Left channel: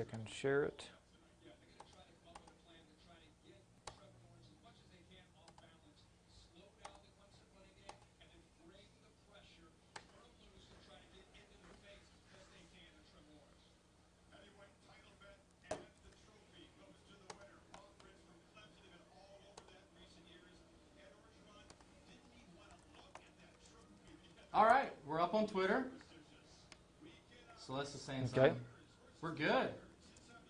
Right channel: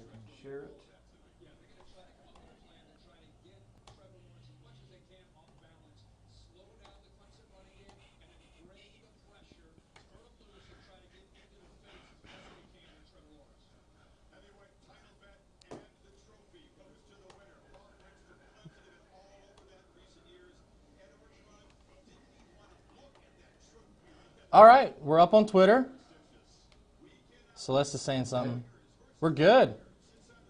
I can share it. All right, we're up on Twitter. Celeste is saying something. Okay. We're good.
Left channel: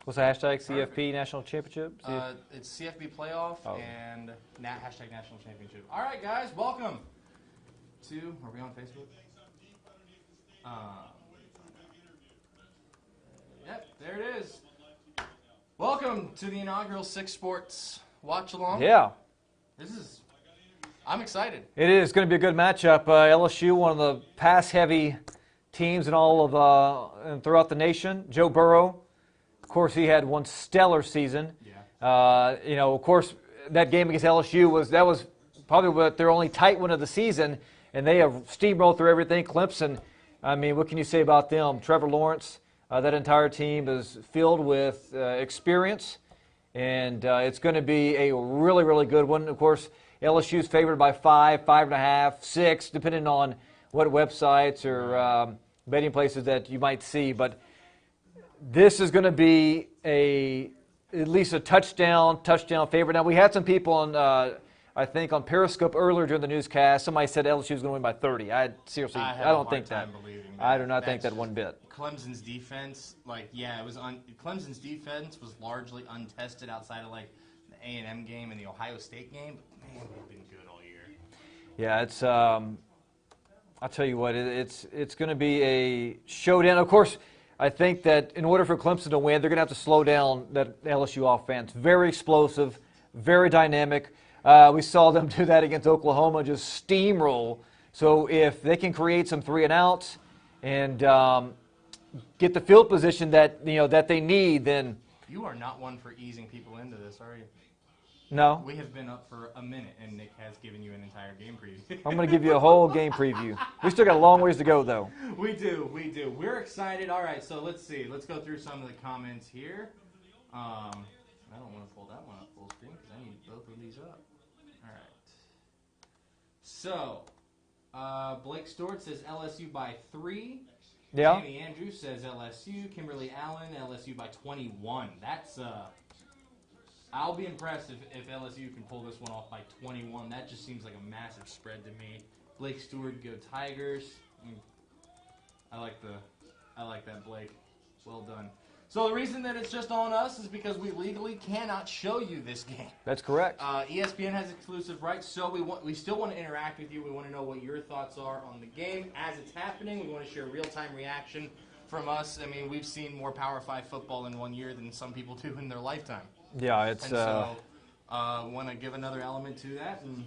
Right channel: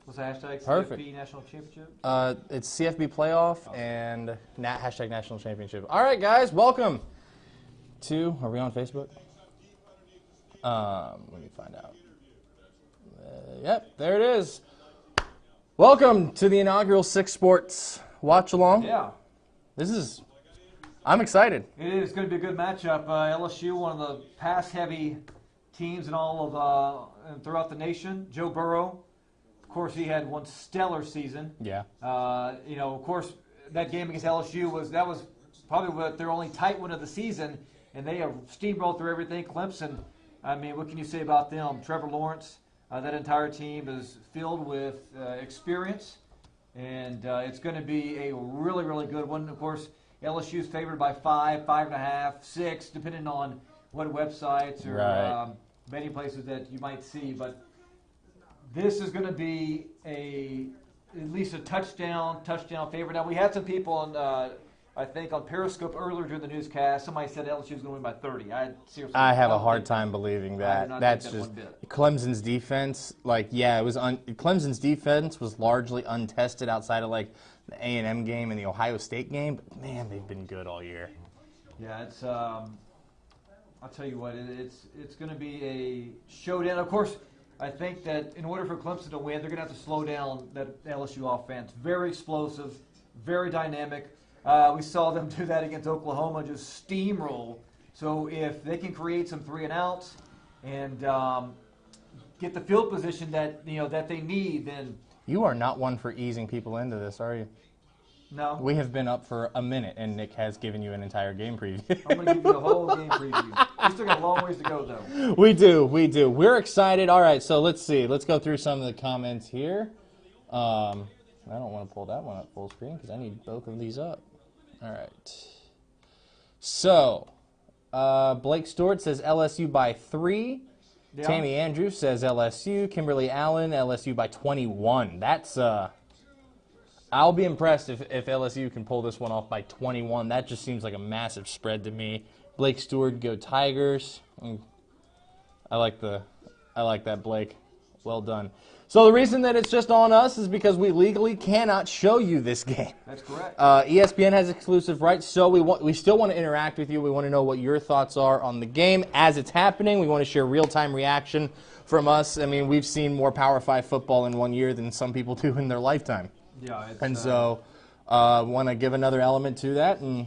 What's the hashtag? Perfect. CFP National Championship? It's CFB Playoff and hashtag National Championship. All right, guys, welcome to, are we on Facebook? Let me find out. Yep, there it is. Welcome to the inaugural Six Sports Watch Along. Yeah. I'm excited. It is going to be a good matchup. LSU, one of the pass-heavy teams in all of and throughout the nation. Joe Burrow, of course, he had one stellar season. Yeah. Of course, that game against LSU was probably their only tight one of the season, and they have steamrolled through everything. Clemson, I mean, what can you say about them? Trevor Lawrence, that entire team is filled with experience, and it's going to be a really, really good one. Of course, LSU is favored by 5, 5.5, 6, depending on what websites or betting places that you might see. But this is going to be at least a touchdown favorite. Now, we had some people on, I think, on Periscope earlier during the newscast. Somebody said LSU was going to win by 30. I have a hard time believing that. I do not think that one bit. Clemson's defense, Clemson's defense was largely untested outside of the A&M game and the Ohio State game, but man, they've been good all year. Yeah, it's I'll tell you what, it's going to be a showdown. Of course, I think that in order for Clemson to win, they're going to have to slow down that LSU offense. Very explosive, very dynamic. We saw them do that against Oklahoma, just steamroll. So if they can create some 3-and-outs and get the field position that they need, then you are not one for easing people into this, are you? No. We have been up for a minute, and Nick has given you an entire game preview. I'm going to give you a whole game preview. We still got a long ways to go, though. We do. We're excited. All right, so let's see. Let's go through some of the comments here. I don't want to pull that one up full screen because I need both of these up. All right. So, Blake Stewart says LSU by 3. Yeah. Tammy Andrews says LSU. Kimberly Allen, LSU by 21. That's I'll be impressed if LSU can pull this one off by 21. That just seems like a massive spread to me. Blake Stewart, go Tigers. I like that, Blake. Well done. So the reason that it's just on us is because we legally cannot show you this game. That's correct. ESPN has exclusive rights, so we still want to interact with you. We want to know what your thoughts are on the game as it's happening. We want to share real-time reaction from us. I mean, we've seen more Power 5 football in 1 year than some people do in their lifetime. Yeah, so want to give another element to that, and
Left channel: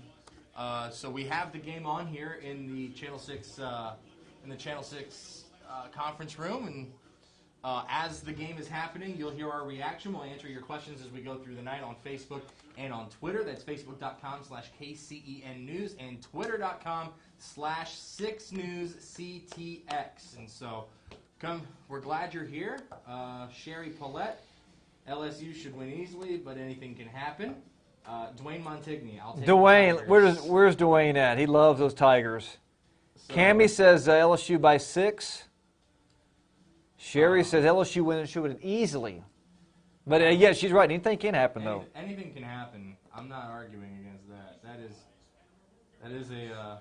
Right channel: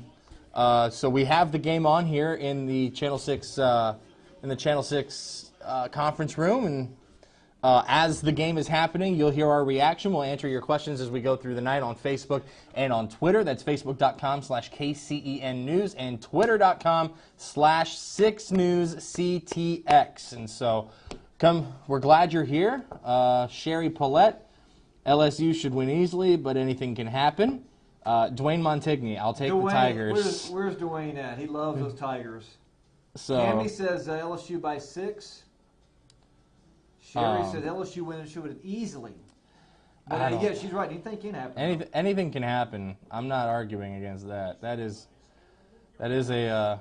so we have the game on here in the Channel 6 conference room, and as the game is happening, you'll hear our reaction. We'll answer your questions as we go through the night on Facebook and on Twitter. That's facebook.com/KCEN News and twitter.com/6newsctx. And so, we're glad you're here. Sherry Paulette. LSU should win easily, but anything can happen. Dwayne Montigny, I'll take the Tigers. Where's Dwayne at? He loves those Tigers. So, Cammy says LSU by 6. Sherry says LSU should win easily. But yeah, she's right. Anything can happen. Anything can happen. I'm not arguing against that. That is a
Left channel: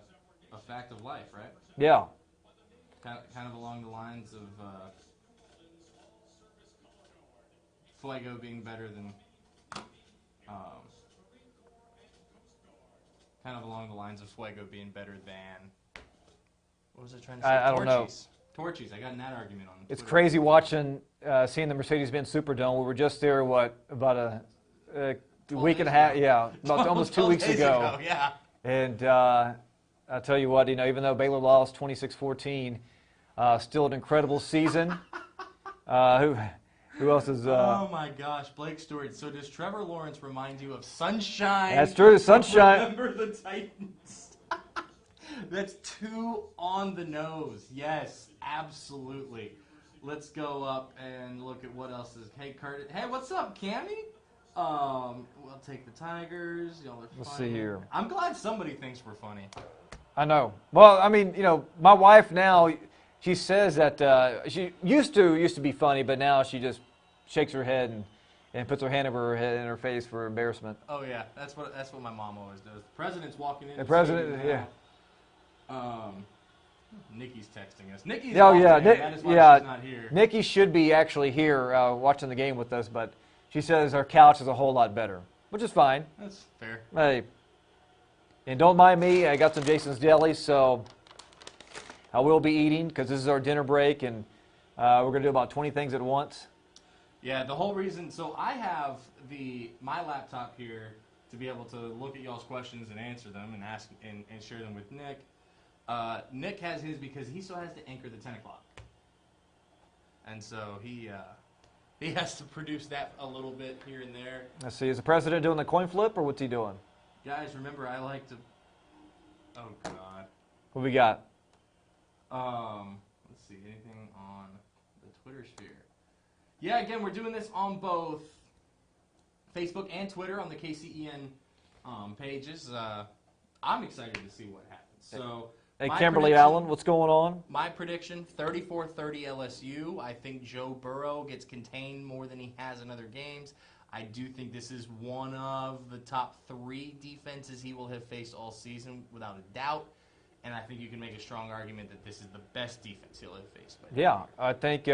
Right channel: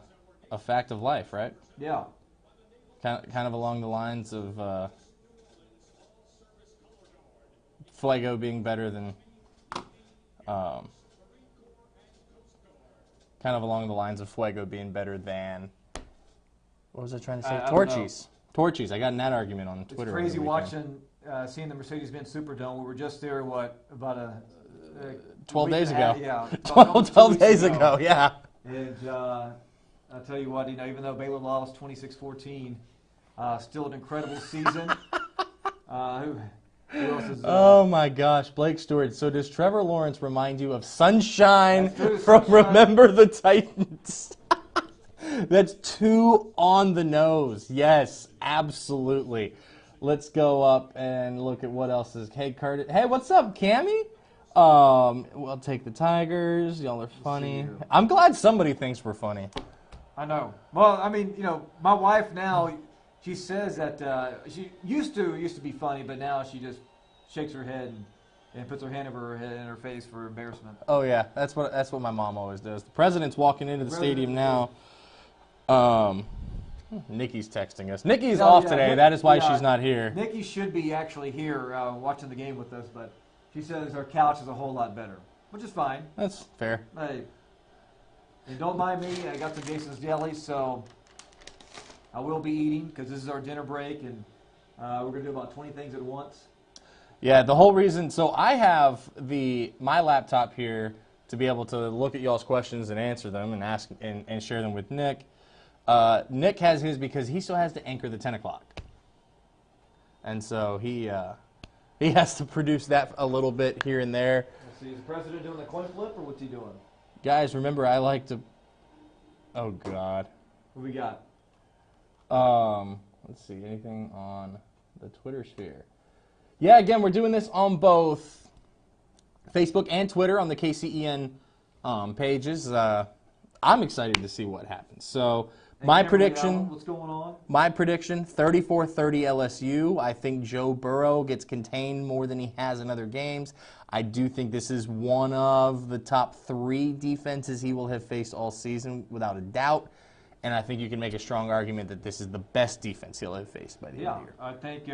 fact of life, right? Yeah. Kind of along the lines of Fuego being better than, kind of along the lines of Fuego being better than, what was I trying to say? Torchies. I got in that argument on Twitter. It's crazy watching, seeing the Mercedes-Benz Superdome. We were just there, about a 12 week days and a half, ago. Yeah, about almost 12 days ago, yeah. And I'll tell you what, even though Baylor lost 26-14, still an incredible season. Who else is? Oh my gosh, Blake Stewart. So does Trevor Lawrence remind you of Sunshine? That's true. From Sunshine. Remember the Titans. That's too on the nose. Yes, absolutely. Let's go up and look at what else is. Hey, Kurtis. Hey, what's up, Cammy? We'll take the Tigers. Y'all are funny. here. I'm glad somebody thinks we're funny. I know. Well, I mean, my wife now, she says that she used to be funny, but now she just shakes her head and puts her hand over her head in her face for embarrassment. Oh yeah, that's what my mom always does. The president's walking into the stadium now. Yeah. Nikki's texting us. Nikki's off today. That is why she's not here. Nikki should be actually here watching the game with us, but she says our couch is a whole lot better, which is fine. That's fair. Hey, and don't mind me. I got some Jason's Deli, so I will be eating because this is our dinner break, and we're going to do about 20 things at once. Yeah, the whole reason. So I have my laptop here to be able to look at y'all's questions and answer them and ask and share them with Nick. Nick has his because he still has to anchor the 10 o'clock. And so he has to produce that a little bit here and there. Let's see, is the president doing the coin flip, or what's he doing? Guys, remember, I like to... Oh, God. What we got? Let's see, anything on the Twitter sphere? Yeah, again, we're doing this on both Facebook and Twitter on the KCEN pages. I'm excited to see what happens. So... Hey, my Kimberly prediction, Allen, what's going on? My prediction, 34-30 LSU. I think Joe Burrow gets contained more than he has in other games. I do think this is one of the top 3 defenses he will have faced all season, without a doubt. And I think you can make a strong argument that this is the best defense he'll have faced by the end of the year. I think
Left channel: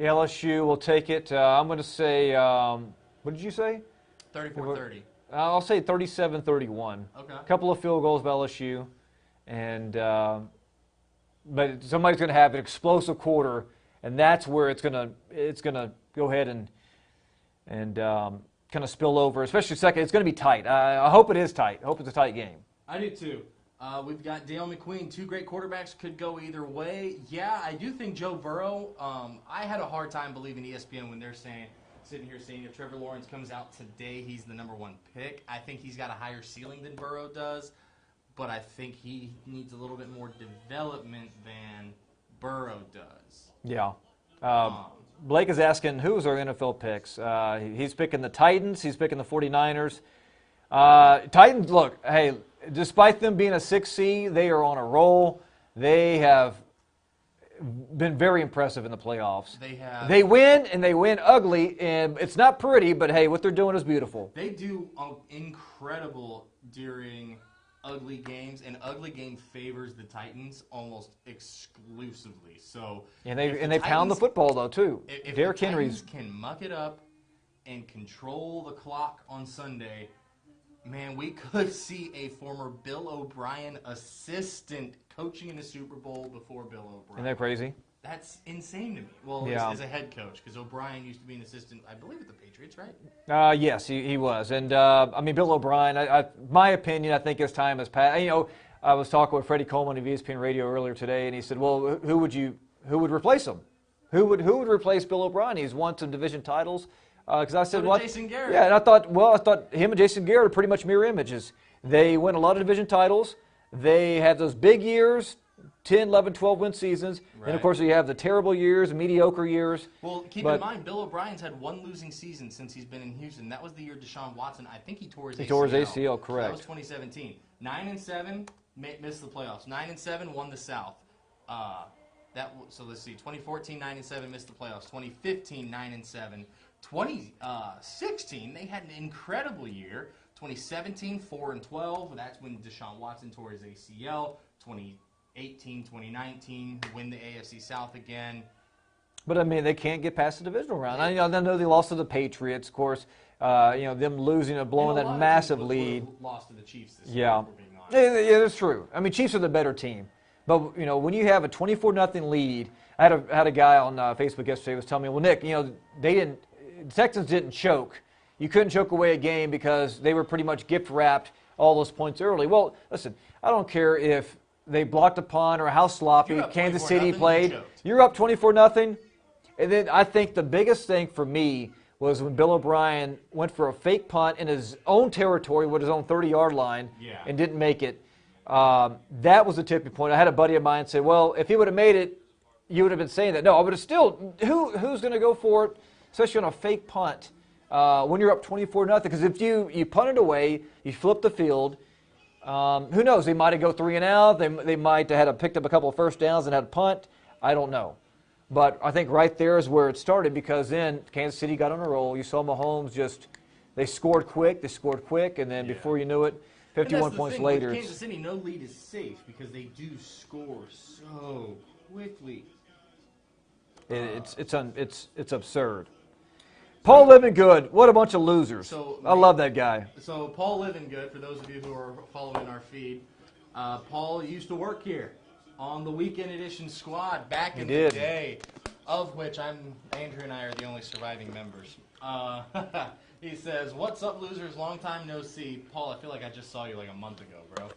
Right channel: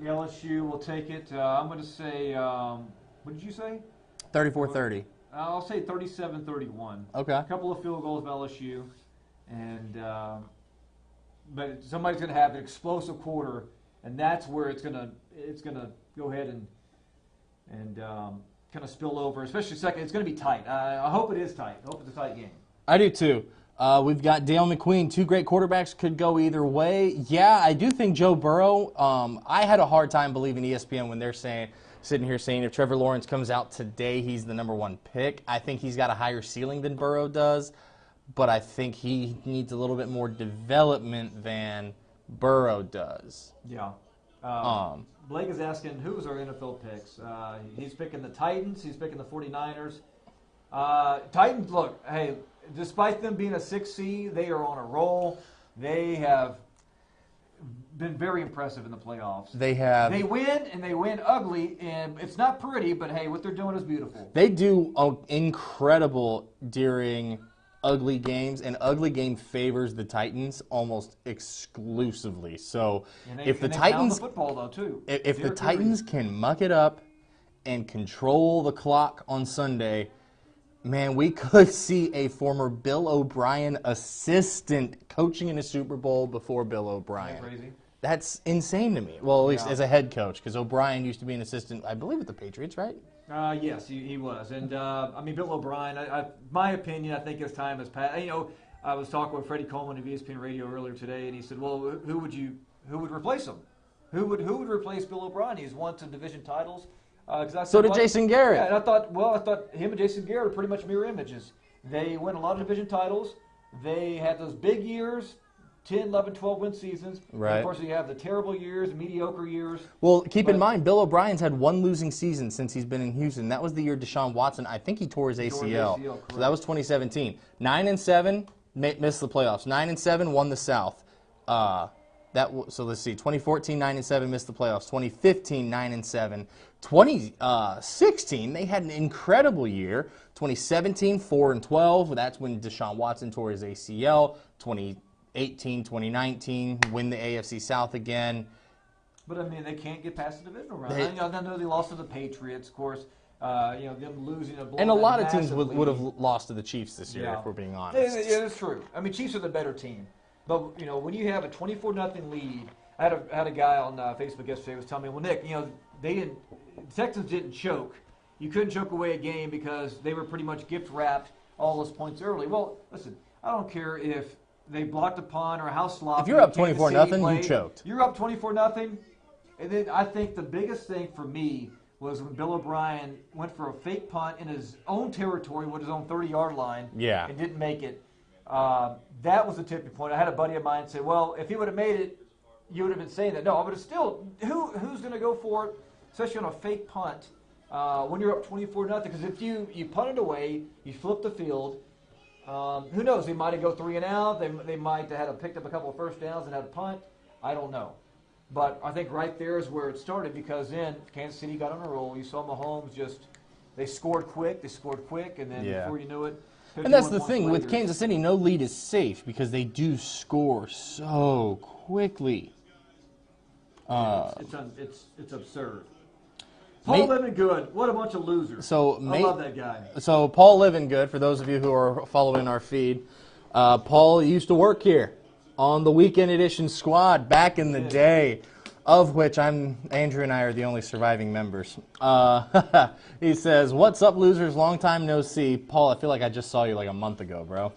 LSU will take it. I'm going to say, what did you say? 34-30. I'll say 37-31. Okay. A couple of field goals by LSU. And but somebody's going to have an explosive quarter, and that's where it's going to go ahead and kind of spill over, especially second. It's going to be tight. I hope it is tight. I hope it's a tight game. I do too. We've got Dale McQueen. 2 great quarterbacks, could go either way. Yeah, I do think Joe Burrow. I had a hard time believing ESPN when they're sitting here saying if Trevor Lawrence comes out today, he's the #1 pick. I think he's got a higher ceiling than Burrow does. But I think he needs a little bit more development than Burrow does. Yeah. Blake is asking, who's our NFL picks? He's picking the Titans. He's picking the 49ers. Titans, look, hey, despite them being a 6 seed, they are on a roll. They have been very impressive in the playoffs. They win, and they win ugly, and it's not pretty, but, hey, what they're doing is beautiful. They do incredible during ugly games, and ugly game favors the Titans almost exclusively. So and they pound the football though too. If the Titans can muck it up and control the clock on Sunday, man, we could see a former Bill O'Brien assistant coaching in a Super Bowl before Bill O'Brien. Isn't that crazy? That's insane to me. Well, at least as a head coach, because O'Brien used to be an assistant, I believe, with the Patriots, right? Yes, he was. And, I mean, Bill O'Brien, my opinion, I think his time has passed. I was talking with Freddie Coleman of ESPN Radio earlier today, and he said, well, who would replace him? Who would replace Bill O'Brien? He's won some division titles. I said, so did Jason Garrett. Yeah, and I thought him and Jason Garrett are pretty much mirror images. They win a lot of division titles. They had those big years, 10, 11, 12-win seasons. Right. And, of course, you have the terrible years, mediocre years. Well, keep in mind, Bill O'Brien's had 1 losing season since he's been in Houston. That was the year Deshaun Watson, I think he tore his ACL. Tore his ACL, correct. So that was 2017. 9-7, missed the playoffs. 9-7, won the South. So let's see, 2014, 9-7, missed the playoffs. 2015, 9-7. 2016, they had an incredible year. 2017, 4-12. That's when Deshaun Watson tore his ACL. 2018, 2019, win the AFC South again. But, I mean, they can't get past the divisional round. I know they lost to the Patriots, of course. Them losing a blow and a lot of teams would have lost to the Chiefs this year, if we're being honest. Yeah, that's true. I mean, Chiefs are the better team. But, when you have a 24-0 lead, I had a guy on Facebook yesterday who was telling me, well, Nick, the Texans didn't choke. You couldn't choke away a game because they were pretty much gift-wrapped all those points early. Well, listen, I don't care if they blocked a punt or how sloppy Kansas City played. You choked. You're up 24-0. And then I think the biggest thing for me was when Bill O'Brien went for a fake punt in his own territory with his own 30-yard line and didn't make it. That was the tipping point. I had a buddy of mine say, well, if he would have made it, you would have been saying that. No, but it's still, who's going to go for it, especially on a fake punt, when you're up 24-0? Because if you punt it away, you flip the field, who knows? They might have go 3 and out. They might have picked up a couple of first downs and had a punt. I don't know. But I think right there is where it started, because then Kansas City got on a roll. You saw Mahomes they scored quick, and then before you knew it, 51 and that's the points thing, later, with Kansas City, no lead is safe because they do score so quickly. It's absurd. Paul Livingood, what a bunch of losers. I love that guy. So Paul Livingood, for those of you who are following our feed, Paul used to work here on the Weekend Edition squad back in the day, of which Andrew and I are the only surviving members. He says, "What's up, losers? Long time no see." Paul, I feel like I just saw you like a month ago, bro.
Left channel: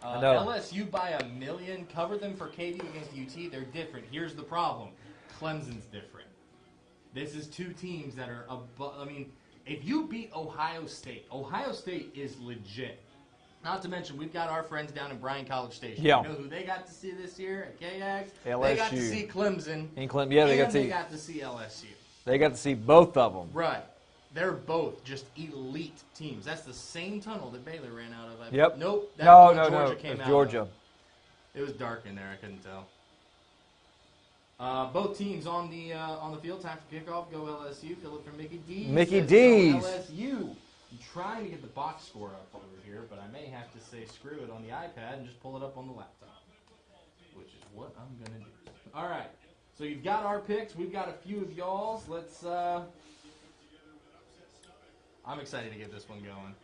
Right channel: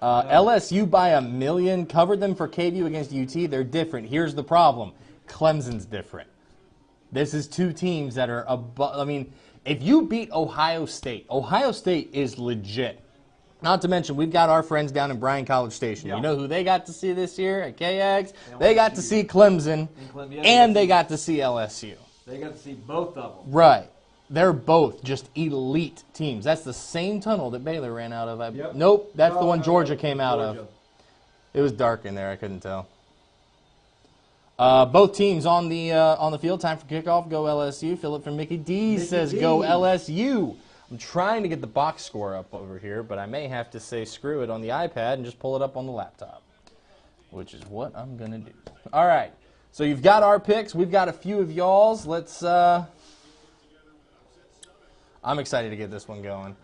No. LSU by 1 million, covered them for KVU against UT. They're different. Here's the problem. Clemson's different. This is two teams that are above. I mean, if you beat Ohio State is legit. Not to mention, we've got our friends down in Bryan College Station. Yeah. You know who they got to see this year at KX? LSU. They got to see Clemson, and they got to see LSU. They got to see both of them. Right. They're both just elite teams. That's the same tunnel that Baylor ran out of. Yep. Nope, that's the one Georgia came out of. It was dark in there. I couldn't tell. Both teams on the field. Time for kickoff. Go LSU. Philip from Mickey D says go LSU. I'm trying to get the box score up over here, but I may have to say screw it on the iPad and just pull it up on the laptop, which is what I'm going to do. All right. So you've got our picks. We've got a few of y'all's. Let's I'm excited to get this one going.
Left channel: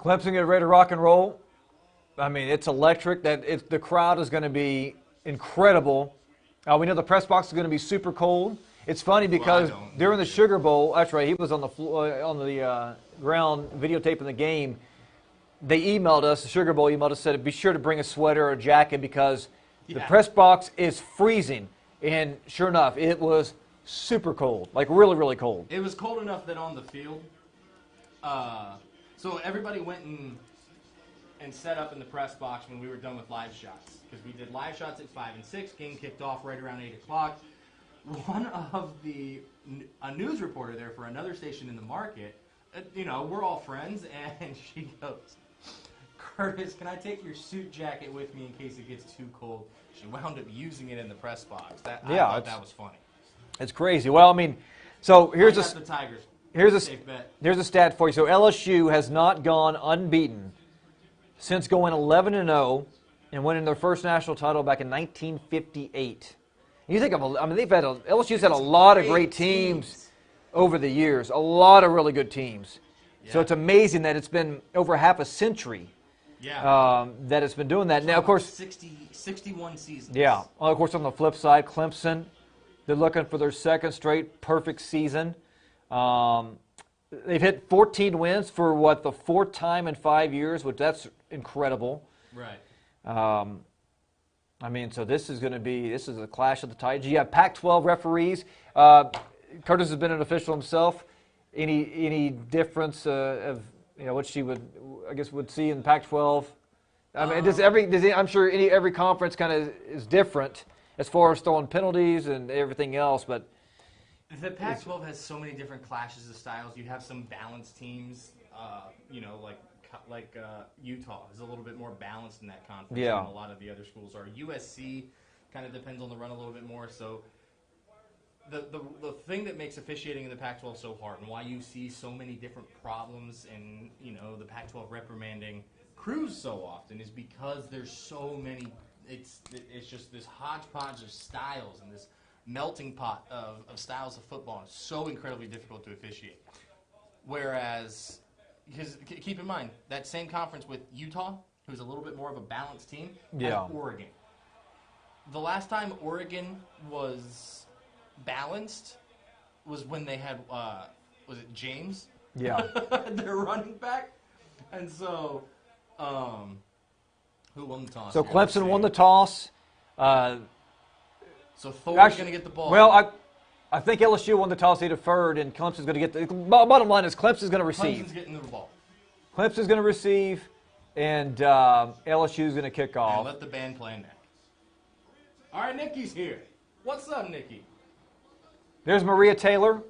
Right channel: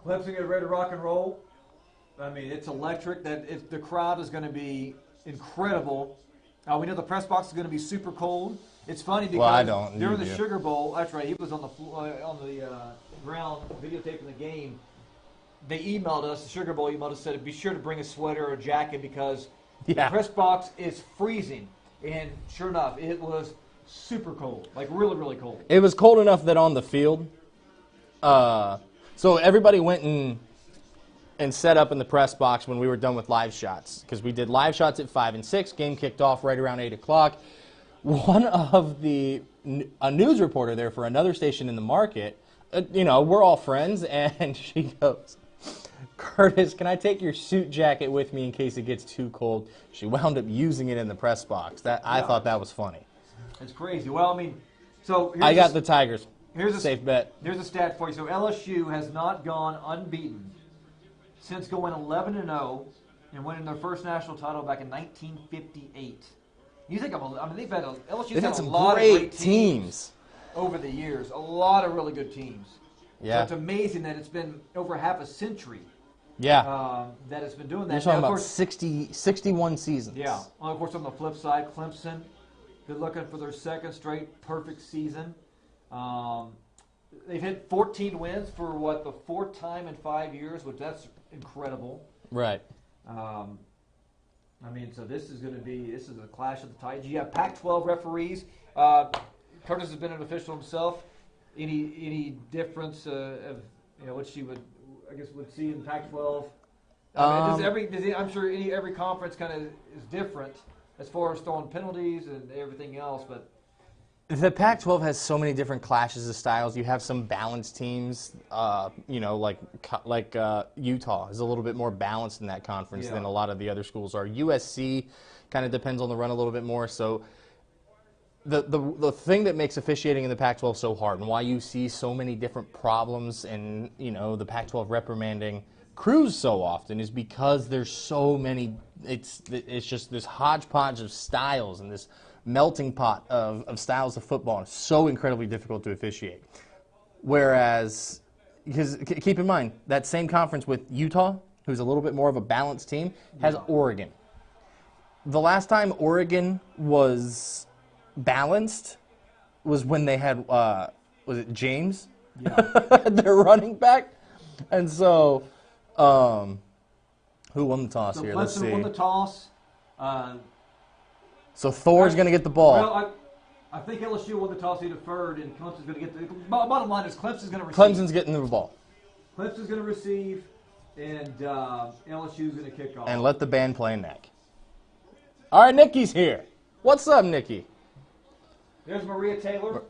Clemson getting ready to rock and roll. I mean, it's electric. The crowd is going to be incredible. We know the press box is going to be super cold. It's funny because during the Sugar Bowl, that's right, he was on the floor, on the ground videotaping the game. They emailed us, the Sugar Bowl emailed us, said be sure to bring a sweater or a jacket because the press box is freezing. And sure enough, it was super cold, like really, really cold. It was cold enough that on the field, so everybody went and set up in the press box when we were done with live shots, because we did live shots at 5 and 6. Game kicked off right around 8 o'clock. One of a news reporter there for another station in the market, we're all friends, and she goes, "Kurtis, can I take your suit jacket with me in case it gets too cold?" She wound up using it in the press box. I thought that was funny. It's crazy. Well, I mean, so here's I got the Tigers. Here's a safe bet. There's a stat for you. So LSU has not gone unbeaten since going 11-0 and winning their first national title back in 1958. You think of, LSU's had a lot of great teams over the years, a lot of really good teams. Yeah. So it's amazing that it's been over half a century. Yeah. That it's been doing that. Now, of course, 61 seasons. Yeah. Well, of course, on the flip side, Clemson, they're looking for their second straight perfect season. They've hit 14 wins for the fourth time in 5 years, which that's incredible. Right. So this is a clash of the Titans. You have Pac-12 referees. Kurtis has been an official himself. Any difference of what she would see in Pac-12? I'm sure every conference kind of is different as far as throwing penalties and everything else, but the Pac-12 has so many different clashes of styles. You have some balanced teams, like Utah is a little bit more balanced in that conference than a lot of the other schools are. USC kind of depends on the run a little bit more. So the thing that makes officiating in the Pac-12 so hard and why you see so many different problems and the Pac-12 reprimanding crews so often is because there's so many. It's just this hodgepodge of styles and this melting pot of styles of football. And it's so incredibly difficult to officiate. Whereas, because keep in mind, that same conference with Utah, who's a little bit more of a balanced team, has Oregon. The last time Oregon was balanced was when they had, was it James? Yeah. Their running back. And so, who won the toss? So here? Clemson won the toss. So Thor's going to get the ball. Well, I think LSU won the toss. He deferred, and Clemson's going to get the bottom line is Clemson's going to receive. Clemson's getting the ball. Clemson's going to receive, and LSU's going to kick off. And let the band play neck. All right, Nikki's here. What's up, Nikki? There's Maria Taylor.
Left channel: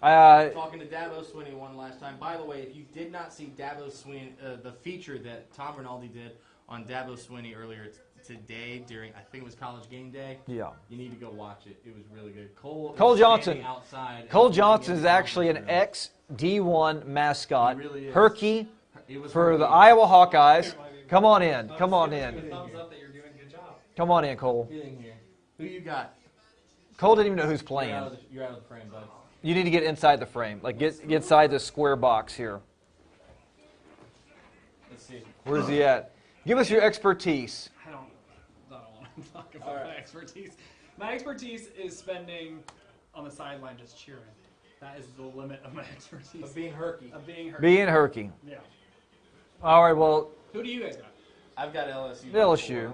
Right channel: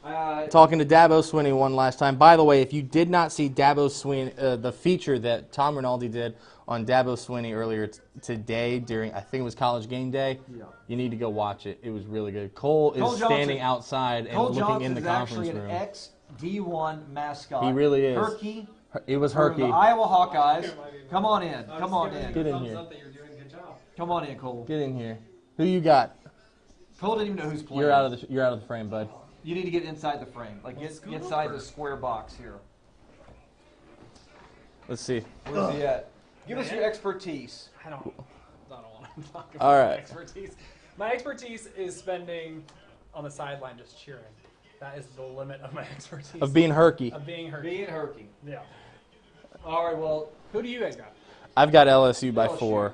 Talking to Dabo Swinney one last time. By the way, if you did not see Dabo Swinney, the feature that Tom Rinaldi did on Dabo Swinney earlier today during, I think it was College Game Day. Yeah. You need to go watch it. It was really good. Cole is Johnson, standing outside. Cole and Johnson is the actually an room. ex-D1 mascot. He really is. Herky. It was For Herky. the Iowa Hawkeyes. Come on in. Come on in. Get in here. Come on in, Cole. Get in here. Who you got? Cole didn't even know who's playing. You're out of the frame, bud. You need to get inside the frame. Like, get inside the square box here. Let's see. Where's he at? Give us your expertise. I don't want to talk All about right. expertise. My expertise is spending on the sideline just cheering. That is the limit of my expertise. Of being Herky. Of being hurt. Being Herky. Yeah. All right, well, Who do you guys got? I've got LSU by LSU. 4.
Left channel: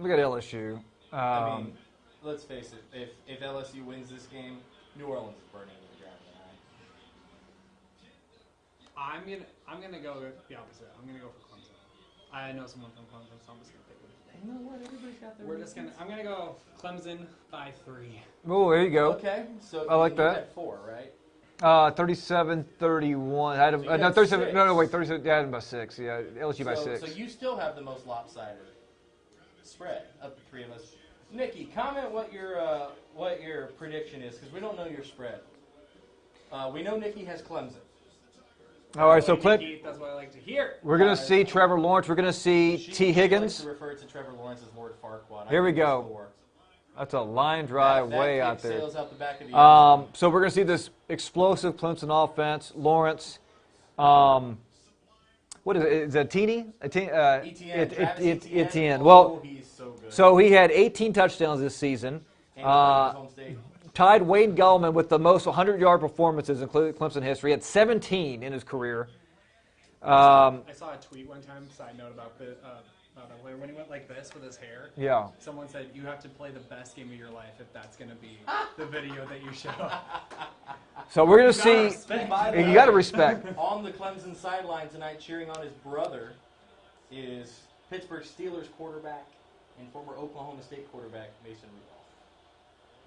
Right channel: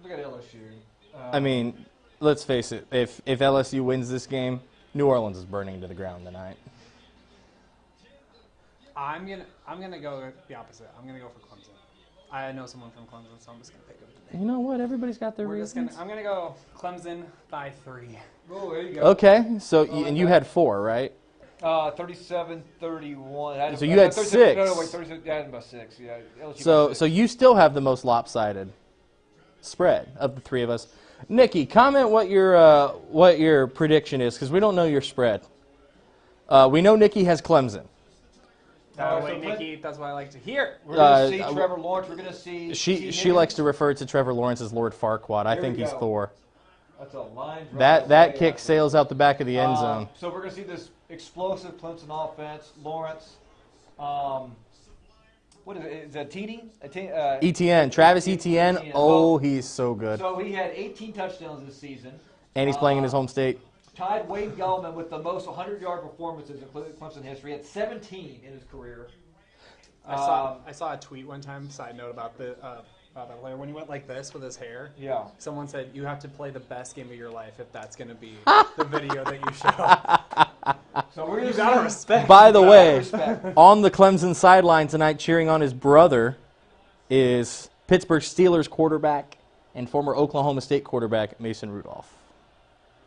Look at LSU. I mean, let's face it. If LSU wins this game, New Orleans is burning to the ground tonight. I'm gonna go the opposite. I'm gonna go for Clemson. I know someone from Clemson, so I'm just gonna pick them. You know what? Everybody's got their reasons. I'm gonna go Clemson by 3. Oh, there you go. Okay, so like and you that. had 4, right? 37-31. So you had 6. No, wait, 37. Yeah, I had about 6. Yeah, LSU So by 6. so you still have the most lopsided spread of the 3 of us. Nikki, comment what your prediction is, because we don't know your spread. We know Nikki has Clemson. All right, so Nikki, that's what I like to hear. we're going to see Trevor Lawrence. We're going to see She T. Higgins. likes to refer to Trevor Lawrence as Lord Farquaad. I There we think he's go. Thor. That's a line drive. That way kick out there. sails out the back of the end zone. So we're going to see this explosive Clemson offense. Lawrence. What is it? Is it Teeny? ETN, Travis Etienne. Etienne. Oh, Well, he's so good. So he had 18 touchdowns this season. And he's playing in his home state. Tied Wayne Gallman with the most 100-yard performances in Clemson history. He had 17 in his career. I saw a tweet one time, side note about the player, when he went like this with his hair. Yeah. Someone said, you have to play the best game of your life if that's going to be the video that you show. So we're going to Gotta see. respect. By the You gotta way, respect. on the Clemson sideline tonight cheering on his brother is Pittsburgh Steelers quarterback and former Oklahoma State quarterback Mason Rudolph.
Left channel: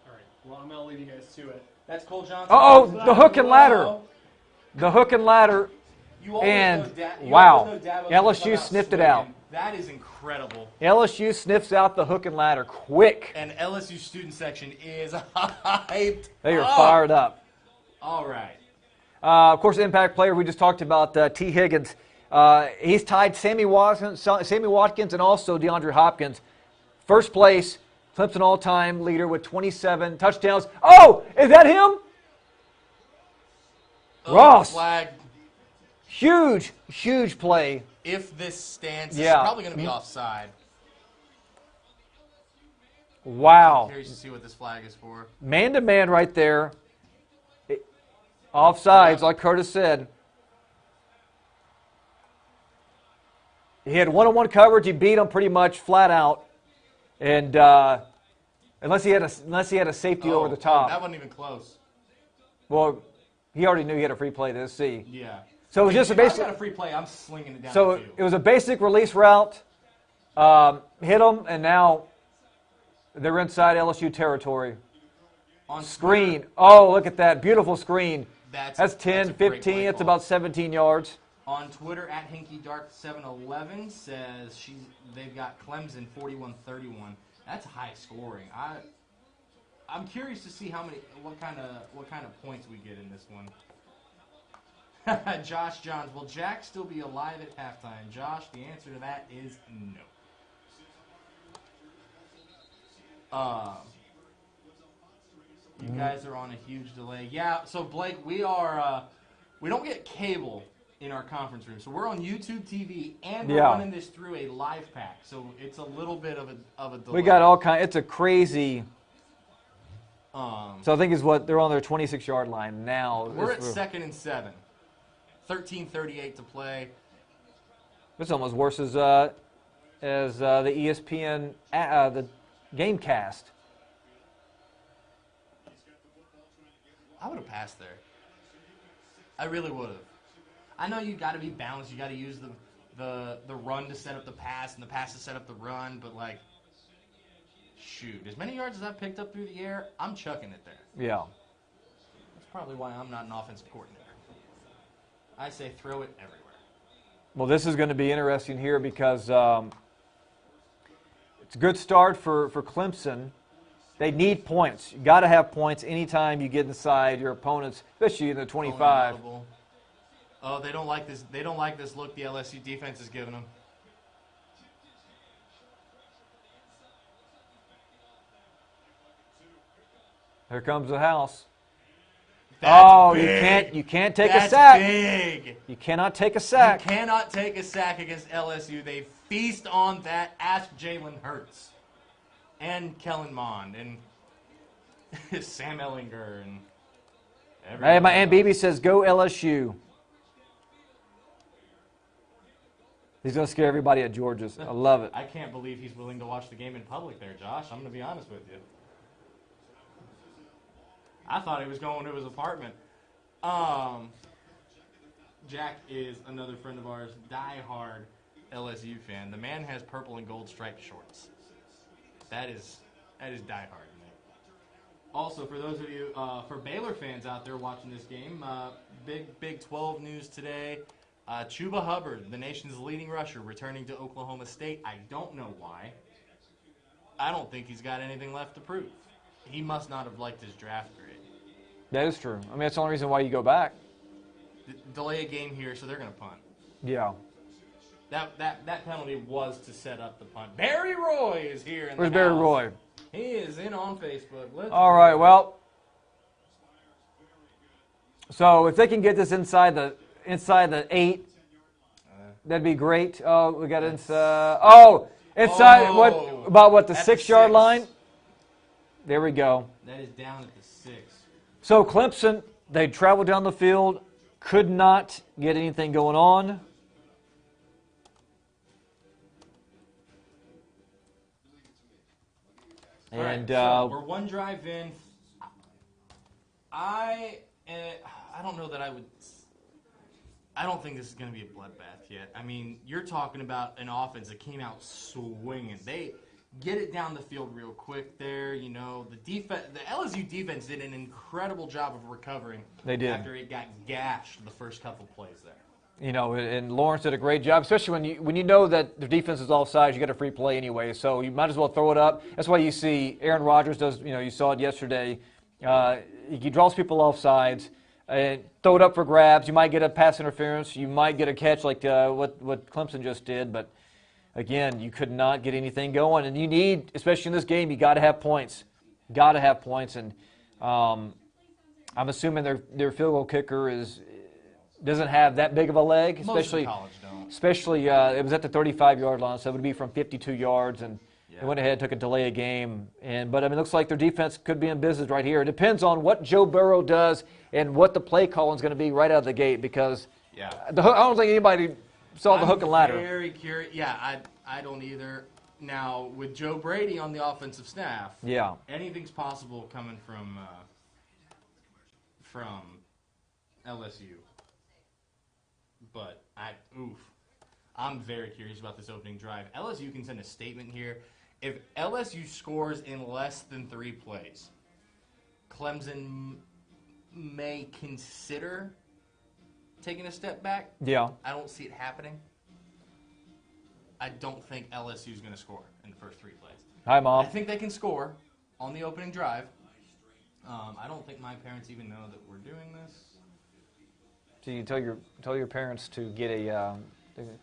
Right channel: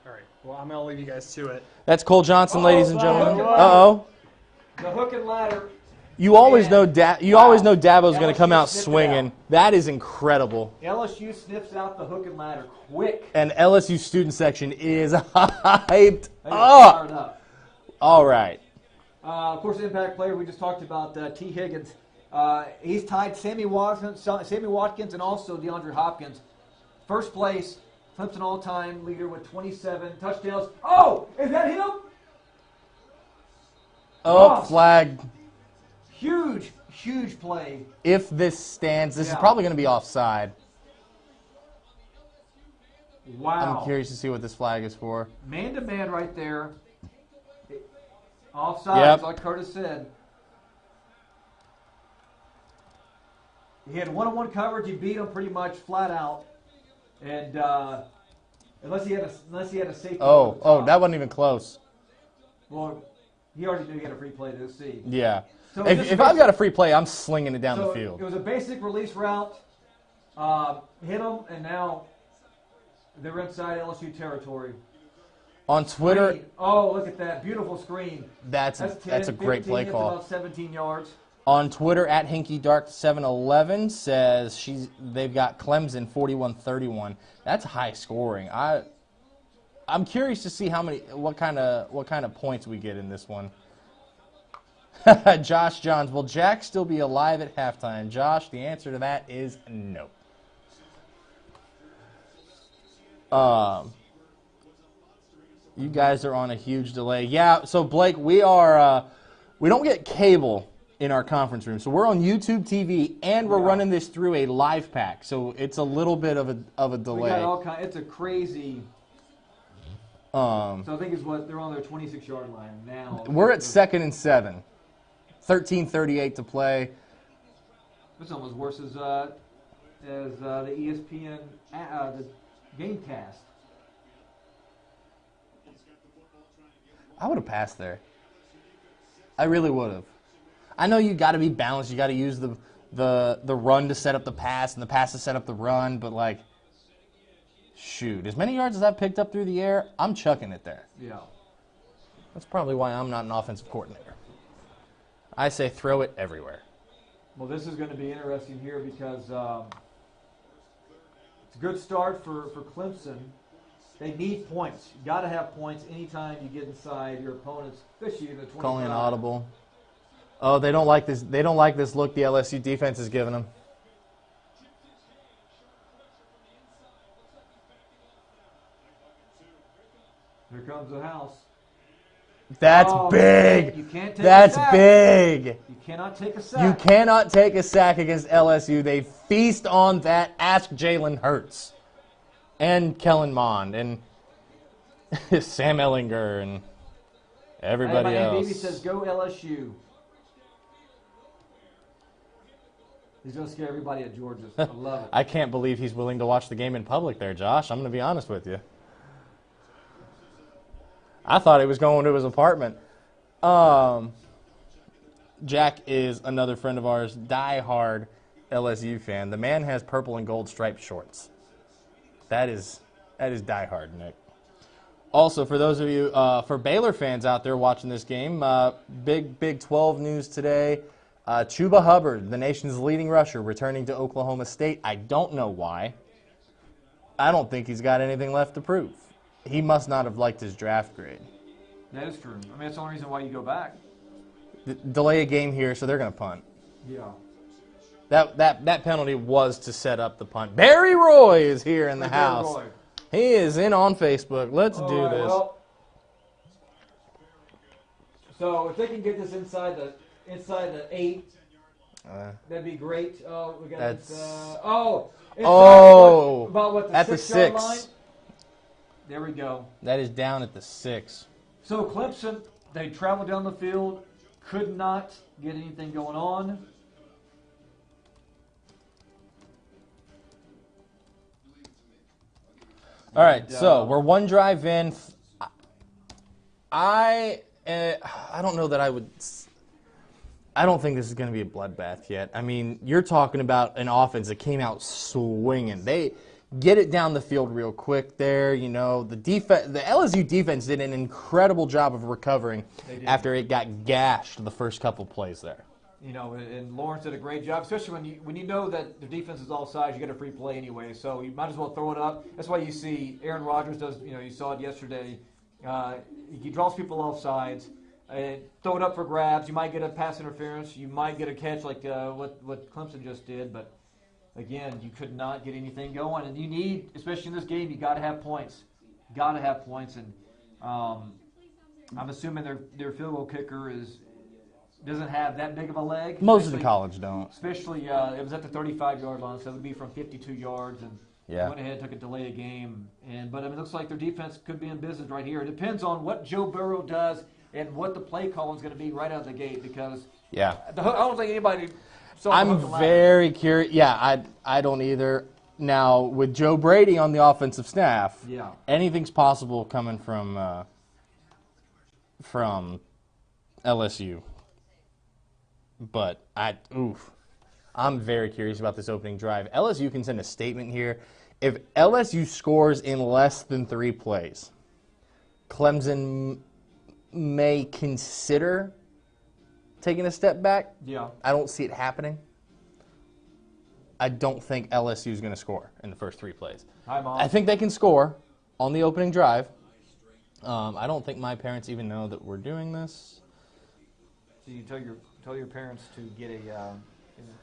All right. Well, I'm going to leave you guys to it. That's Cole Johnson, Uh-oh, ladies and the gentlemen. hook and ladder. Uh-oh. The hook and ladder. You always And- know wow. always know Dabo's going LSU to come out sniffed it swinging. out. That is incredible. LSU sniffs out the hook and ladder quick. And LSU student section is hyped. They are up. fired up. All right. Of course, impact player we just talked about, T. Higgins. He's tied Sammy Watkins and also DeAndre Hopkins. First place, Clemson all-time leader with 27 touchdowns. Oh, is that him? Oh, Ross. flag. Huge, huge play. If this stands, this Yeah. is probably going to be offside. Wow. I'm curious to see what this flag is for. Man-to-man right there. Offsides, Yep. like Kurtis said. He had one-on-one coverage. He beat him pretty much flat out. And unless he had a safety over the top. that wasn't even close. Well, he already knew he had a free play to see. Yeah. So if just if basic- I've got a free play, I'm slinging it down So the field. it was a basic release route. Hit him, and now they're inside LSU territory. On Twitter, Screen. Oh, look at that. Beautiful screen. that's 10, a great 15. play It's call. about 17 yards. On Twitter, at HinkyDark711 says they've got Clemson 41-31. That's high scoring. I'm curious to see what kind of points we get in this one. Josh Johns, will Jack still be alive at halftime? Josh, the answer to that is no. You guys are on a huge delay. Yeah, so Blake, we don't get cable in our conference room. So we're on YouTube TV and we're Yeah. running this through a live pack. So it's a little bit of a delay. We got all kind. It's a crazy. So I think is what they're on their 26-yard line now. We're at 2nd and 7. 13:38 to play. It's almost worse as the ESPN the GameCast. I would have passed there. I really would have. I know you got to be balanced. You got to use the run to set up the pass and the pass to set up the run. But like, Shoot, as many yards as I've picked up through the air, I'm chucking it there. Yeah. That's probably why I'm not an offensive coordinator. I say throw it everywhere. Well, this is going to be interesting here because it's a good start for Clemson. They need points. You got to have points anytime you get inside your opponents, especially in the 25. Calling audible. Oh, they don't like this. They don't like this look the LSU defense is giving them. Here comes the house. That's big. You can't take a sack. That's big. You cannot take a sack. You cannot take a sack against LSU. They feast on that. Ask Jalen Hurts and Kellen Mond and Sam Ellinger and everybody Hey, my Aunt else. Bibi says, go LSU. He's going to scare everybody at Georgia's. I love it. I can't believe he's willing to watch the game in public there, Josh. I'm going to be honest with you. I thought he was going to his apartment. Jack is another friend of ours, die-hard LSU fan. The man has purple and gold striped shorts. That is die-hard, Nick. Also, for those of you, for Baylor fans out there watching this game, big Big 12 news today. Chuba Hubbard, the nation's leading rusher, returning to Oklahoma State. I don't know why. I don't think he's got anything left to prove. He must not have liked his draft grade. That is true. I mean, that's the only reason why you go back. Delay a game here, so they're going to punt. Yeah. That penalty was to set up the punt. Barry Roy is here in the Where's house. Barry Roy? He is in on Facebook. Let's All do right, this. well. So if they can get this inside the 8, that'd be great. Oh, we got inside. Oh, about the at the 6-yard 6. line? There we go. That is down at the 6. So Clemson, they traveled down the field, could not get anything going on. All right, And, so we're one drive in. I don't know that I would. I don't think this is going to be a bloodbath yet. I mean, you're talking about an offense that came out swinging. They get it down the field real quick there. You know, the LSU defense did an incredible job of recovering. They did. After it got gashed the first couple plays there. You know, and Lawrence did a great job, especially when you know that the defense is offsides. You get a free play anyway, so you might as well throw it up. That's why you see Aaron Rodgers does. You know, you saw it yesterday. He draws people offsides. Throw it up for grabs. You might get a pass interference. You might get a catch like what Clemson just did. But again, you could not get anything going. And you need, especially in this game, you got to have points. Got to have points. And I'm assuming their field goal kicker doesn't have that big of a leg. Most of the college don't. Especially, it was at the 35-yard line, so it would be from 52 yards, and Yeah. they went ahead, took a delay a game. But I mean, it looks like their defense could be in business right here. It depends on what Joe Burrow does and what the play calling is going to be right out of the gate, because Yeah. I don't think anybody saw the hook and I'm ladder. very curious. Yeah, I don't either. Now, with Joe Brady on the offensive staff, Yeah. anything's possible coming from LSU. But I'm very curious about this opening drive. LSU can send a statement here. If LSU scores in less than 3 plays, Clemson may consider taking a step back. Yeah. I don't see it happening. I don't think LSU is going to score in the first 3 plays. Hi, Mom. I think they can score on the opening drive. I don't think my parents even know that we're doing this. So you tell your parents to get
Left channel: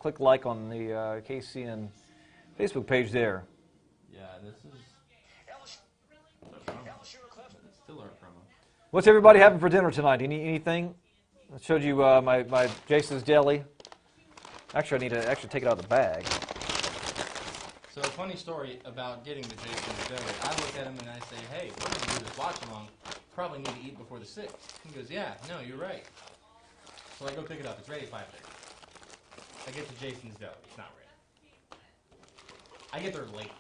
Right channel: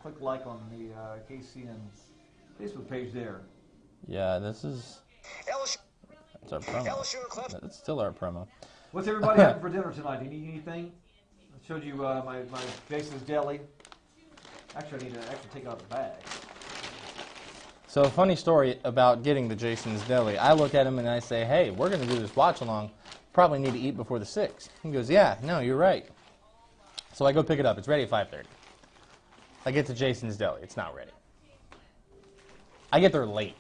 click like on the KCN Facebook page there. Yeah, this is. That's our promo. That's still our promo. What's everybody having for dinner tonight? Anything? I showed you my Jason's Deli. Actually, I need to take it out of the bag. So, a funny story about getting the Jason's Deli. I look at him and I say, hey, we're going to do this watch along. Probably need to eat before the 6th. He goes, yeah, no, you're right. So I go pick it up. It's ready at 5:30. I get to Jason's Deli. It's not ready. I get there late.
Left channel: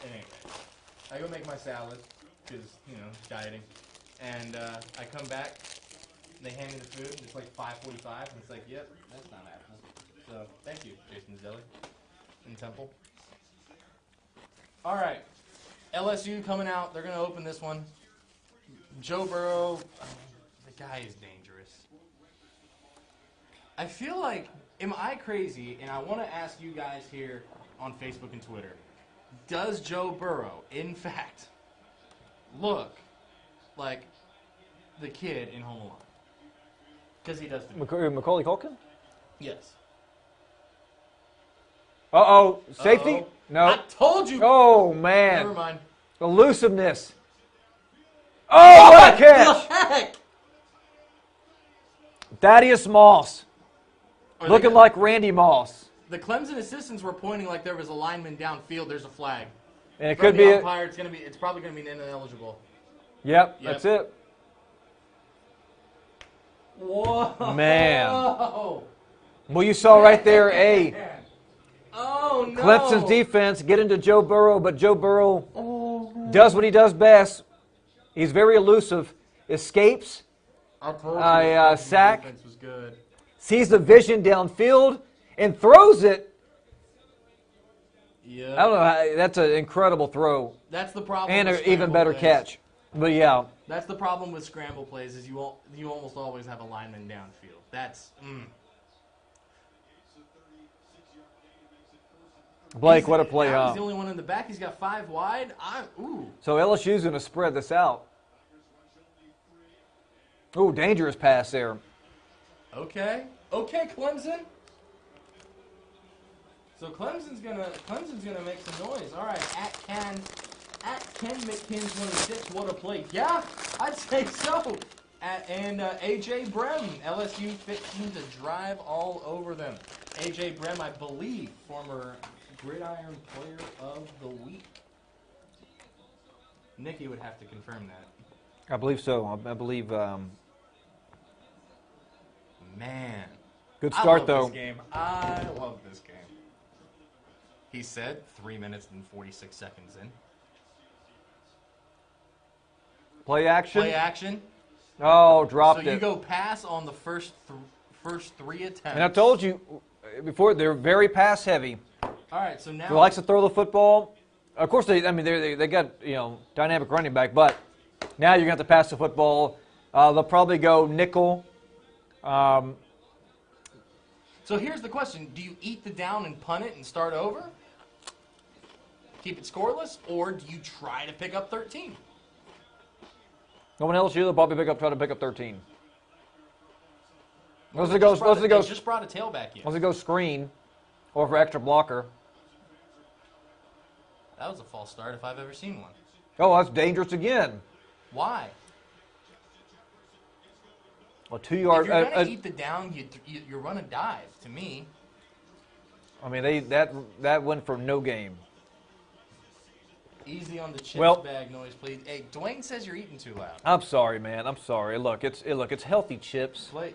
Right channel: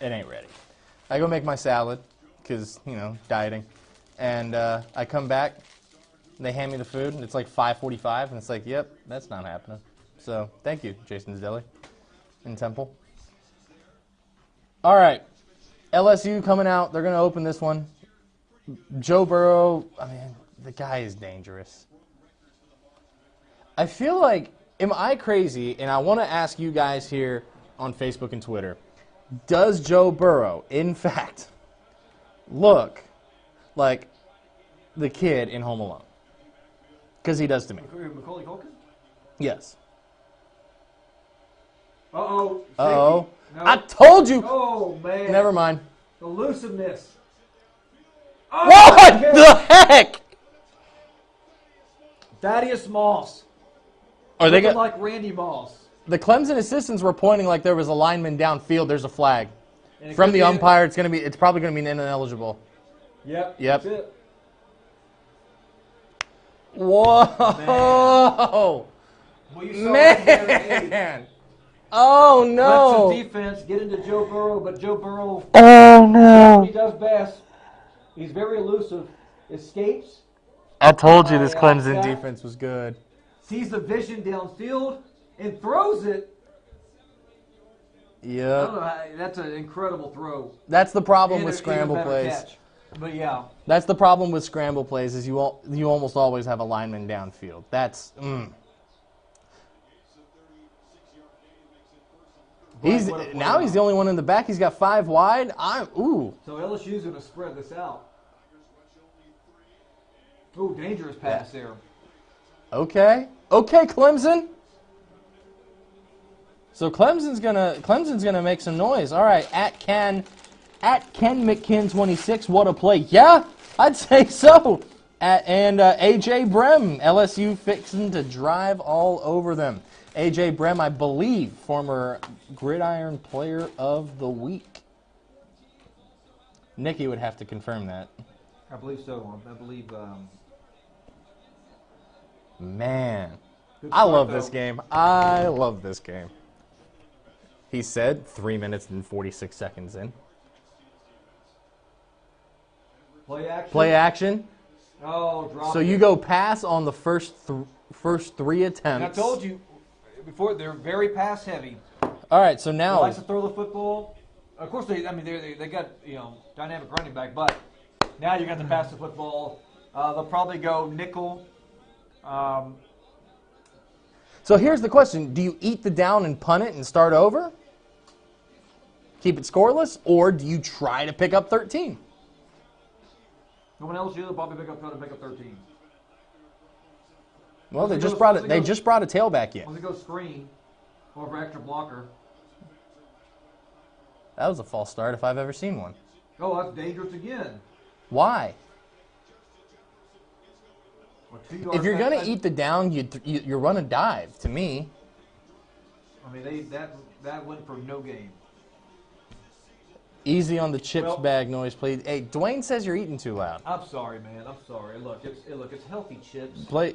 It ain't ready. I go make my salad because, dieting. And I come back. They hand me the food, and it's like 5:45, and it's like, yep, that's not happening. So thank you, Jason's Deli in Temple. All right. LSU coming out. They're going to open this one. Joe Burrow, I mean, the guy is dangerous. I feel like, am I crazy? And I want to ask you guys here on Facebook and Twitter, does Joe Burrow, in fact, look like the kid in Home Alone? Because he does to me. Macaulay Culkin? Yes. Uh-oh. Safety? Uh-oh. No. I told you. Oh, man. Never mind. Elusiveness. Oh, What the heck? Thaddeus Moss. Are they Looking like Randy Moss. The Clemson assistants were pointing like there was a lineman downfield. There's a flag. And it From could the be umpire, it's probably going to be ineligible. Yep. Yep. That's it. Whoa. Man. Well, you saw right there a Oh, no. Clemson's defense get into Joe Burrow, but Joe Burrow does what he does best. He's very elusive. Escapes. I told you this Clemson sack. defense was good. Sees the vision downfield and throws it. Yeah. I don't know. That's an incredible throw. That's the problem And with an scramble even better plays. catch. But, yeah. That's the problem with scramble plays is you almost always have a lineman downfield. That's Blake, what a play. Now he's the only one in the back. He's got 5 wide. So LSU's going to spread this out. Ooh, dangerous pass there. Okay, Clemson. So Clemson's gonna make some noise. All right, at Ken McKin 26. What a play! Yeah, I'd say so. And AJ Brem, LSU fixing to drive all over them. AJ Brem, I believe, former Gridiron Player of the Week. Nikki would have to confirm that. I believe so. I believe. Man, Good I start, love though. this game. I love this game. He said 3 minutes and 46 seconds in. Play action. Play action. Oh, dropped So it. you go pass on the first 3 attempts. And I told you before, they're very pass heavy. All right, so He now likes to throw the football. Of course, they got dynamic running back, but now you got to pass the football. They'll probably go nickel. So here's the question: do you eat the down and punt it and start over? Keep it scoreless, or do you try to pick up 13? No one else here. They'll probably try to pick up 13. Well, Once they it goes- just brought a tailback in. Once it goes screen, or for extra blocker. That was a false start if I've ever seen one. Oh, that's dangerous again. Why? A 2-yard. If you're going to eat the down, you run a dive. To me, I mean, that went for no game. easy on the chips Well- bag noise, please. Hey, Dwayne says you're eating too loud. I'm sorry, man. I'm sorry. Look, it's healthy chips. Play.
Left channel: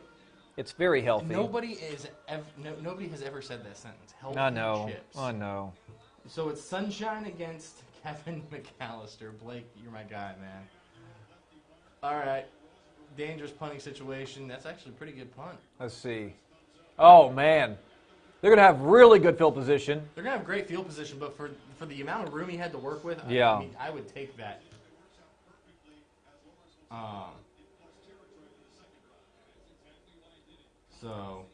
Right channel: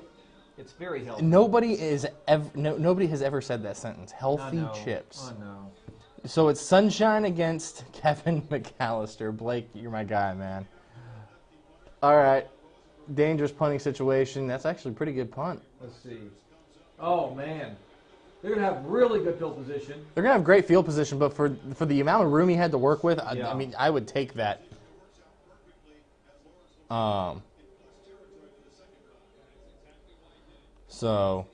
It's very healthy. Nobody has ever said that sentence. Healthy I know. chips. I know. So it's Sunshine against Kevin McAllister. Blake, you're my guy, man. All right. Dangerous punting situation. That's actually a pretty good punt. Let's see. Oh man, they're gonna have really good field position. They're going to have great field position, but for the amount of room he had to work with, Yeah. I mean, I would take that. So,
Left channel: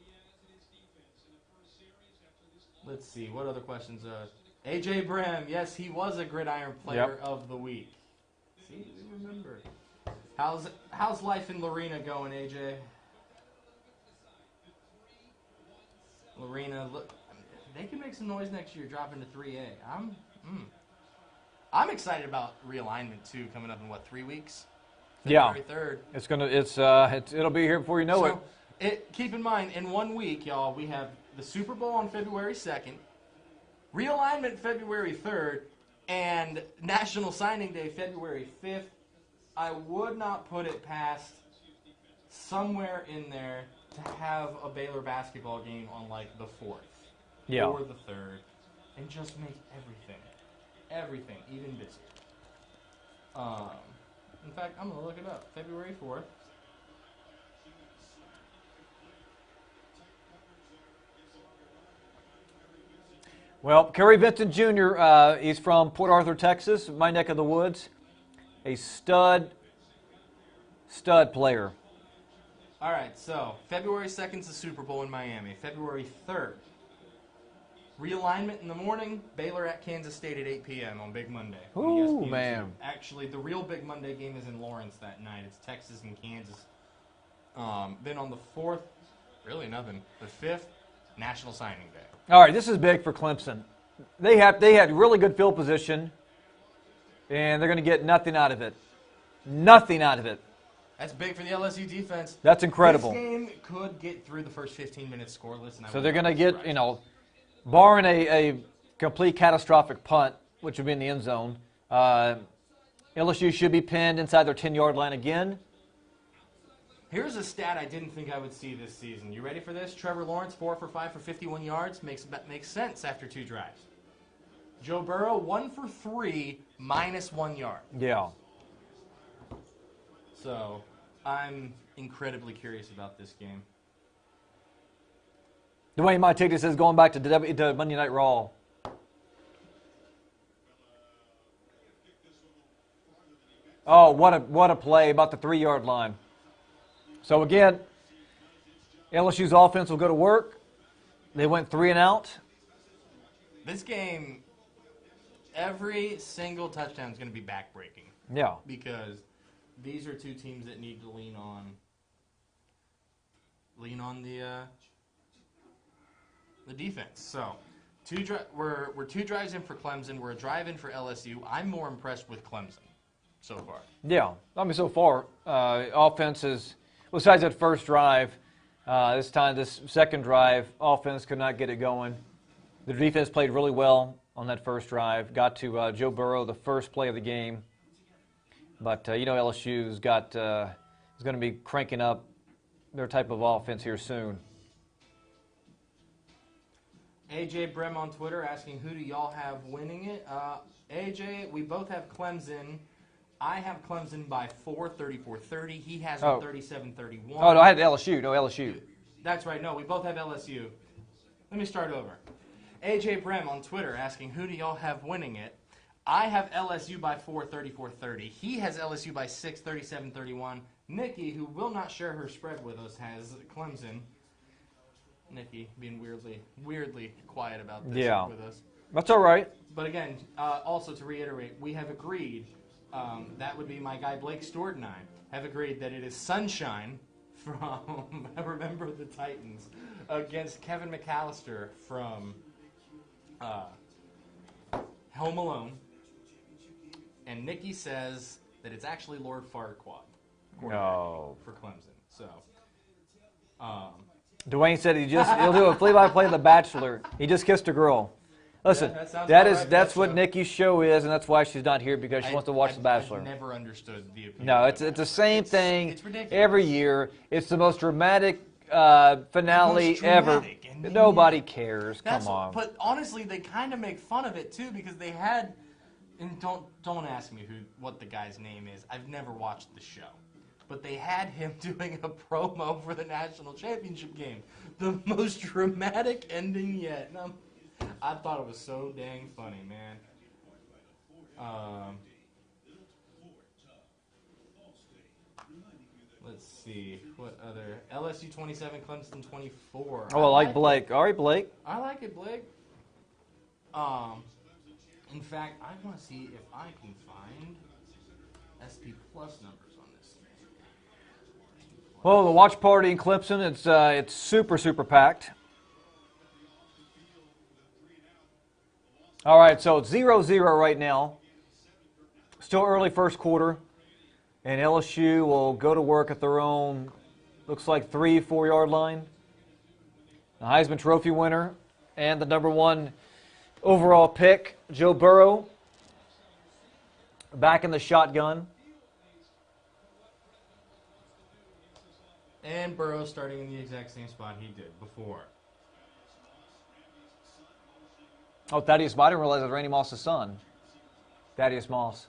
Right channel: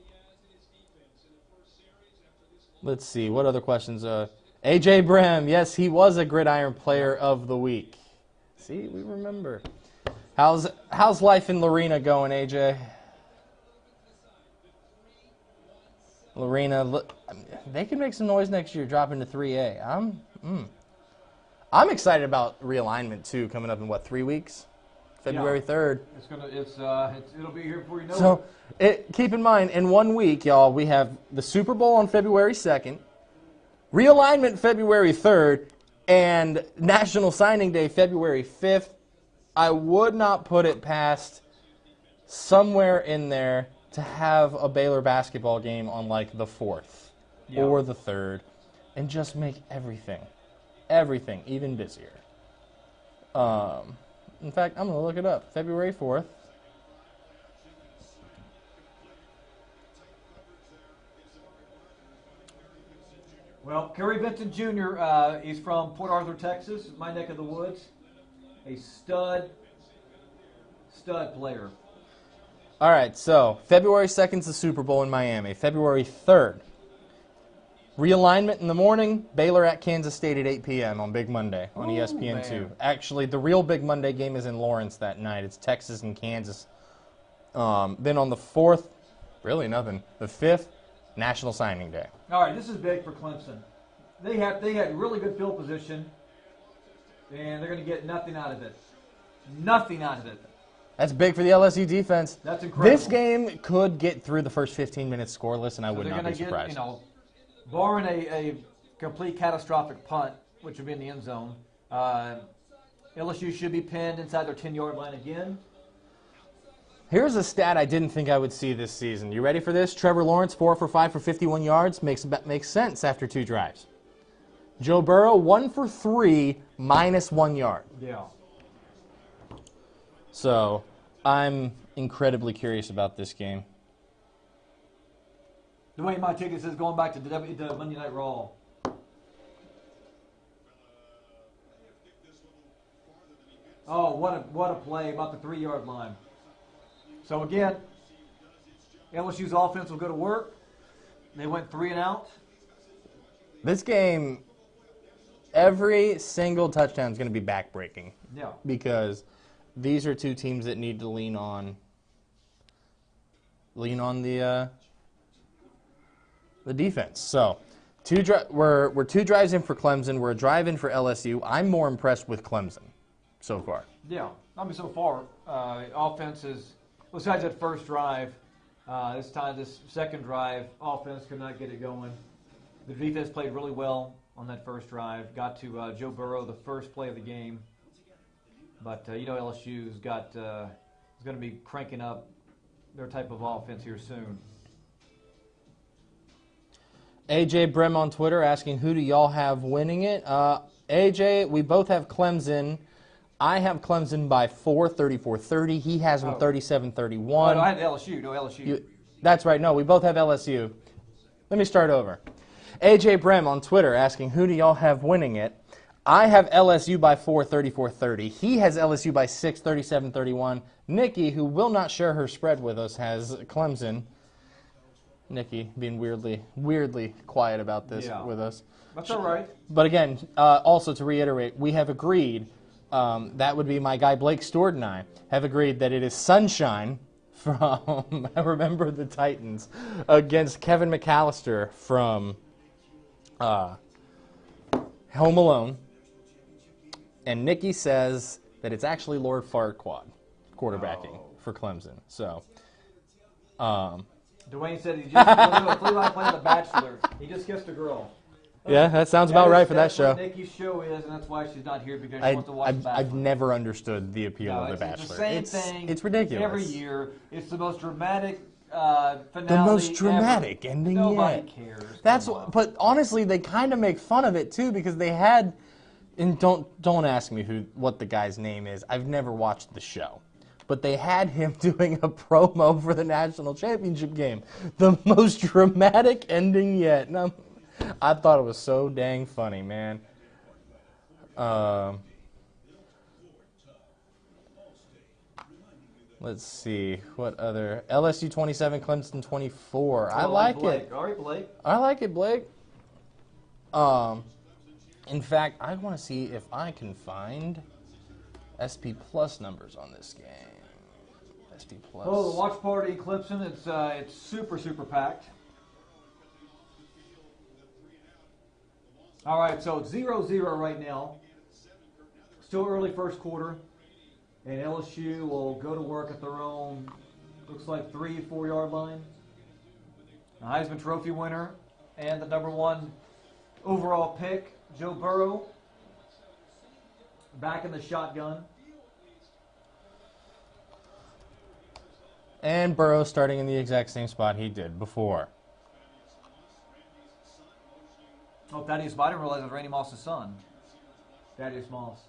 let's see. What other questions? AJ Brem. Yes, he was a Gridiron Player Yep. of the Week. See, we remember. How's life in Lorena going, AJ? Lorena, look, they can make some noise next year, dropping to 3A. I'm excited about realignment too, coming up in 3 weeks? February 3rd. It'll be here before you know So keep in mind, in 1 week, y'all, we have the Super Bowl on February 2nd, realignment February 3rd, and National Signing Day February 5th. I would not put it past somewhere in there to have a Baylor basketball game on the 4th or the 3rd and just make everything even busier. In fact, I'm going to look it up. February 4th. Well, Kerry Vincent Jr., he's from Port Arthur, Texas, my neck of the woods. A stud player. All right, so February 2nd is the Super Bowl in Miami. February 3rd, realignment in the morning, Baylor at Kansas State at 8 p.m. on Big Monday on ESPN2. Man. Actually, the real Big Monday game is in Lawrence that night. It's Texas and Kansas. Then on the 4th, really nothing. The 5th, National Signing Day. All right, this is big for Clemson. They had really good field position, and they're going to get nothing out of it. Nothing out of it. That's big for the LSU defense. That's incredible. This game could get through the first 15 minutes scoreless, and I would not be surprised. So they're going to get, barring a complete catastrophic punt, which would be in the end zone, LSU should be pinned inside their 10-yard line again. Here's a stat I didn't think I would see this season. You ready for this? Trevor Lawrence, 4 for 5 for 51 yards. Makes sense after 2 drives. Joe Burrow, 1 for 3, minus 1 yard. Yeah. So I'm incredibly curious about this game. Dwayne Montigny says going back to Monday Night Raw. Oh, what a play about the 3-yard line. So again, LSU's offense will go to work. They went 3 and out. This game, every single touchdown is going to be backbreaking. Yeah. Because these are 2 teams that need to lean on the defense. So, we're 2 drives in for Clemson. We're a drive in for LSU. I'm more impressed with Clemson so far. Yeah, I mean, so far, offense is, besides that first drive, this second drive, offense could not get it going. The defense played really well on that first drive, got to Joe Burrow, the first play of the game. But, LSU's is going to be cranking up their type of offense here soon. AJ Brem on Twitter asking, who do y'all have winning it? AJ, we both have Clemson. I have Clemson by 4, 34-30. He has them 37-31. Oh, no, I had LSU. No, LSU. That's right. No, we both have LSU. Let me start over. AJ Brem on Twitter asking, who do y'all have winning it? I have LSU by 4, 34-30. He has LSU by 6, 37-31. Nikki, who will not share her spread with us, has Clemson. Nikki being weirdly quiet about this with us. That's all right. But again, also to reiterate, we have agreed, that would be my guy Blake Stewart and I, have agreed that it is Sunshine from Remember the Titans against Kevin McAllister from Home Alone. And Nikki says that it's actually Lord Farquaad quarterbacking for Clemson. So, Dwayne said he'll do a play-by-play of The Bachelor. He just kissed a girl. Listen, yeah, that sounds about right for that That's show. what Nikki's show is, and that's why she's not here, because she wants to watch The Bachelor. I've never understood the appeal No, of The it's Bachelor. the same thing. It's ridiculous. Every year. It's the most dramatic finale dramatic ever. ending Nobody yet. cares. But honestly, they kind of make fun of it too, because they had, and don't ask me what the guy's name is. I've never watched the show. But they had him doing a promo for the national championship game. The most dramatic ending yet. And I thought it was so dang funny, man. Let's see. What other? LSU 27, Clemson 24. I like Blake. All right, Blake. I like it, Blake. In fact, I want to see if I can find SP Plus numbers on this game. SP Plus. Well, the watch party in Clemson, it's super, super packed. All right, so it's 0-0 right now. Still early first quarter. And LSU will go to work at their own, looks like 3-4 yard line. The Heisman Trophy winner and the #1 overall pick, Joe Burrow, back in the shotgun. And Burrow starting in the exact same spot he did before. Oh, Thaddeus Moss. I didn't realize it was Randy Moss's son. Thaddeus Moss.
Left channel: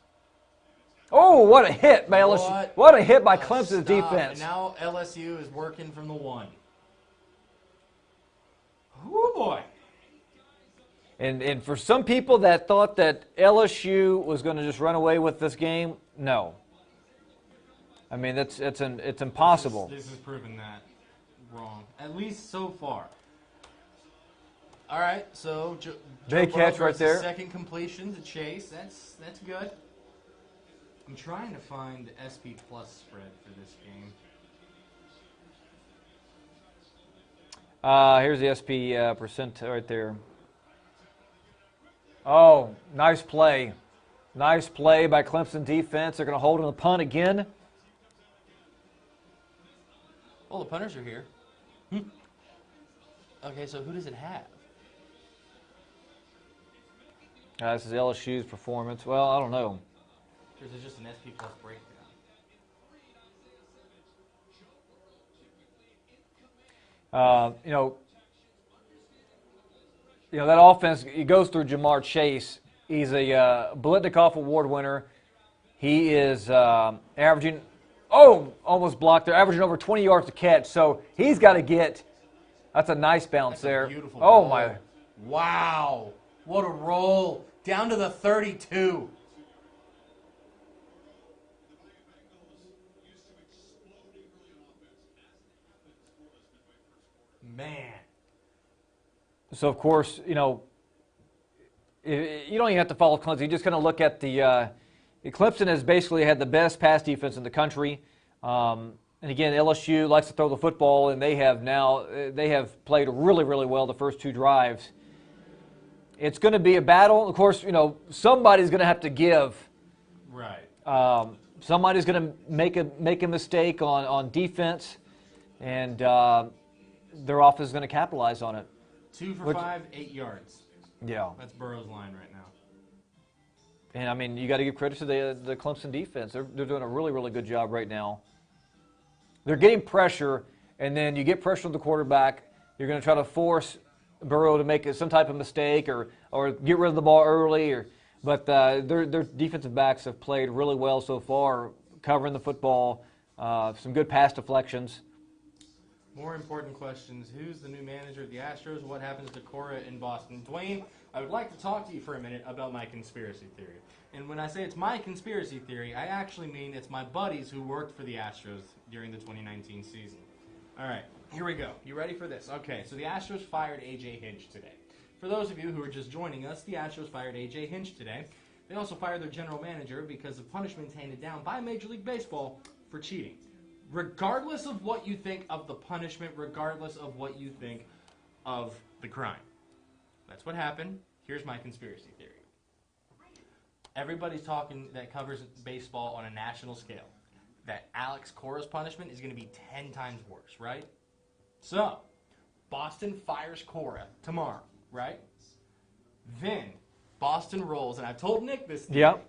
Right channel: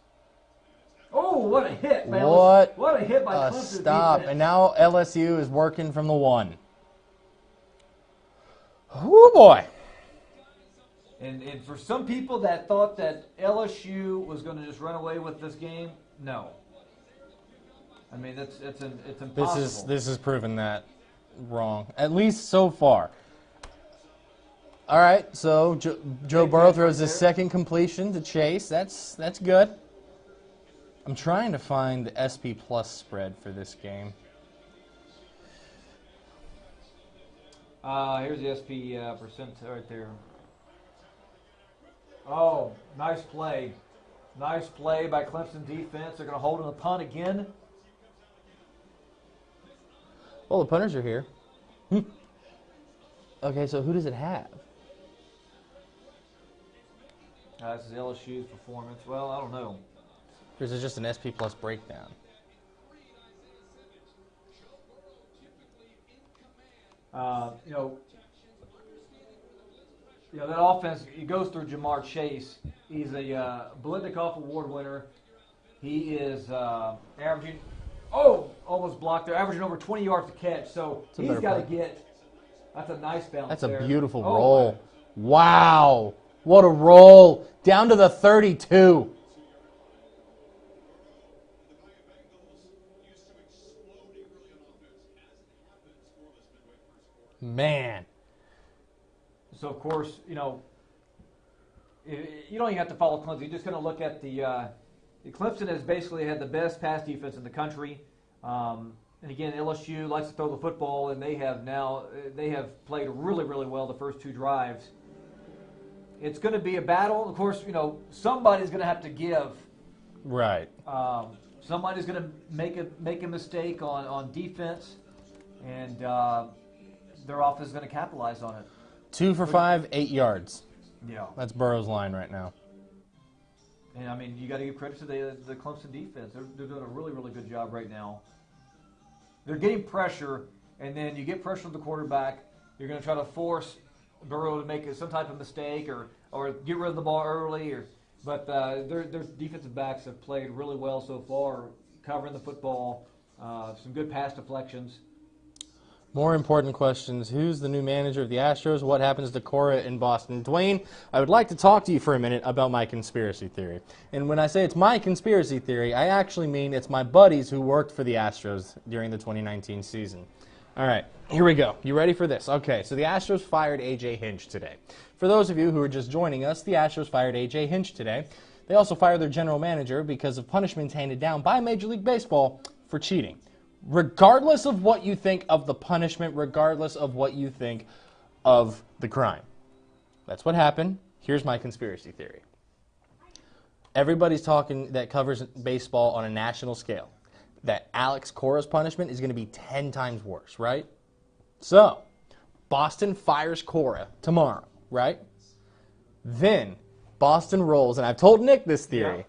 Oh, what a hit by LSU. What a hit by Clemson's defense. And now LSU is working from the 1. Oh, boy. And for some people that thought that LSU was going to just run away with this game, no. I mean, it's impossible. This has proven that wrong, at least so far. All right, so Joe Burrow throws his second completion to Chase. That's good. I'm trying to find the SP Plus spread for this game. Here's the SP percent right there. Oh, nice play. Nice play by Clemson defense. They're going to hold on the punt again. Well, the punters are here. Okay, so who does it have? This is LSU's performance. Well, I don't know. Or is it just an SP Plus breakdown? That offense, it goes through Jamar Chase. He's a Biletnikoff Award winner. He is averaging, almost blocked there, averaging over 20 yards to catch. So he's got to get, that's a nice bounce there. That's a beautiful roll. My. Wow. What a roll. Down to the 32. Man. So, of course, you don't even have to follow Clemson. You just kind of look at Clemson has basically had the best pass defense in the country. And again, LSU likes to throw the football, and they have played really, really well the first two drives. It's going to be a battle. Of course, somebody's going to have to give. Right. Somebody's going to make a mistake on defense, and their offense is going to capitalize on it. 2 for 5, 8 yards. Yeah. That's Burrow's line right now. And, I mean, you got to give credit to the Clemson defense. They're doing a really, really good job right now. They're getting pressure, and then you get pressure on the quarterback. You're going to try to force Burrow to make some type of mistake or get rid of the ball early. But their defensive backs have played really well so far, covering the football, some good pass deflections. More important questions. Who's the new manager of the Astros? What happens to Cora in Boston? Dwayne, I would like to talk to you for a minute about my conspiracy theory. And when I say it's my conspiracy theory, I actually mean it's my buddies who worked for the Astros during the 2019 season. All right, here we go. You ready for this? Okay, so the Astros fired A.J. Hinch today. For those of you who are just joining us, the Astros fired A.J. Hinch today. They also fired their general manager because of punishments handed down by Major League Baseball for cheating. Regardless of what you think of the punishment, regardless of what you think of the crime. That's what happened. Here's my conspiracy theory. Everybody's talking that covers baseball on a national scale, that Alex Cora's punishment is going to be 10 times worse, right? So, Boston fires Cora tomorrow, right? Then, Boston rolls, and I've told Nick this theory. Yeah.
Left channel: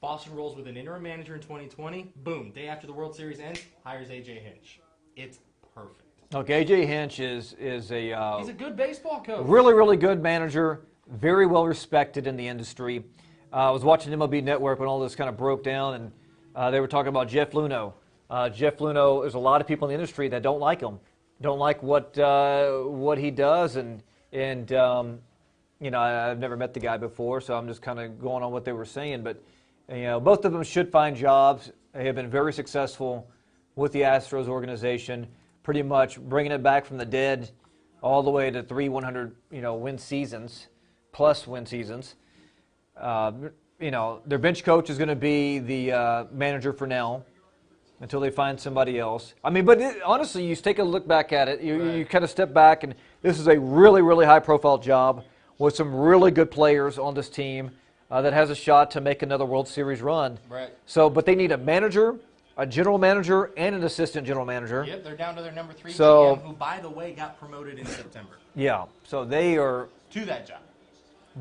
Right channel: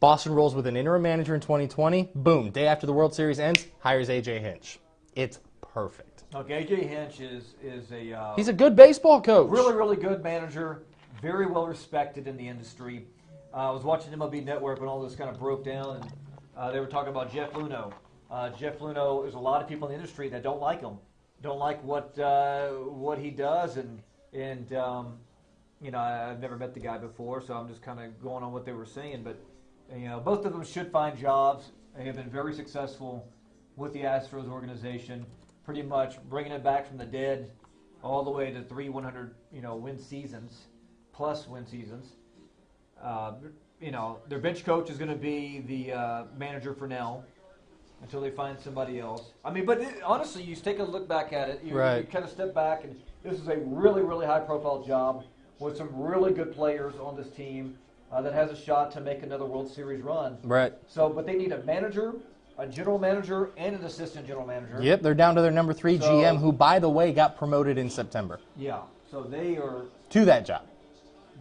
Boston rolls with an interim manager in 2020. Boom. Day after the World Series ends, hires A.J. Hinch. It's perfect. Look, A.J. Hinch is a... He's a good baseball coach. Really, really good manager. Very well respected in the industry. I was watching MLB Network when all this kind of broke down, and they were talking about Jeff Luhnow. Jeff Luhnow, there's a lot of people in the industry that don't like him. Don't like what he does, and I've never met the guy before, so I'm just kind of going on what they were saying, but... both of them should find jobs. They have been very successful with the Astros organization, pretty much bringing it back from the dead all the way to 100 win seasons, plus win seasons. Their bench coach is going to be the manager for now until they find somebody else. I mean, but honestly, you take a look back at it. You kind of step back, and this is a really, really high-profile job with some really good players on this team. That has a shot to make another World Series run. Right. So, but they need a manager, a general manager, and an assistant general manager. Yep, they're down to their number 3 GM, who, by the way, got promoted in September. Yeah. So they are to that job.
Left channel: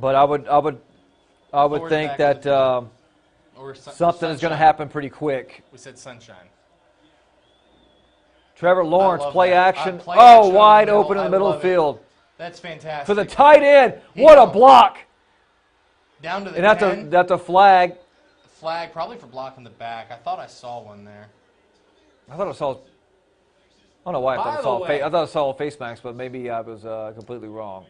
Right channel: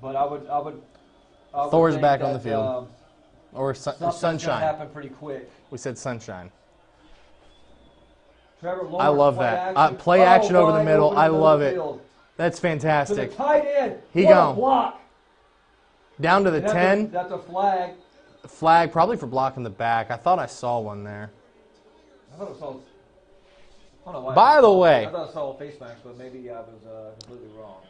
But I would think that something's going to happen pretty quick. We said sunshine. Trevor Lawrence, play action. Play action wide open in the middle of the field. That's fantastic. To the tight end. What a block. Down to the 10. That's a flag. Flag, probably for blocking the back. I thought I saw one there. I thought I saw. I don't know why. By the way, I thought I saw a face mask, but maybe I was completely wrong.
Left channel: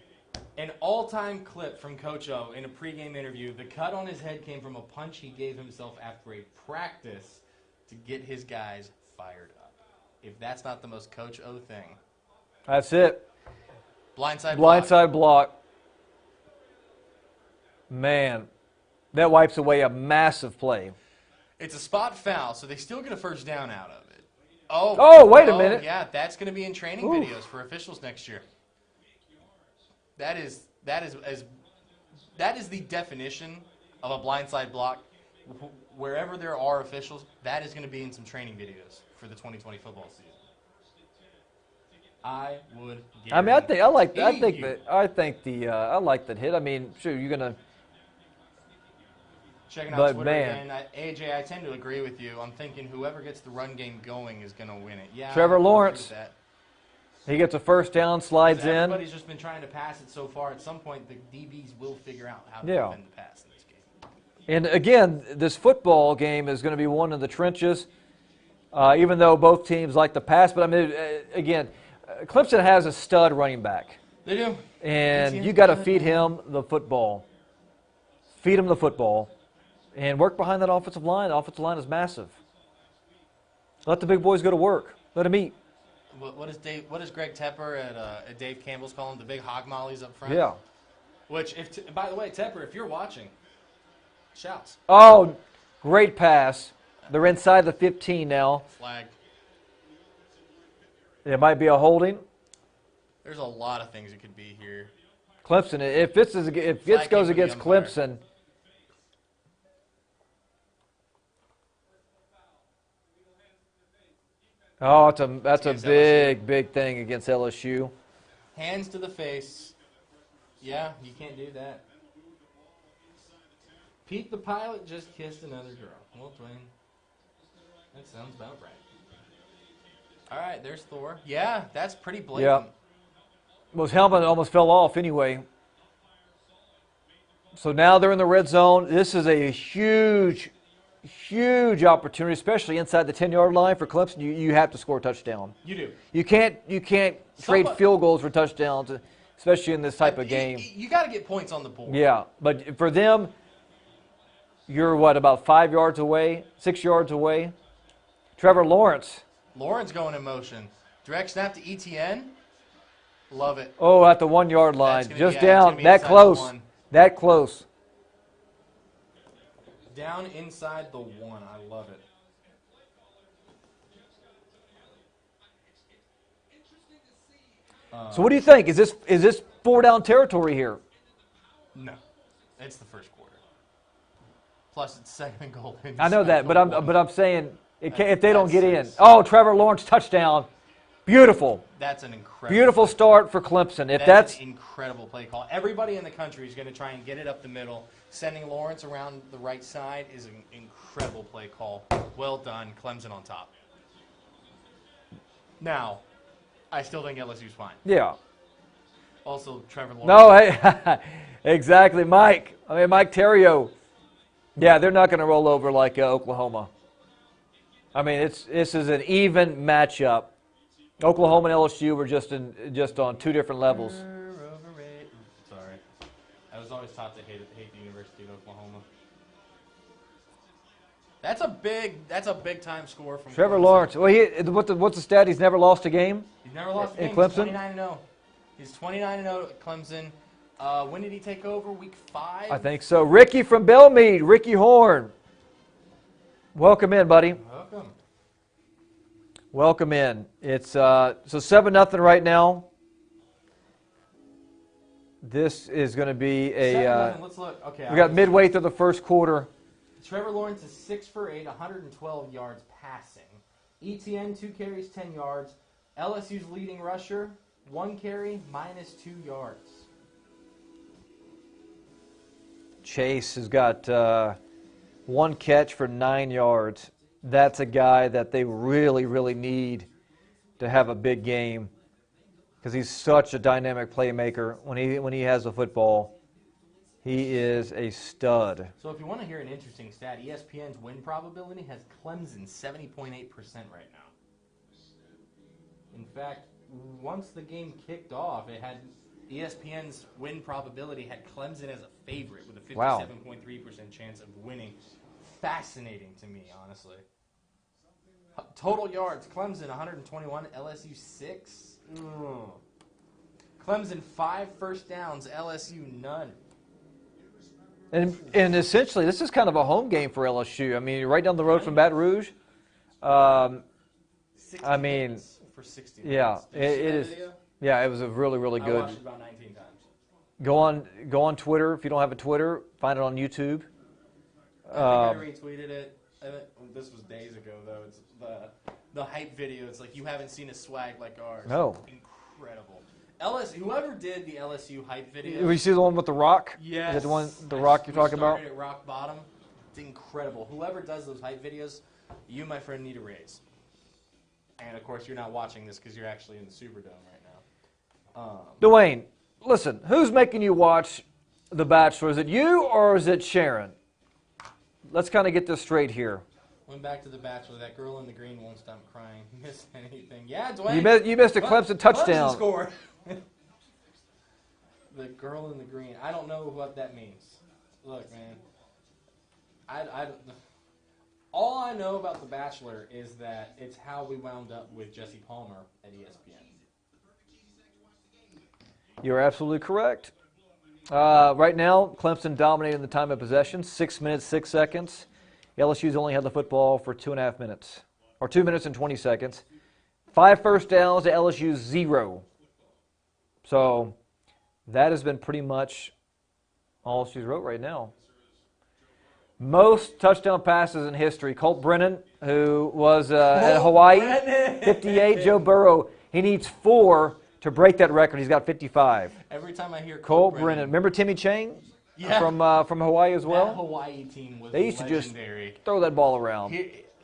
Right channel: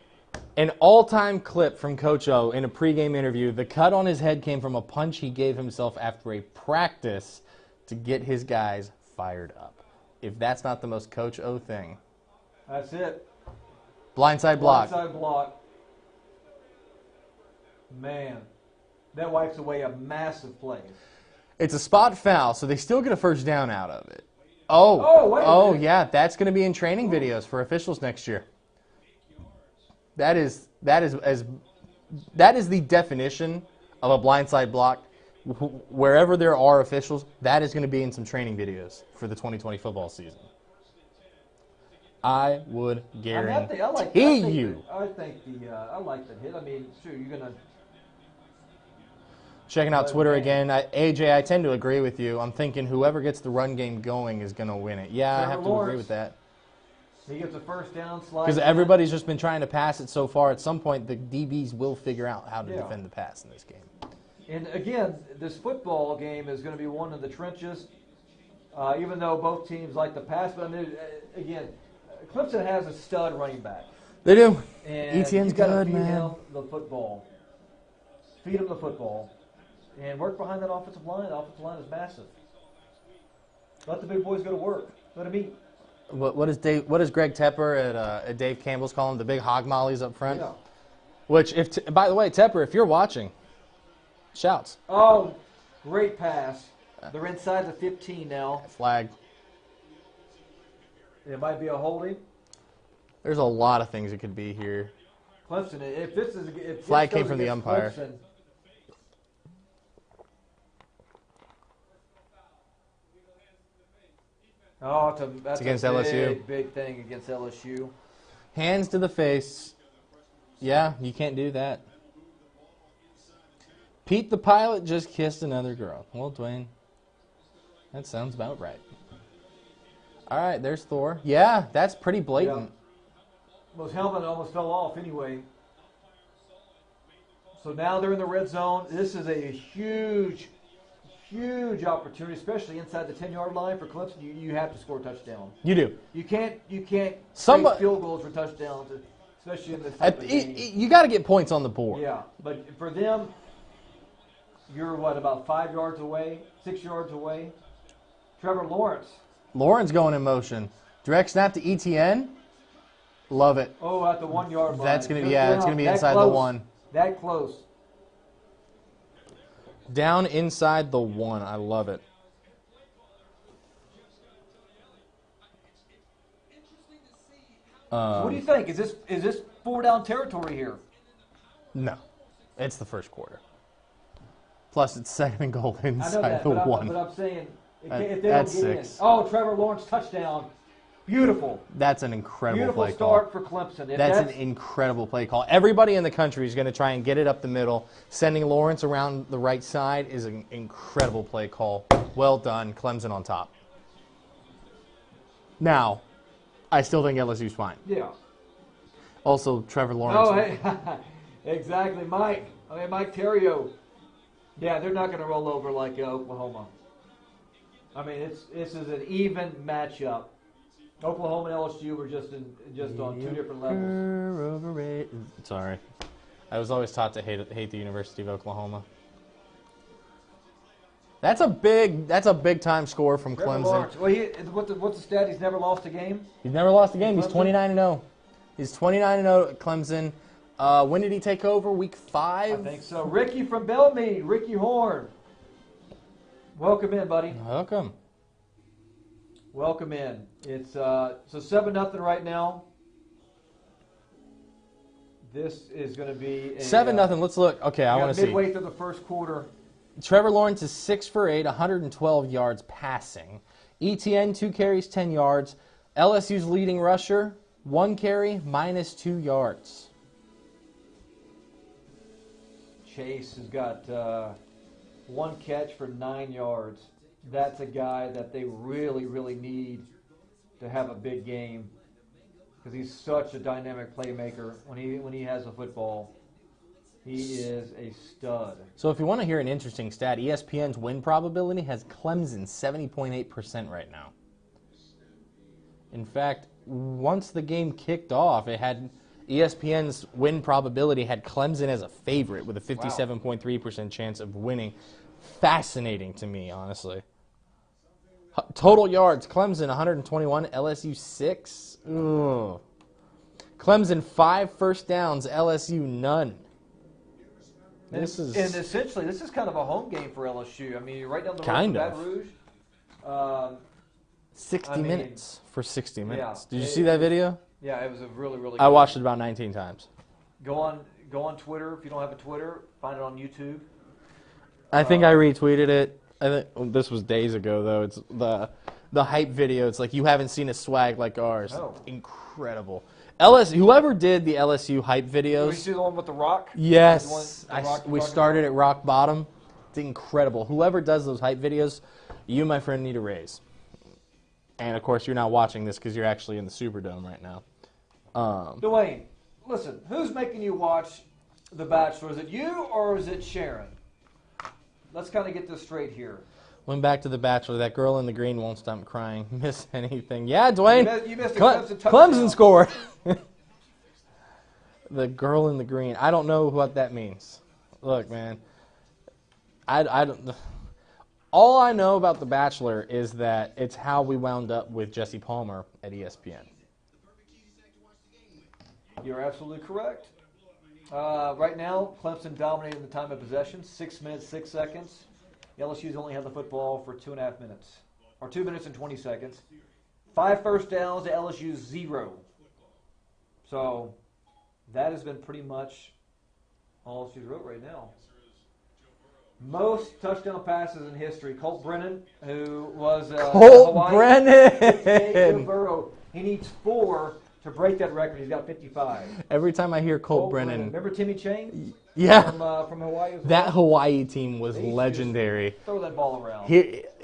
An all-time clip from Coach O in a pregame interview. The cut on his head came from a punch he gave himself after a practice to get his guys fired up. If that's not the most Coach O thing. That's it. Blindside block. Blindside block. Man, that wipes away a massive play. It's a spot foul, so they still get a first down out of it. Oh, wait a minute. Oh, yeah, that's going to be in training videos for officials next year. That is the definition of a blindside block. Wherever there are officials, that is going to be in some training videos for the 2020 football season. I would guarantee. I mean, I like that hit. I mean, sure, you're gonna. Checking out But Twitter man. again. AJ, I tend to agree with you. I'm thinking whoever gets the run game going is going to win it. Yeah, Trevor I have to agree Lawrence. with that. He gets a first down, slides Because in. everybody's just been trying to pass it so far. At some point, the DBs will figure out how to Yeah. defend the pass in this game. And again, this football game is going to be one in the trenches, even though both teams like to pass. But I mean, again, Clemson has a stud running back. They do. And ETN's you got to good, feed man. him the football. Feed him the football. And work behind that offensive line. The offensive line is massive. Let the big boys go to work. Let them eat. What is Greg Tepper at Dave Campbell's calling the big hog mollies up front? Yeah. Which, by the way, Tepper, if you're watching, shouts. Oh, great pass. They're inside the 15 now. Flag. It might be a holding. There's a lot of things it could be here. Clemson, if this Flag goes came from the against umpire. Clemson. Oh, that's a against LSU. big thing against LSU. Hands to the face. Yeah, you can't do that. Pete the pilot just kissed another girl. Well, Dwayne, that sounds about right. All right, there's Thor. Yeah, that's pretty blatant. Well, his helmet almost fell off anyway. So now they're in the red zone. This is a huge opportunity, especially inside the 10-yard line for Clemson. You have to score a touchdown. You do. You can't trade Somebody- field goals for touchdowns, especially in this type of game. You got to get points on the board. Yeah, but for them, you're about 5 yards away, 6 yards away. Trevor Lawrence. Lauren's going in motion. Direct snap to ETN. Love it. Oh, at the 1 yard line. That's gonna Just be, it's down. gonna be That inside the close. one. That close. Down inside the one. I love it. So what do you think? Is this 4-down territory here? No, it's the first quarter. Plus, it's second and goal inside I know that, the but one. I'm saying if they don't That's get in. 6. Oh, Trevor Lawrence touchdown. Beautiful. That's an incredible Beautiful play start call. for Clemson. If That's an incredible play call. Everybody in the country is going to try and get it up the middle. Sending Lawrence around the right side is an incredible play call. Well done. Clemson on top. Now, I still think LSU's fine. yeah. Also, Trevor Lawrence. No, hey, exactly, Mike. Mike Terrio. Yeah, they're not going to roll over like Oklahoma. I mean, this is an even matchup. Oklahoma and LSU were just on two different levels. Sorry, I was always taught to hate the University of Oklahoma. That's a big time score from Trevor Clemson. Lawrence. Well, what's the stat? He's never lost a game. He's never lost a In game. He's Clemson? 29-0. He's 29-0 at Clemson. When did he take over? Week 5? I think so. Ricky from Belmead, Ricky Horn. Welcome in, buddy. Welcome. Welcome in. It's so 7-0 right now. This is going to be a 7-0. Let's look. Okay, I We wanna got see. midway through the first quarter. Trevor Lawrence is 6 for 8, 112 yards passing. ETN 2 carries, 10 yards. LSU's leading rusher 1 carry, -2 yards. Chase has got 1 catch for 9 yards. That's a guy that they really, really need to have a big game because he's such a dynamic playmaker when he has the football. He is a stud. So if you want to hear an interesting stat, ESPN's win probability has Clemson 70.8% right now. In fact, once the game kicked off, it ESPN's win probability had Clemson as a favorite with a 57.3% chance of winning. Fascinating to me, honestly. Total yards, Clemson 121, LSU 6. Ugh. Clemson 5 first downs, LSU none. And essentially, this is kind of a home game for LSU. I mean, you're right down the road from Baton Rouge. 60 minutes for 60 minutes. Yeah, Did you see that video? Yeah, it was a really, really good. I watched it about 19 times. Go on Twitter. If you don't have a Twitter, find it on YouTube. I think I retweeted it. I think this was days ago, though. It's the hype video. It's like, you haven't seen a swag like ours. No. Incredible. LSU, whoever did the LSU hype videos. Did you see the one with The Rock? Yes. The Rock we started at rock bottom. It's incredible. Whoever does those hype videos, you, my friend, need a raise. And, of course, you're not watching this because you're actually in the Superdome right now. Dwayne, listen, who's making you watch The Bachelor? Is it you or is it Sharon? Let's kind of get this straight here. Went back to The Bachelor. That girl in the green won't stop crying. Miss anything. Yeah, Dwayne. You missed a Clemson touchdown. Clemson scored. The girl in the green. I don't know what that means. Look, man. I don't. All I know about The Bachelor is that it's how we wound up with Jesse Palmer at ESPN. You're absolutely correct. Right now, Clemson dominating the time of possession, 6 minutes, 6 seconds. LSU's only had the football for 2.5 minutes, or 2 minutes and 20 seconds. 5 first downs to LSU's 0. So that has been pretty much all LSU's wrote right now. Most touchdown passes in history. Colt Brennan, who was Hawaii, 58. Joe Burrow, he needs 4 to break that record. He's got 55. Every time I hear Colt Brennan. Remember Timmy Chang? Yeah. From Hawaii as well? That Hawaii team was They used to just legendary. throw that ball around.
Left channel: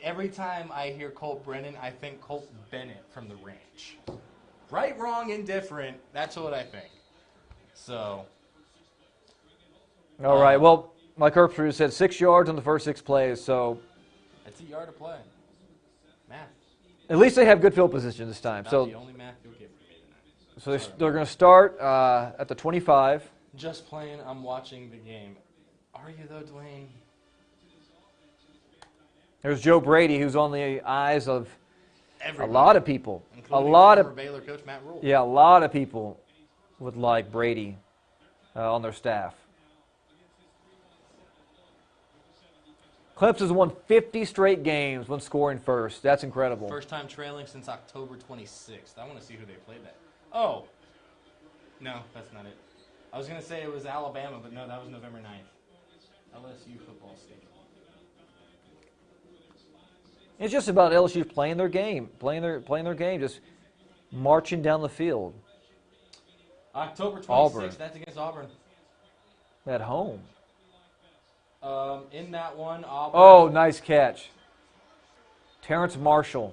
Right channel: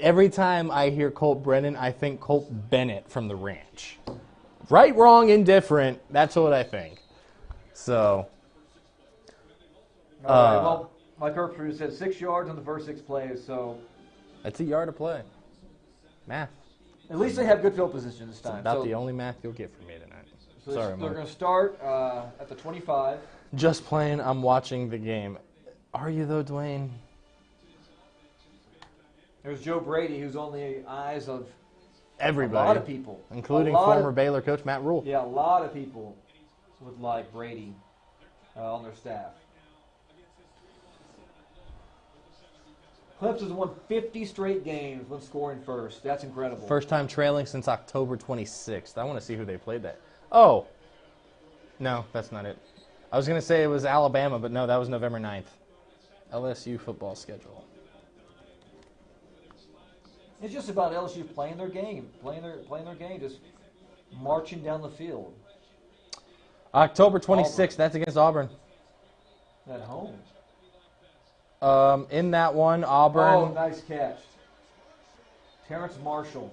Every time I hear Colt Brennan, I think Colt Bennett from the ranch. Right, wrong, indifferent. That's what I think. So. All right. Well, like Herbstreit said, 6 yards on the first 6 plays. So that's a yard to play. Math. At least they have good field position this time. That's the only math you'll get from me tonight. So they're going to start at the 25. Just playing. I'm watching the game. Are you, though, Dwayne? There's Joe Brady, who's on the eyes of everybody. A lot of people. Including former Baylor coach Matt Rule. Yeah, a lot of people would like Brady on their staff. Clemson's won 50 straight games when scoring first. That's incredible. First time trailing since October 26th. I want to see who they played that. Oh. No, that's not it. I was going to say it was Alabama, but no, that was November 9th. LSU football schedule. It's just about LSU playing their game, playing their game, just marching down the field. October 26th, that's against Auburn. At home. In that one, Auburn. Oh, nice catch. Terrence Marshall.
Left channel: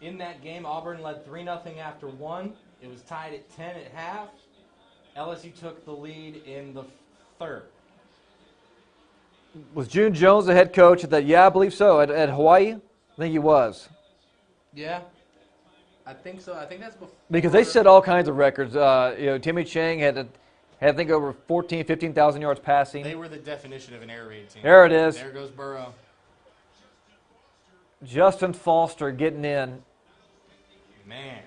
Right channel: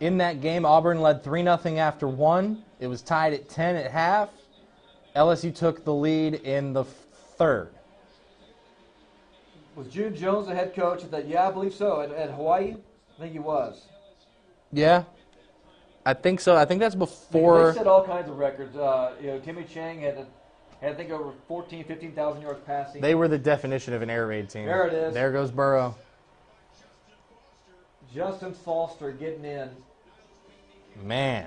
In that game, Auburn led 3-0 after 1. It was tied at 10 at half. LSU took the lead in the third. Was June Jones the head coach at that? Yeah, I believe so. At Hawaii? I think he was. Yeah. I think so. I think that's before. Because they set all kinds of records. Timmy Chang had I think over 15,000 yards passing. They were the definition of an air raid team. There it is. There goes Burrow. Justin Foster getting in. Man,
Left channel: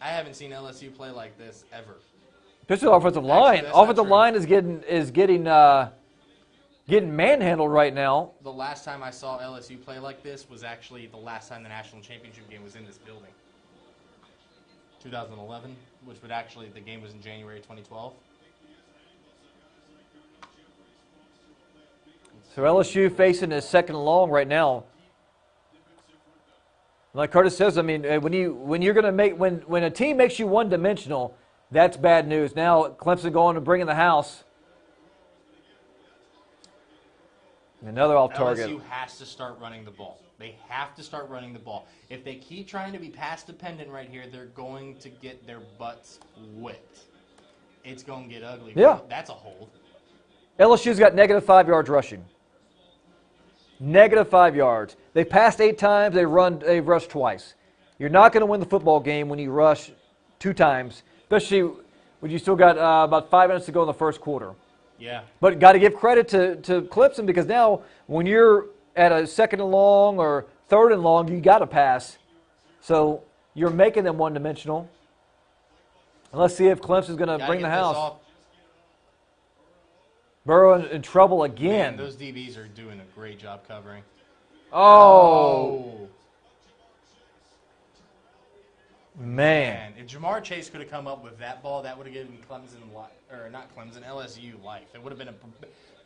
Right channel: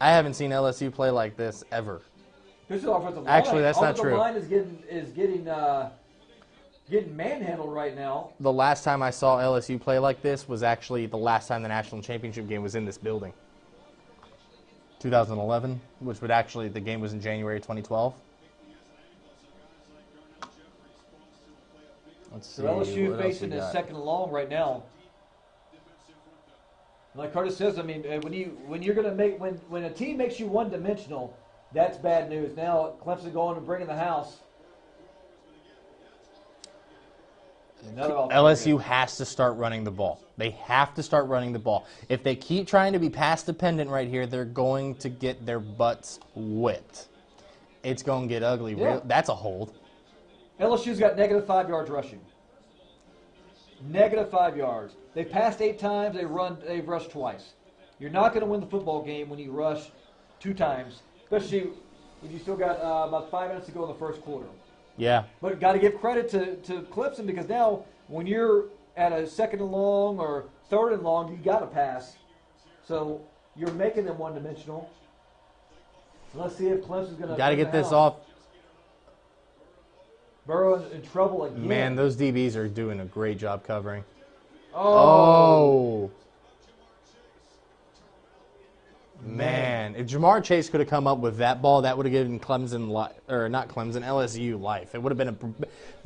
I haven't seen LSU play like this ever. Especially the offensive line. Actually, that's not offensive true. line is getting manhandled right now. The last time I saw LSU play like this was actually the last time the national championship game was in this building. 2011, which would actually, the game was in January 2012. So LSU facing his second and long right now. Like Kurtis says, I mean, when you're going to make when a team makes you one-dimensional, that's bad news. Now Clemson going and bringing the house. Another alternative. LSU has to start running the ball. They have to start running the ball. If they keep trying to be pass dependent right here, they're going to get their butts whipped. It's going to get ugly. Yeah. That's a hold. LSU's got -5 yards rushing. -5 yards. They passed 8 times. They've rushed twice. You're not going to win the football game when you rush 2 times, especially but you still got about 5 minutes to go in the first quarter. Yeah. But got to give credit to Clemson because now when you're at a 2nd and long or 3rd and long, you got to pass. So you're making them one-dimensional. And let's see if Clemson's going to Got to bring get the this house. off. Burrow in trouble again. Man, those DBs are doing a great job covering. Oh. Man, if Jamar Chase could have come up with that ball, that would have given LSU life. It would have been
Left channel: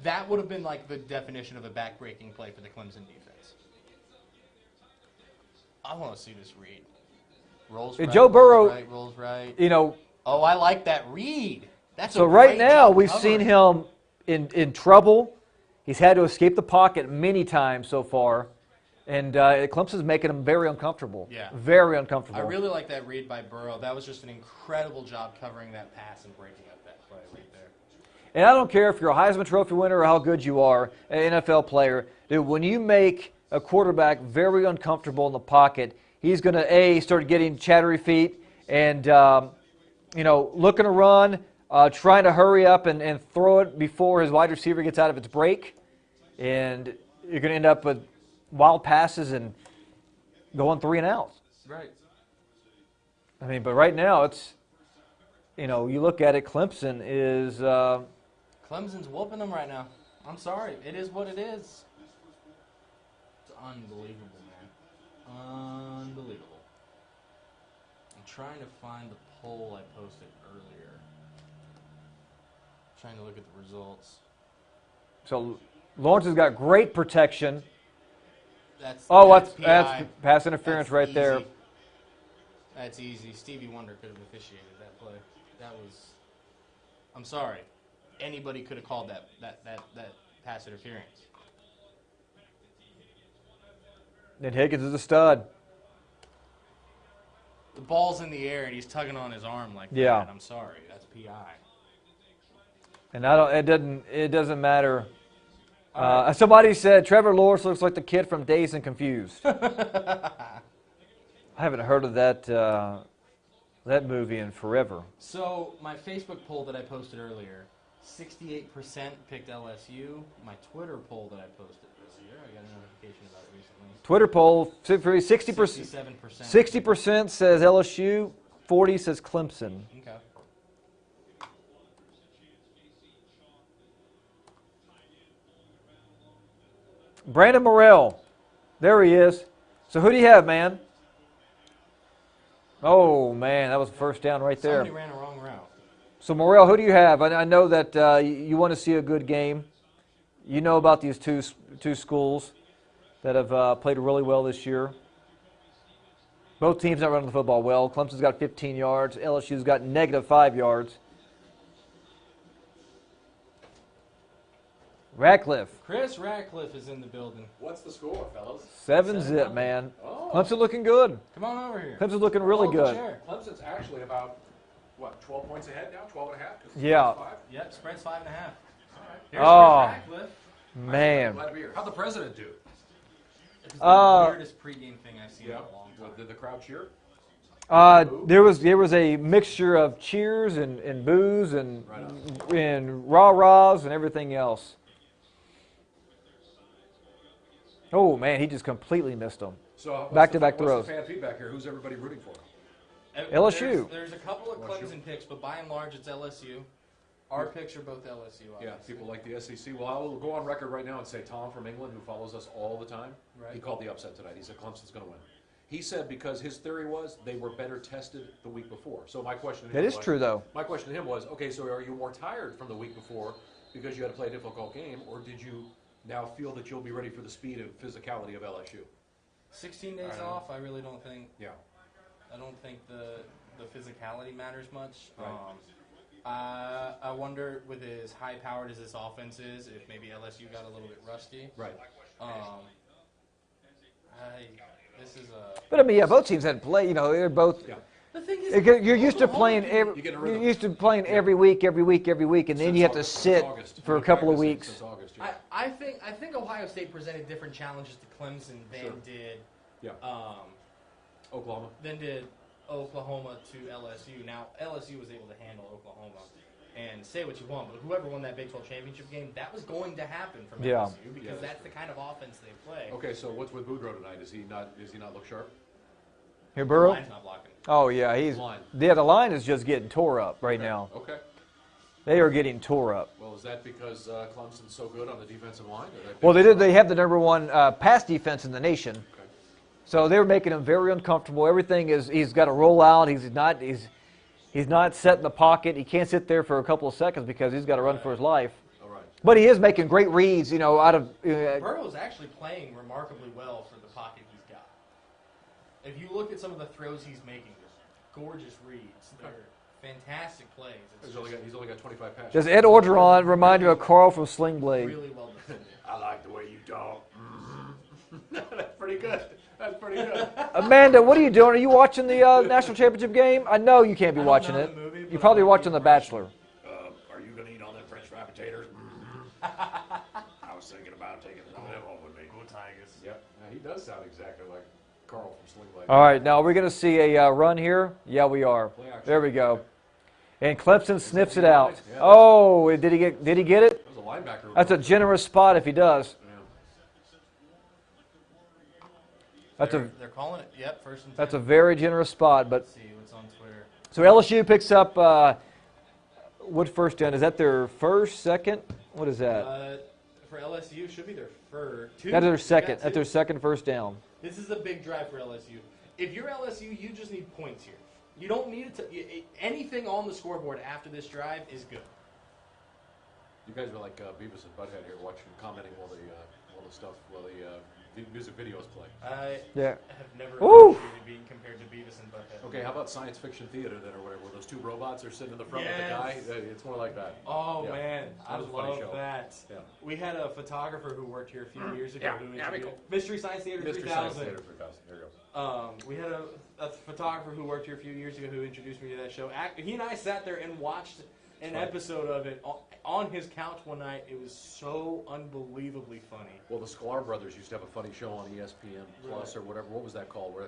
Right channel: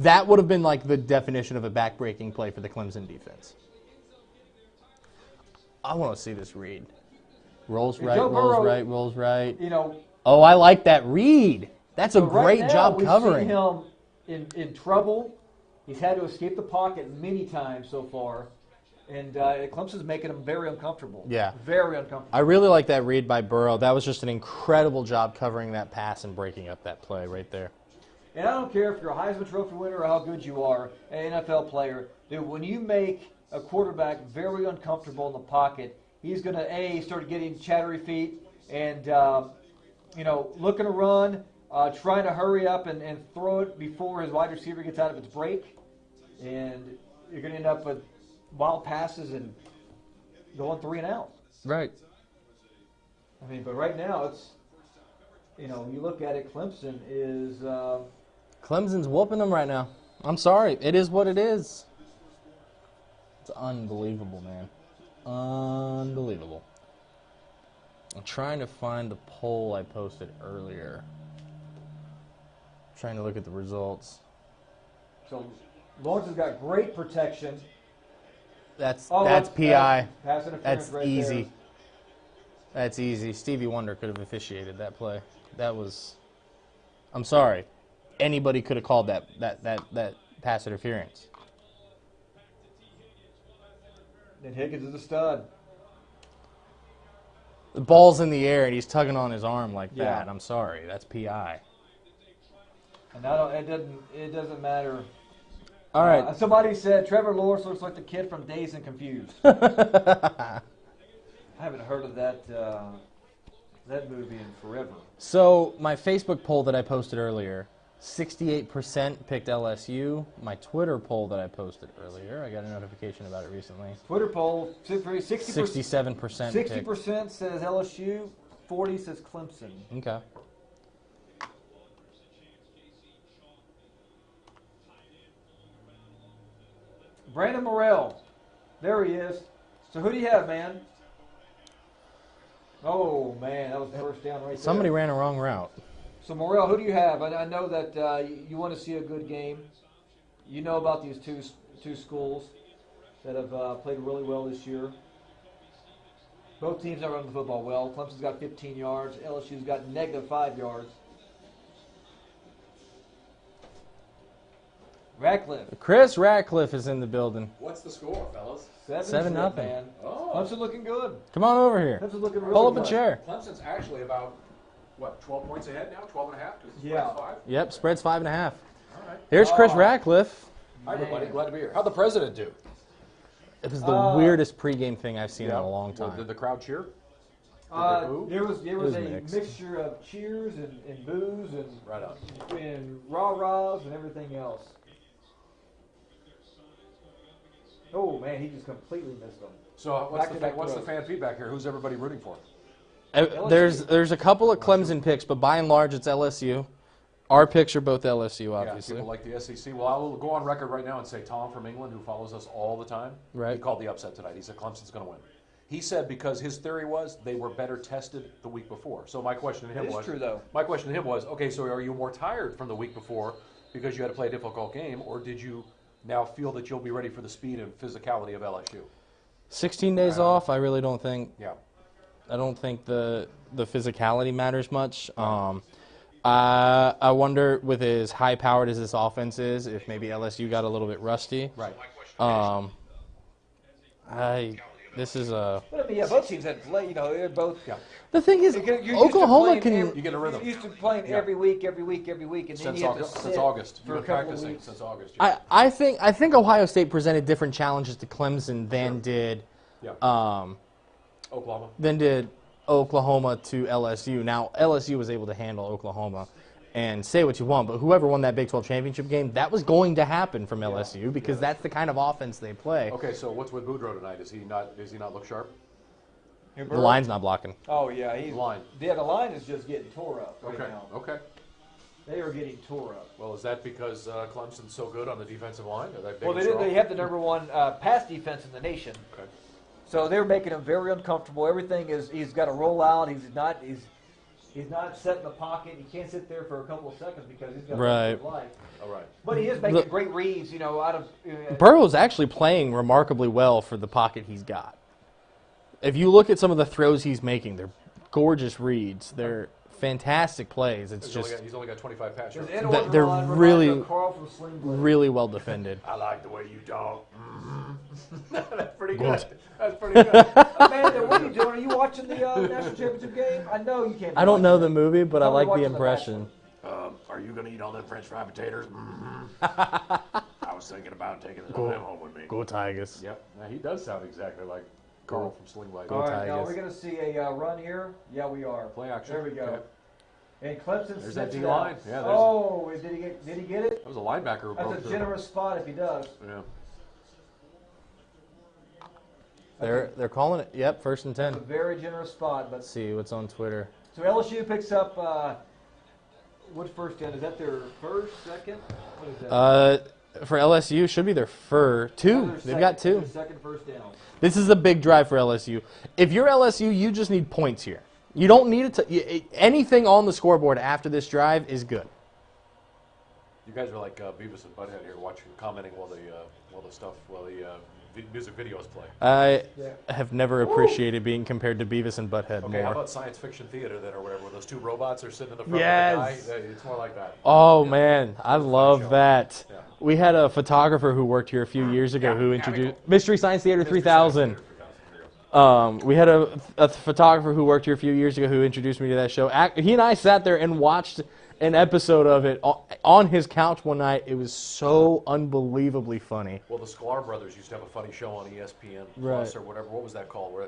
that would have been like the definition of a back-breaking play for the Clemson defense. I want to see this read. Rolls right, Joe Burrow, rolls right. You know, Oh, I like that read. That's a so right great now job we've covering. seen him in trouble. He's had to escape the pocket many times so far. And Clemson's making him very uncomfortable. Yeah. Very uncomfortable. I really like that read by Burrow. That was just an incredible job covering that pass and breaking up that play right there. And I don't care if you're a Heisman Trophy winner or how good you are, an NFL player. Dude, when you make a quarterback very uncomfortable in the pocket, he's going to, start getting chattery feet and, looking to run, trying to hurry up and throw it before his wide receiver gets out of its break. And you're going to end up with wild passes and going 3 and out. Right. I mean, but right now it's, you look at it, Clemson is. Clemson's whooping them right now. I'm sorry. It is what it is. It's unbelievable, man. Unbelievable. I'm trying to find the poll I posted earlier. Trying to look at the results. So Lawrence has got great protection. That's Oh, that's that's PI. pass interference That's right easy. there. That's easy. Stevie Wonder could have officiated that play. That was. I'm sorry. Anybody could have called that pass interference. And Higgins is a stud. The ball's in the air and he's tugging on his arm like Yeah. that. I'm sorry. That's PI. And it doesn't matter. All right. Somebody said Trevor Lawrence looks like the kid from Dazed and Confused. I haven't heard of that movie in forever. So my Facebook poll that I posted earlier, 68% picked LSU. My Twitter poll that I posted earlier, I got a notification about it recently. Twitter poll, 60%. 67%. 60% says LSU, 40 says Clemson. Okay. Brandon Morrell, there he is. So who do you have, man? Oh man, that was first down right there. Somebody ran a wrong route. So Morrell, who do you have? I know that you want to see a good game. You know about these two schools that have played really well this year. Both teams are running the football well. Clemson's got 15 yards. LSU's got -5 yards. Radcliffe. Chris Radcliffe is in the building. What's the score, fellas? 7-0, 7-0. man. Oh. Clemson looking good. Come on over here. Clemson's looking Pull really up good. a chair. Clemson's actually about, 12 points ahead now? 12 and a half? 'Cause it's Yeah. 5? Yep, spread's 5.5. All right. Here's Chris Oh. Radcliffe. I'm Man. glad to be here. How'd the president do? It was the weirdest pregame thing I've seen in a long Well, time. did the crowd cheer? There was a mixture of cheers and boos and Right on. and rah-rahs and everything else. Oh man, he just completely missed them. So what's Back-to-back what's throws. the fan feedback here? Who's everybody rooting for? LSU. There's a couple of Clemson picks, but by and large it's LSU. Our picks are both LSU, Yeah, obviously. people like the SEC. Well, I will go on record right now and say Tom from England, who follows us all the time, Right. he called the upset tonight. He said Clemson's going to win. He said because his theory was they were better tested the week before. So my question to him That is was, true, though. My question to him was, okay, so are you more tired from the week before because you had to play a difficult game, or did you now feel that you'll be ready for the speed and physicality of LSU? 16 days off, I really don't think. Yeah. I don't think the physicality matters much. I wonder, with as high-powered as this offense is, if maybe LSU got a little bit rusty. Right. This is a. But I mean, yeah, both teams had to play. They're both. Yeah. The thing is, You're used to Oklahoma playing. can. You get a rhythm. You're used to playing every week, and then Since you have to August- since sit August. for a You've been couple of practicing weeks. since August, yeah. I think Ohio State presented different challenges to Clemson than did Yeah. um, Oklahoma. than did Oklahoma to LSU. Now, LSU was able to handle Oklahoma. And say what you want, but whoever won that Big 12 championship game, that was going to happen from LSU because that's the kind of offense they play. Okay, so what's with Boudreaux tonight? Does he not look sharp? Here, The Burrow? line's not blocking. Oh yeah, he's Line. yeah. The line is just getting tore up right Okay. now. Okay. They are getting tore up. Well, is that because Clemson's so good on the defensive line? Well, they have the number one pass defense in the nation. Okay. So they were making him very uncomfortable. Everything is he's got to roll out. He's not set in the pocket. He can't sit there for a couple of seconds because he's got to run for his life. All right. But he is making great reads, out of. Burrow's actually playing remarkably well for the pocket he's got. If you look at some of the throws he's making, they're gorgeous reads. They're fantastic plays. It's He's only got 25 passes. Does Ed They're Orgeron remind you of really- Carl from Sling Blade? really well defended. I like the way you talk. That's pretty good. That's pretty good. Amanda, what are you doing? Are you watching the national championship game? I know you can't be I don't watching know it. the movie, but You're probably I like watching the The impression. Bachelor. Are you going to eat all them French fried potatoes? I was thinking about taking them home with me. Go Tigers. Yep. Now, he does sound exactly like Carl from Sling Blade. All right, now we're going to see a run here. Yeah, we are. Play action. There we go. And Clemson snips that it the out. line? Yeah, Oh, did he get it? That was a linebacker. That's a generous spot if he does. Yeah. They're calling it. Yep, 1st and 10. That's a very generous spot. But Let's see what's on Twitter. so LSU picks up what first down? Is that their first, second? What is that? For LSU, should be their two. That's their They've second. got That's two. their second first down. This is a big drive for LSU. If you're LSU, you just need points here. You don't need anything on the scoreboard after this drive is good. You guys were like Beavis and Butthead here, commenting while the music videos play. I Yeah. have never appreciated being compared to Beavis and Butthead Okay, how more. about science fiction theater then, or whatever, where those two robots are sitting in the front Yes. of the guy? Yeah, it's more like that. Oh Yeah. man, I That was a funny love show. that. Yeah. We had a photographer who worked here a few years ago who introduced cool. Mystery Science Theater 3000. We had a photographer who worked here a few years ago who introduced me to that show. He and I sat there and watched an episode of it on his couch one night. It was so unbelievably funny. Well, the Sklar brothers used to have a funny show on ESPN Plus or whatever. What was that called? Where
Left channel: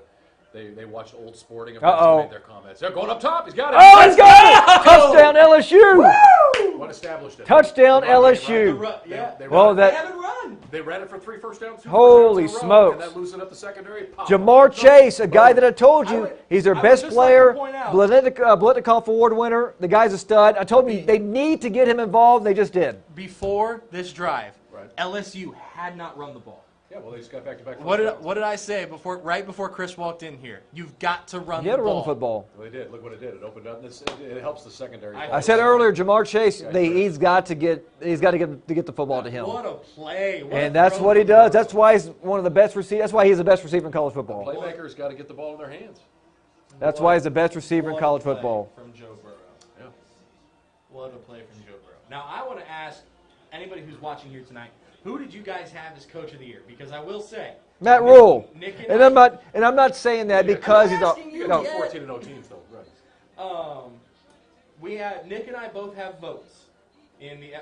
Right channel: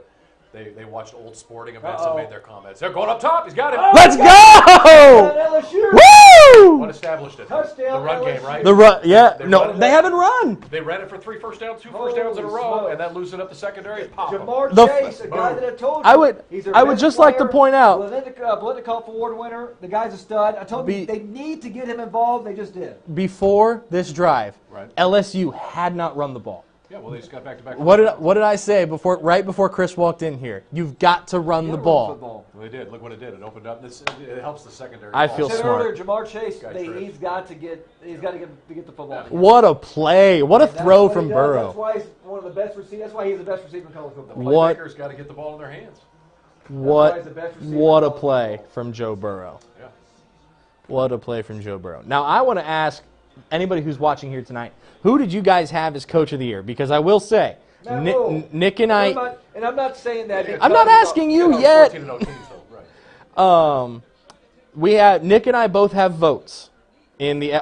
they watched old sporting events and made their comments. They're going up top. He's got it. Let's go! Touchdown LSU! Woo! What established it? Touchdown The run game, LSU. right? The run, yeah, They no, run they that- haven't run. They ran it for 3 first downs, 2 Holy first downs in a row, smokes. and that loosened up the secondary. Pop 'em. Jamar The- Chase, a guy that I told you, he's their I would best just like to player, point out- Blitnikoff Award winner. The guy's a stud. I told you they need to get him involved. They just did. Before this drive, Right. LSU had not run the ball. Yeah, well, they just got back-to-back. What did I say right before Chris walked in here? You've got to run You the had to ball. run football. Well, they did. Look what it did. It opened up. It helps the secondary. I I feel said smart. earlier, Jamar Chase, Guy's he's got to get the football to him. What a play! What And a that's throw what he from does. Burrow. That's why he's one of the best receivers. That's why he's the best receiver in college football. What- Playmakers got to get the ball in their hands. That's why he's the best receiver What in a college play football. from Joe Burrow. Yeah. What a play from Joe Burrow. Now, I want to ask anybody who's watching here tonight, who did you guys have as Coach of the Year? Because I will say, Matt Rule. Nick and I'm I, not saying that because I'm not asking you yet. 14-0 teams, though. Right. Nick and I both have votes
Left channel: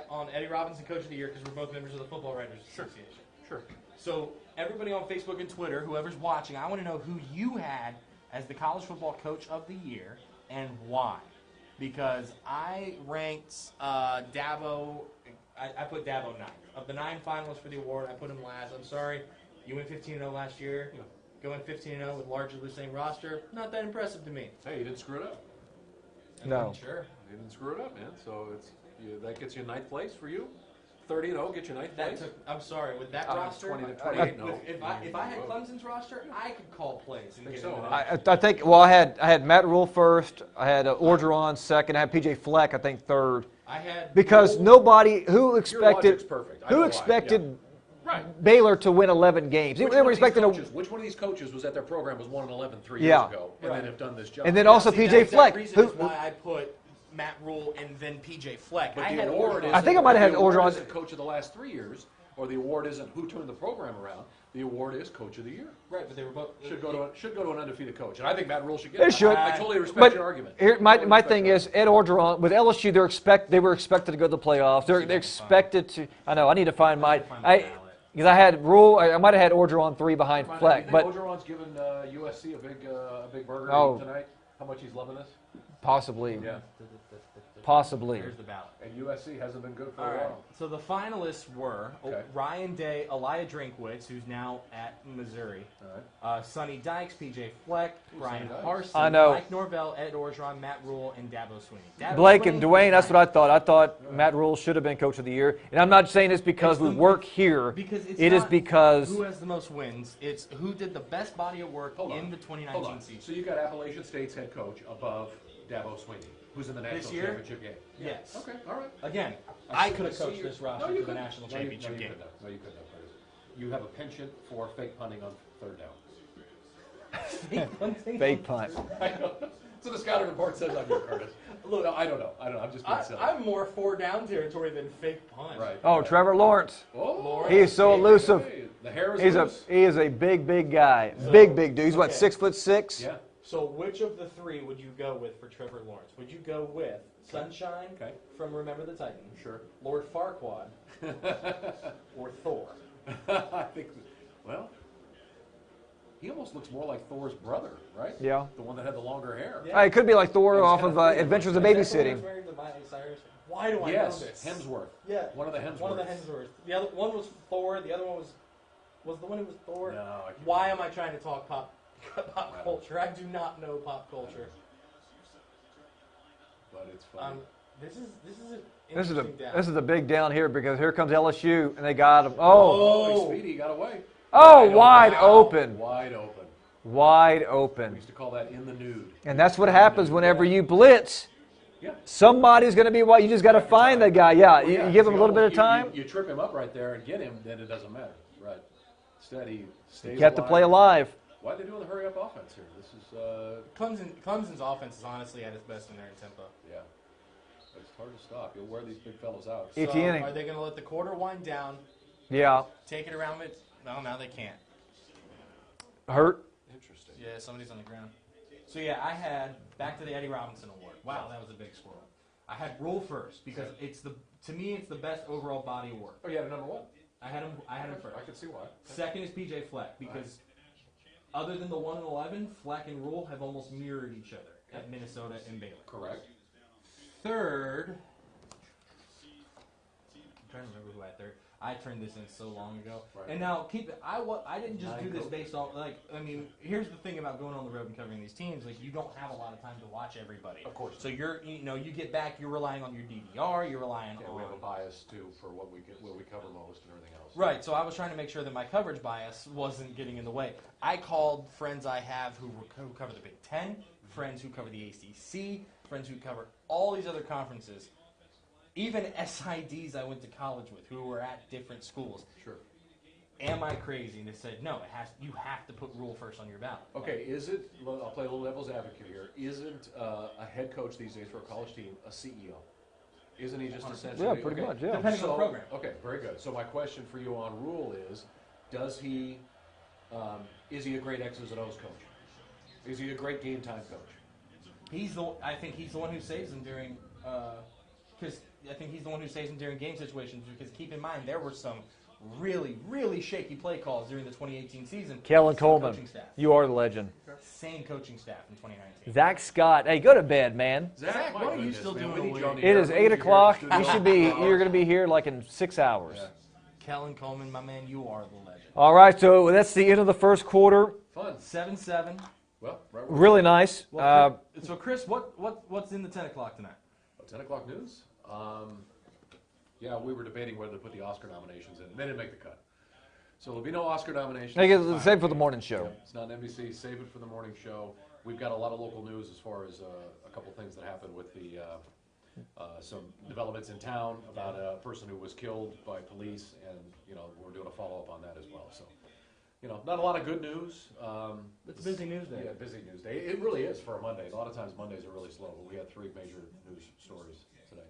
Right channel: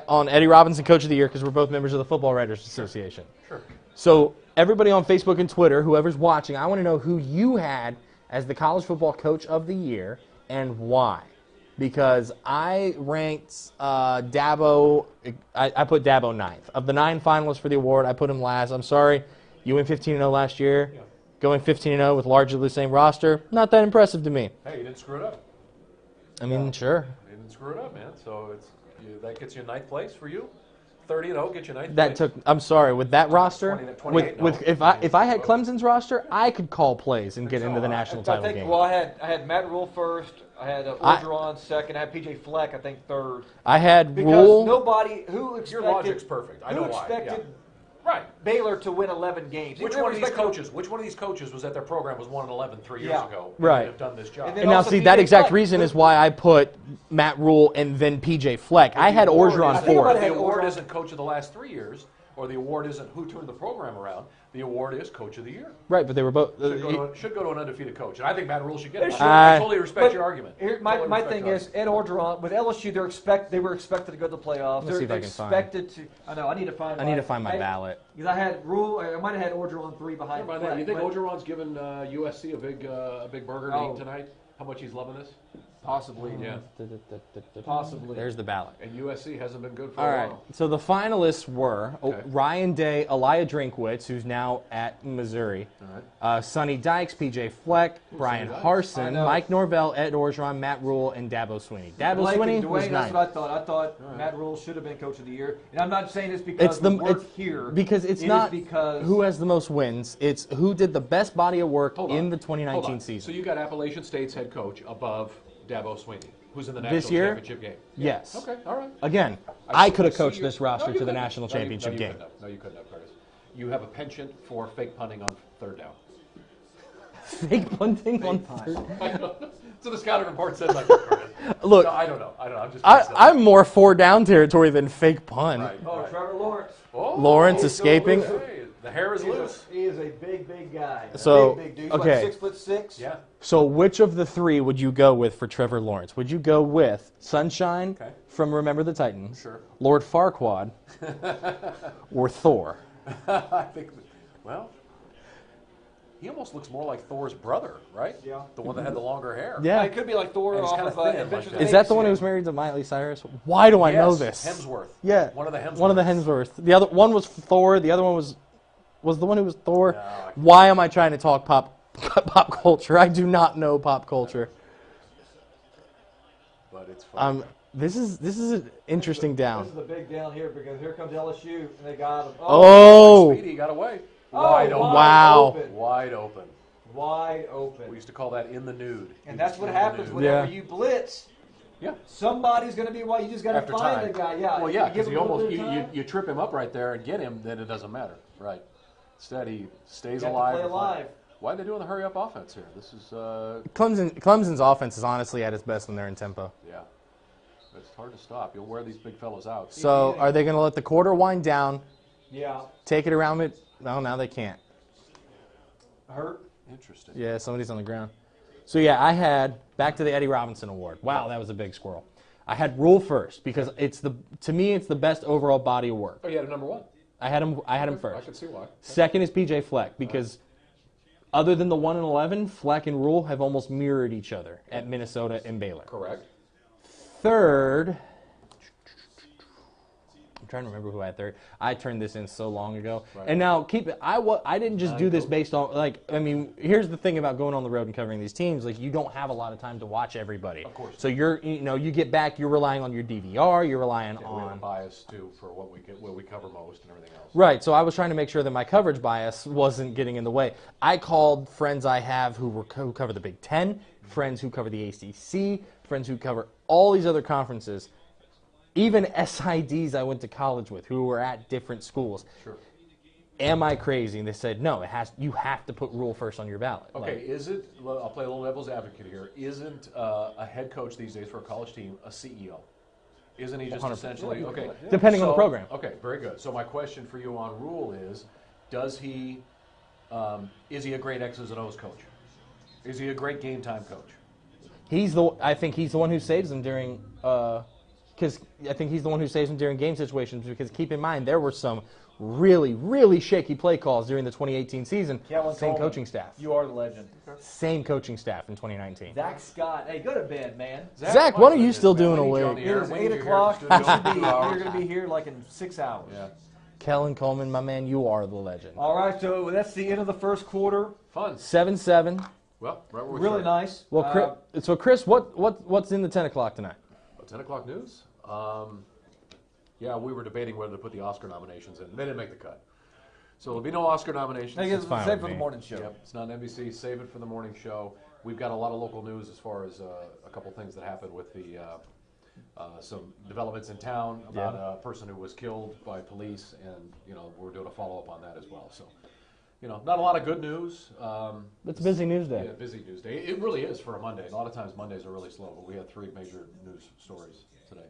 on Eddie Robinson Coach of the Year because we're both members of the Football Writers Association. Sure. So everybody on Facebook and Twitter, whoever's watching, I want to know who you had as the College Football Coach of the Year and why. Because I ranked Dabo, I put Dabo ninth. Of the 9 finalists for the award, I put him last. I'm sorry, you went 15-0 last year. Yeah. Going 15-0 with largely the same roster, not that impressive to me. Hey, you didn't screw it up. I mean, sure. You didn't screw it up, man. So that gets you 9th place for you. 30-0 gets you 9th That place. took. I'm sorry. With that roster, 20, with if I had Clemson's roster, I could call plays and get into the national I title think. game. Well, I had Matt Rule first. I had Orgeron second. I had PJ Fleck, I think, third. I had Because Rule. nobody Your logic's perfect. I know who why, expected yeah. Right. Baylor to win 11 games. Which They one, were of these expecting coaches, which one of these coaches was at their program was 1-11 3 years Yeah. ago? Right. And have done this job. And then And now, also see, PJ that exact Fleck, reason who- is why I put Matt Rule and then PJ Fleck. I had Orgeron I think I might fourth. have had the award Orgeron. isn't coach of the last 3 years, or the award isn't who turned the program around. The award is coach of the year. Right, but they were both. Should go to an undefeated coach, and I think Matt Rule should get it. should. I totally respect But your argument. Here, my Totally respect thing your is Ed Orgeron with LSU. They were expected to go to the playoffs. see if I They're can expected to. I know. I need to find my ballot. because I had Rule. I might have had Orgeron 3 behind argument. Do Fleck, you think but Orgeron's given USC a big burger to Oh. eat tonight? how much he's loving this? Possibly. Yeah. Possibly. There's the ballot. And USC hasn't been good for All a right. while. So the finalists were Okay. Ryan Day, Elijah Drinkwitz, who's now at Missouri, All right. Sonny Dykes, PJ Fleck, Brian Dykes. I Harson, know. Mike Norvell, Ed Orgeron, Matt Rule, and Dabo Swinney. Dabo Blake Swinney and was Dwayne, that's ninth. what I thought. I thought Matt Rule should have been Coach of the Year. And I'm not saying this because we work here. Because it's It not is because who has the most wins. It's who did the best body of work Hold in on. the Hold 2019 on. season. So you got Appalachian State's head coach above Dabo Swinney, who's in the national This year? championship game. Yes. Okay, all right. Again, I I see- could have I see coached you- this No, roster you to the couldn't. national No, you- championship no, you game. couldn't have. No, you couldn't have, Curtis. You have a penchant for fake punting on third down. Fake punting. Fake on punt. third- So the scouting report says I do, Curtis. Look, No, I don't know. I'm just being silly. I'm more 4-down territory than fake punt. Right. Oh, right. Trevor Lawrence. Oh, Lawrence He's so escaping. elusive. hey, the hair is He loose. is a big guy. So, big dude. He's okay. what, 6'6"? Yeah. So which of the three would you go with for Trevor Lawrence? Would you go with Sunshine Okay. from Remember the Titans, Sure. Lord Farquaad, or Thor? I think, well, he almost looks more like Thor's brother, right? Yeah. The one that had the longer hair. Yeah. It could be like Thor And he's off kinda of thin, Adventures like in Is that the one who Babysitting. was married to Miley Cyrus? Why do I know Yes, this? Hemsworth. Yeah. One of the Hemsworths. One of the Hemsworth. The other one was Thor. The other one was the one who was Thor. No, I can't. Why am I trying to talk pop culture? I do not know pop culture. But it's funny. This is an interesting down. This is a big down here because here comes LSU and they got him. Oh, Speedy got away. Wide Wow. open. Wide open. Wide We open. used to call that in the nude. And that's what happens whenever Yeah. you blitz. Yeah. Somebody's going to be what you just got to After find time. the guy. Yeah, Well, you give 'cause him a little bit of you- time. You trip him up right there and get him, then it doesn't matter. Right. Instead, he stays You have to alive. play alive. Why are they doing the hurry up offense here? This is, Clemson's offense is honestly at its best when they're in tempo. yeah. It's hard to stop. You'll wear these big fellows out. So Etienne. are they going to let the quarter wind down, Yeah. take it around it? No, now they can't. Hurt. Interesting. Yeah, somebody's on the ground. So yeah, I had back to the Eddie Robinson Award. Wow, that was a big squirrel. I had Rule first because to me it's the best overall body of work. Oh, you had a number one. I had him I first. can see why. Second is PJ Fleck because other than the 1 and 11, Fleck and Rule have almost mirrored each other at Minnesota and Baylor. Correct. Third, I'm trying to remember who I had third. I turned this in so long ago. Right. And now keep it. I didn't just do this based on here's the thing about going on the road and covering these teams. Like you don't have a lot of time to watch everybody. Of course. So you get back. You're relying on your DVR. You're relying Yeah, we have a on. bias too for what we get, where we cover most and everything else. Right, so I was trying to make sure that my coverage bias wasn't getting in the way. I called friends I have who cover the Big Ten, friends who cover the ACC, friends who cover all these other conferences, even SIDs I went to college with who were at different schools. Sure. Am I crazy? And they said, no, you have to put Rule first on your ballot. Okay, I'll play a little devil's advocate here. Isn't a head coach these days for a college team a CEO? Isn't he just 100%. essentially, Yeah, pretty okay. much, yeah. Depending on the So- program. Okay, very good. So my question for you on Rule is he a great X's and O's coach? Is he a great game time coach? I think he's the one who saves them during because I think he's the one who saves them during game situations because keep in mind there were some really, really shaky play calls during the 2018 season. Kellen Same Coleman. coaching staff. You are the legend. Same coaching staff in 2019. Zach Scott. Hey, go to bed, man. Zach, what are you still doing awake? It is 8 o'clock. You should be. You're going to be here like in 6 hours. Yeah. Kellen Coleman, my man, you are the legend. All right, so that's the end of the first quarter. Fun. 7-7. Well, right where Really nice. Well, so Chris, what's in the 10 o'clock tonight? 10 o'clock news? Yeah, we were debating whether to put the Oscar nominations in. They didn't make the cut. So there'll be no Oscar nominations. I guess fine save with for the me. morning show. Yep, it's not NBC. Save it for the morning show. We've got a lot of local news as far as a couple things that happened with the some developments in town about a person who was killed by police, and we're doing a follow up on that as well. So, not a lot of good news. It's a busy news day. Yeah, busy news day. It really is for a Monday. A lot of times Mondays are really slow, but we had 3 major news stories today.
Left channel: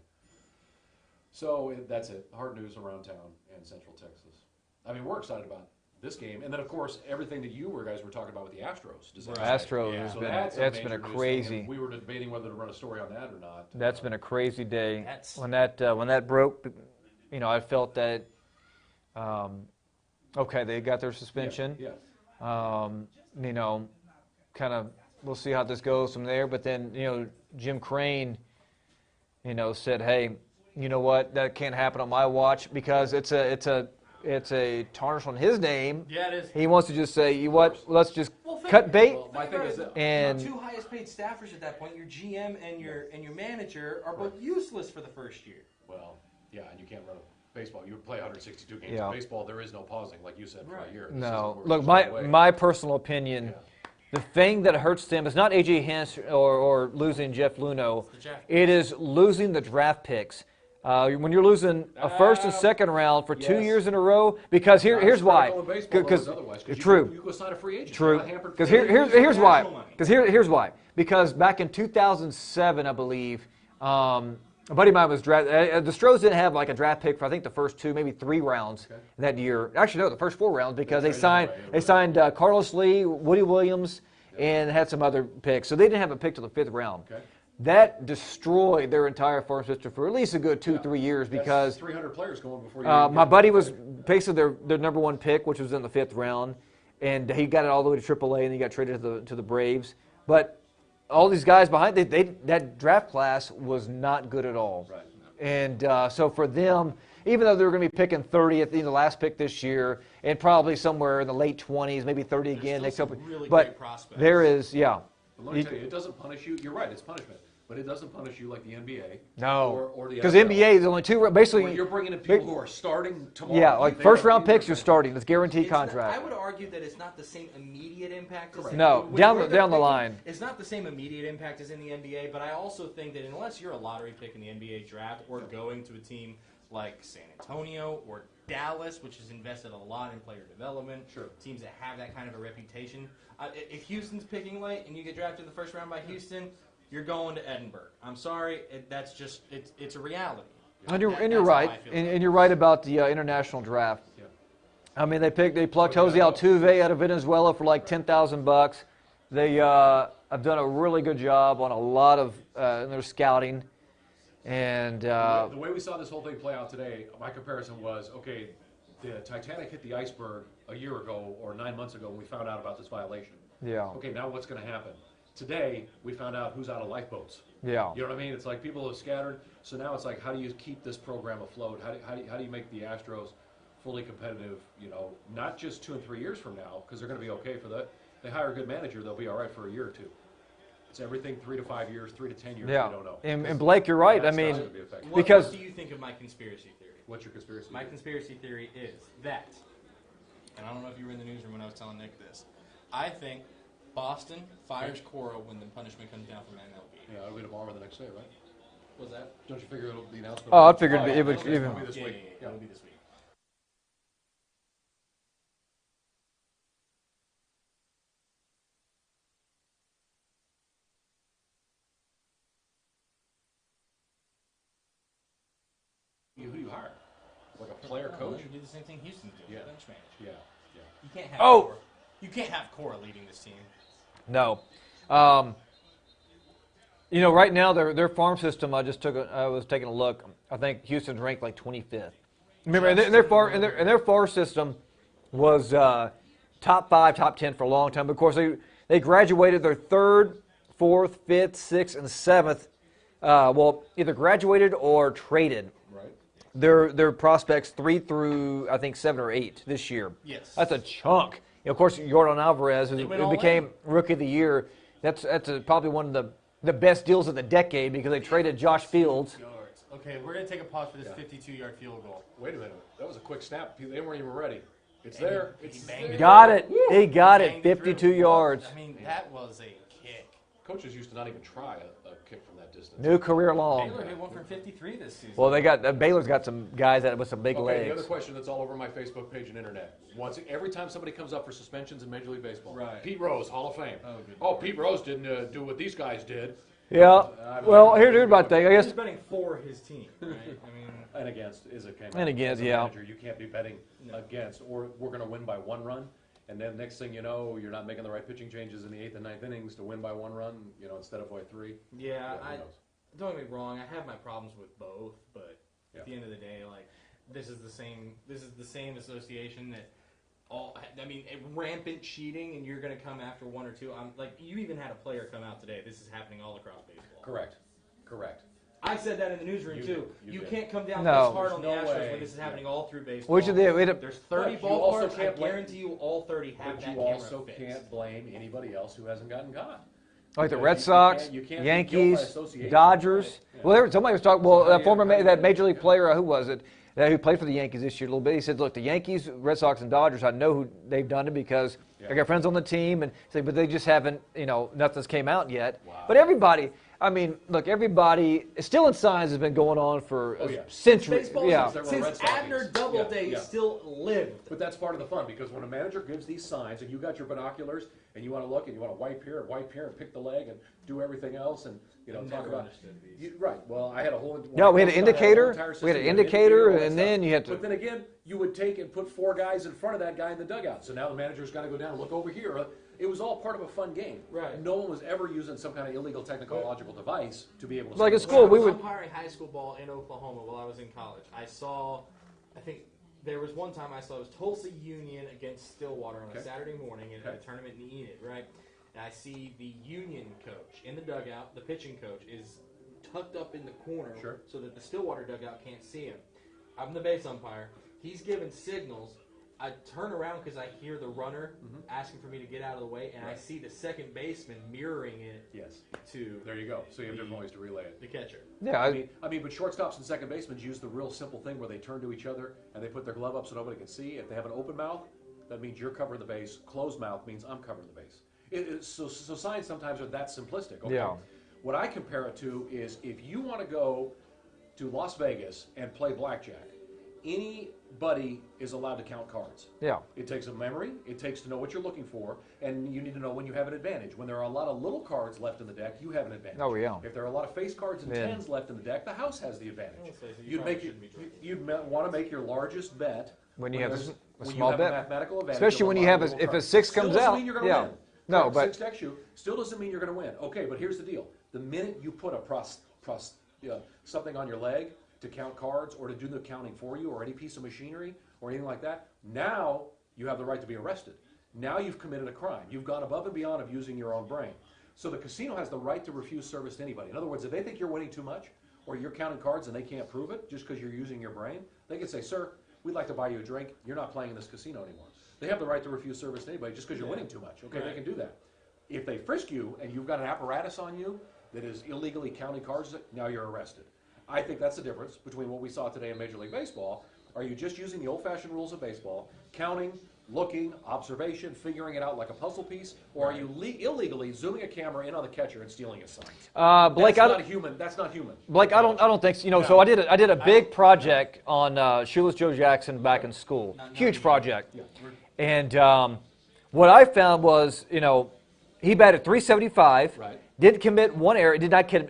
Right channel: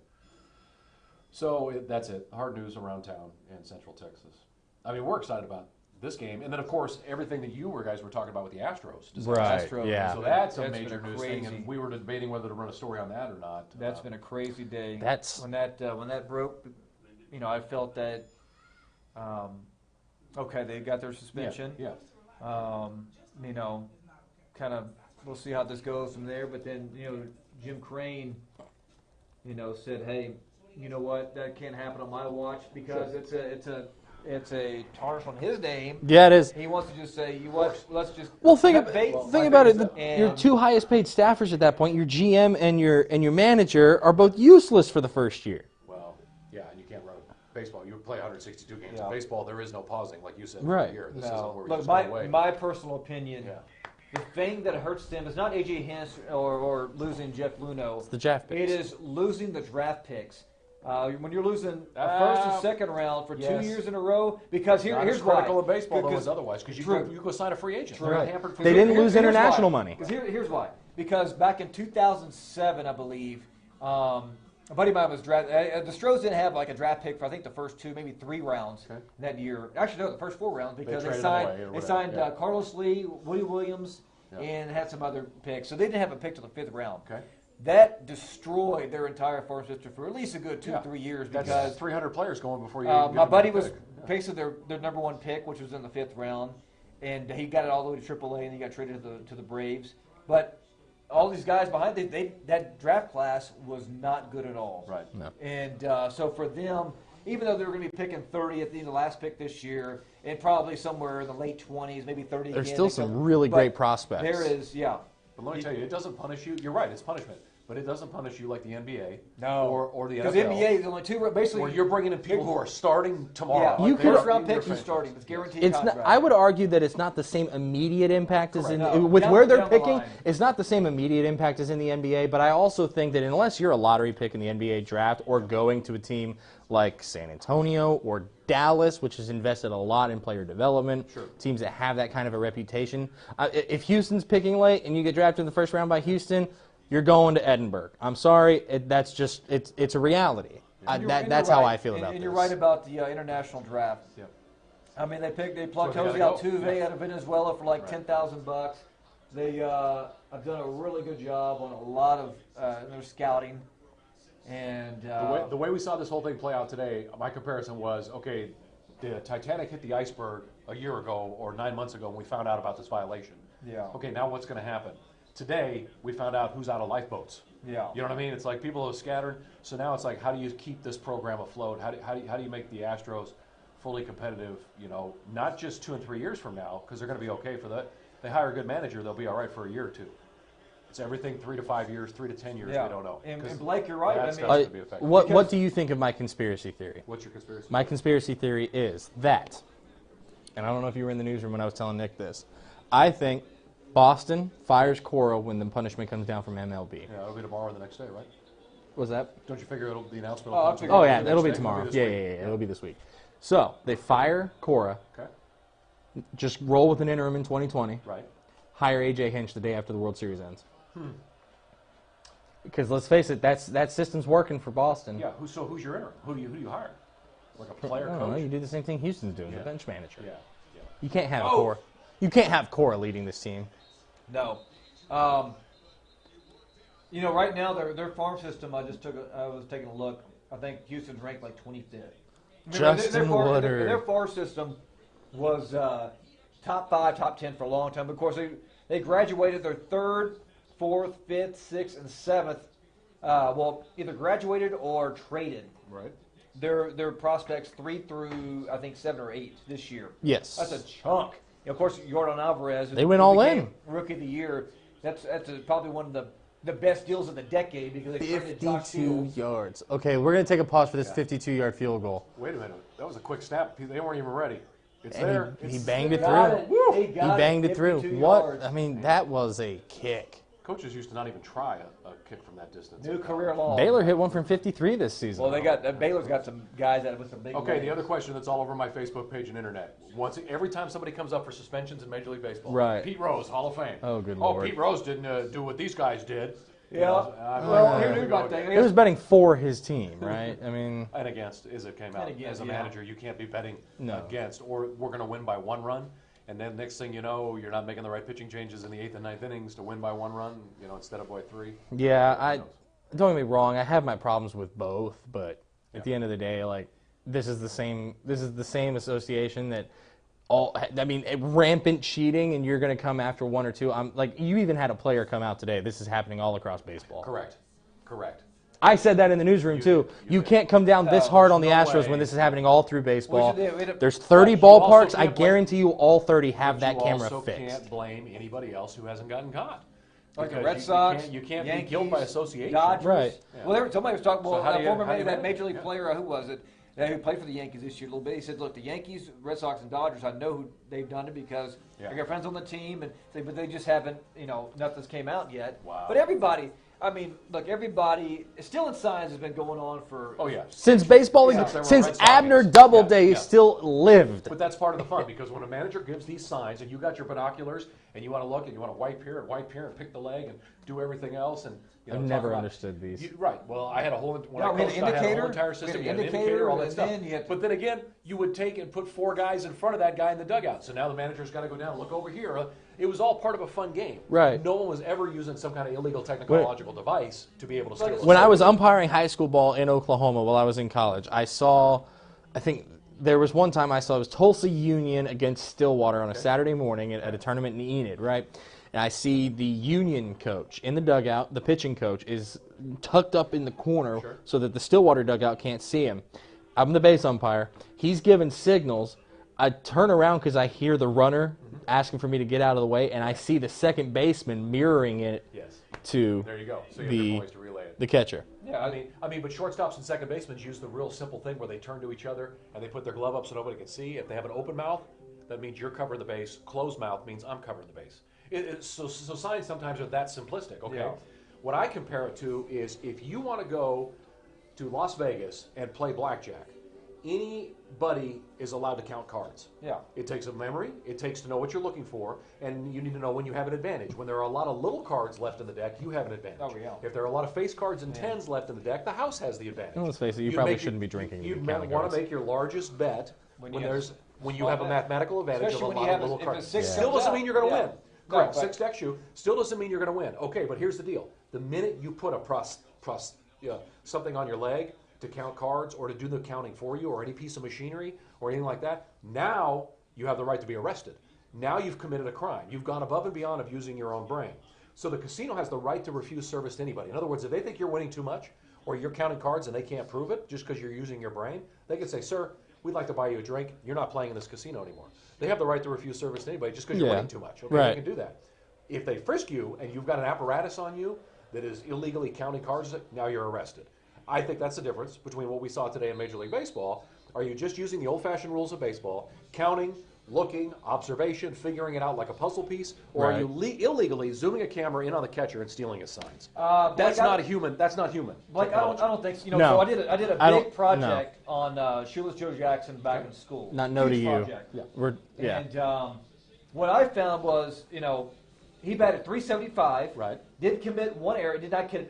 So that's it. Hard news around town and Central Texas. I mean, we're excited about this game, and then of course everything that you guys were talking about with the Astros. Right. Astros. Yeah. So that's been major a news crazy. thing, and we were debating whether to run a story on that or not. That's been a crazy day. That's- when that broke. I felt that. Okay, they got their suspension. Yeah. Kind of we'll see how this goes from there. But then, Jim Crane, said, hey, you know what? That can't happen on my watch because it's a tarnish on his name. Yeah, it is. He wants to just say, you know what? Let's just Think cut bait. about it. Your And- two highest paid staffers at that point, your GM and your manager, are both useless for the first year. Well, yeah, and you can't run baseball. You play 162 games. Yeah. In baseball, there is no pausing, like you said. Right. For a year. This No. isn't where Look, you sign away. my personal opinion, the thing that hurts them is not A.J. Hinch or losing Jeff Luhnow. It's the draft It picks. is losing the draft picks. When you're losing a first and second round for 2 yes. years in a row, because Not here's as why. critical in baseball though as otherwise, because True. you go sign a free agent. True. You're not hampered for Because They didn't lose here's international why. money. Because here's why. Because back in 2007, I believe, a buddy of mine was drafted. The Stros didn't have like a draft pick for I think the first 2, maybe 3 rounds that year. Actually, no, the first 4 rounds because they traded signed away, they signed Carlos Lee, Woody Williams, and had some other picks. So they didn't have a pick till the 5th round. Okay. That destroyed their entire farm system for at least a good 2-3 years That's because 300 players going before you. my buddy was basically their number one pick, which was in the 5th round, and he got it all the way to AAA, and he got traded to the Braves. But all these guys behind that draft class was not good at all. Right. No. And so for them, even though they were going to be picking 30 at the last pick this year, and probably somewhere in the late 20s, maybe 30 There's again. still next some year. really But great prospects. There is, yeah. But let me tell you, it doesn't punish you. You're right, it's punishment, but it doesn't punish you like the NBA. No. Or the Because NFL. NBA is only 2, basically. Where you're bringing in people who are starting tomorrow. Yeah, Like first they're- round picks you're starting. It's guaranteed It's contract. not, I would argue that it's not the same immediate impact as in No, with down where the- they're down the picking. line. It's not the same immediate impact as in the NBA, but I also think that unless you're a lottery pick in the NBA draft or going to a team like San Antonio or Dallas, which has invested a lot in player development, teams that have that kind of a reputation. If Houston's picking late and you get drafted in the first round by Houston, you're going to Edinburgh. I'm sorry, that's just it's a reality. And you're That's right. how I feel about it. And you're right about the international draft. Yeah. I mean, they plucked So, Jose yeah, Altuve out of Venezuela for like $10,000. They have done a really good job on a lot of in their scouting. And The way we saw this whole thing play out today, my comparison was, okay, the Titanic hit the iceberg a year ago or 9 months ago, and we found out about this violation. yeah, Okay, now what's going to happen? Today, we found out who's out of lifeboats. yeah. You know what I mean? It's like people are scattered. So now it's like, how do you keep this program afloat? How do you make the Astros fully competitive, not just 2 and 3 years from now, because they're going to be okay for that. They hire a good manager, they'll be all right for a year or 2. It's everything 3 to 5 years, 3 to 10 years, Yeah. we don't know. And Blake, you're right. I That's mean, not gonna be effective. What Because- do you think of my conspiracy theory? What's your conspiracy? My conspiracy theory is that, and I don't know if you were in the newsroom when I was telling Nick this, I think Boston fires Cora when the punishment comes down from MLB. Yeah, it'll be tomorrow or the next day, right? Was that? Don't you figure it'll the announcement? Oh, I will- figured Oh, yeah, it it'll be was- tomorrow. this Yeah, week. yeah, it'll be this week. So, they fire Cora, Okay, just roll with an interim in 2020, right. hire A.J. Hinch the day after the World Series ends. Because let's face it, that system's working for Boston. Yeah, who's your interim? Who do you hire? Like a player I don't know, coach? you do the same thing Houston's doing, the Yeah. bench manager. Yeah, yeah. You can't have Oh! Cora. You can't have Cora leading this team. No. Right now their farm system. I was taking a look. I think Houston's ranked like 25th. Remember, and their farm system was top 5, top 10 for a long time. But of course, they graduated their 3rd, 4th, 5th, 6th, and 7th. Either graduated or traded. Right. Their prospects 3 through I think 7 or 8 this year. Yes. That's a chunk. Of course, Jordan Alvarez They went all became in. Rookie of the Year. That's probably one of the best deals of the decade because they traded Josh 52 Fields. yards. Okay, we're going to take a pause for this 52-yard field goal. Wait a minute. That was a quick snap. They weren't even ready. It's And there. he It's banged it Got through. it. He got Banged it. through. 52 What? yards. I mean, that was a kick. Coaches used to not even try a kick from that distance. New career long. Baylor hit one from 53 this season. Well, they got Baylor's got some guys with some big Okay, legs. the other question that's all over my Facebook page and internet. Every time somebody comes up for suspensions in Major League Baseball, Right. Pete Rose, Hall of Fame. Oh, good Oh, Lord. Pete Rose didn't do what these guys did. Yeah. I mean, Well, here's about that. I He was guess betting for his team, right? I mean, And against is it came out. And against, As a yeah. manager, you can't be betting No. against, or we're going to win by 1 run, and then next thing you know, you're not making the right pitching changes in the 8th and 9th innings to win by 1 run, instead of by 3. yeah, Who knows? don't get me wrong. I have my problems with both, but at the end of the day, like this is the same association that rampant cheating, and you're going to come after one or two. You even had a player come out today. This is happening all across baseball. Correct. I said that in the newsroom, too. You can't come down this hard on the Astros when this is happening all through baseball. There's 30 ballparks. I guarantee you all 30 have that camera fixed. You also can't blame anybody else who hasn't gotten caught. Like the Red Sox, you can't Yankees, Dodgers. Right. Yeah. Well, somebody was talking. Well, that major league player, who was it, who played for the Yankees this year a little bit? He said, "Look, the Yankees, Red Sox, and Dodgers. I know who they've done it because I got friends on the team, and say, but they just haven't. Nothing's came out yet. Wow. But everybody." I mean, look, everybody, stealing signs has been going on for since baseball, since Abner Doubleday still lived. But that's part of the fun, because when a manager gives these signs and you got your binoculars and you want to look and you want to wipe here and pick the leg and do everything else, and I never understood these. Right. Well, I had a whole. We had an indicator. We had an indicator, and then you had to. But then again, you would take and put 4 guys in front of that guy in the dugout. So now the manager's got to go down and look over here. It was all part of a fun game. Right. No one was ever using some kind of illegal technological device to be able to. When I was umpiring high school ball in Oklahoma while I was in college, I think there was one time I saw it was Tulsa Union against Stillwater on a Saturday morning at a tournament in Enid, right? And I see the Union coach in the dugout. The pitching coach is tucked up in the corner so that the Stillwater dugout can't see him. I'm the base umpire. He's giving signals. I turn around because I hear the runner asking for me to get out of the way, and I see the second baseman mirroring it to there you go. So you have ways to relay it. The catcher. Yeah, I mean, but shortstops and second basemen use the real simple thing where they turn to each other and they put their glove up so nobody can see. If they have an open mouth, that means you're covering the base. Closed mouth means I'm covering the base. So signs sometimes are that simplistic. Okay. Yeah. What I compare it to is if you want to go to Las Vegas and play blackjack, anybody is allowed to count cards. Yeah. It takes a memory. It takes to know what you're looking for, and you need to know when you have an advantage. When there are a lot of little cards left in the deck, you have an advantage. Oh, yeah. If there are a lot of face cards and tens left in the deck, the house has the advantage. Let's face it, you probably shouldn't be drinking. You want to make your largest bet when you have a mathematical advantage. Especially when you have if a 6 comes out. Still doesn't mean you're going to win. No, but 6 deck shoe still doesn't mean you're going to win. Okay, but here's the deal: the minute you put something on your leg to count cards or to do the counting for you, or any piece of machinery or anything like that, now you have the right to be arrested. Now you've committed a crime. You've gone above and beyond of using your own brain. So the casino has the right to refuse service to anybody. In other words, if they think you're winning too much or you're counting cards and they can't prove it just because you're using your brain, they can say, "Sir, we'd like to buy you a drink. You're not playing in this casino anymore." They have the right to refuse service to anybody just because you're winning too much. Okay, they can do that. If they frisk you and you've got an apparatus on you that is illegally counting cards, now you're arrested. I think that's the difference between what we saw today in Major League Baseball. Are you just using the old-fashioned rules of baseball, counting, looking, observation, figuring it out like a puzzle piece, or are you illegally zooming a camera in on the catcher and stealing his signs? Blake, that's not human. That's not human. Blake, I don't think so. So I did a big project on Shoeless Joe Jackson back in school. Huge project. Yeah. And what I found was, he batted .375. Right. Did commit 1 error.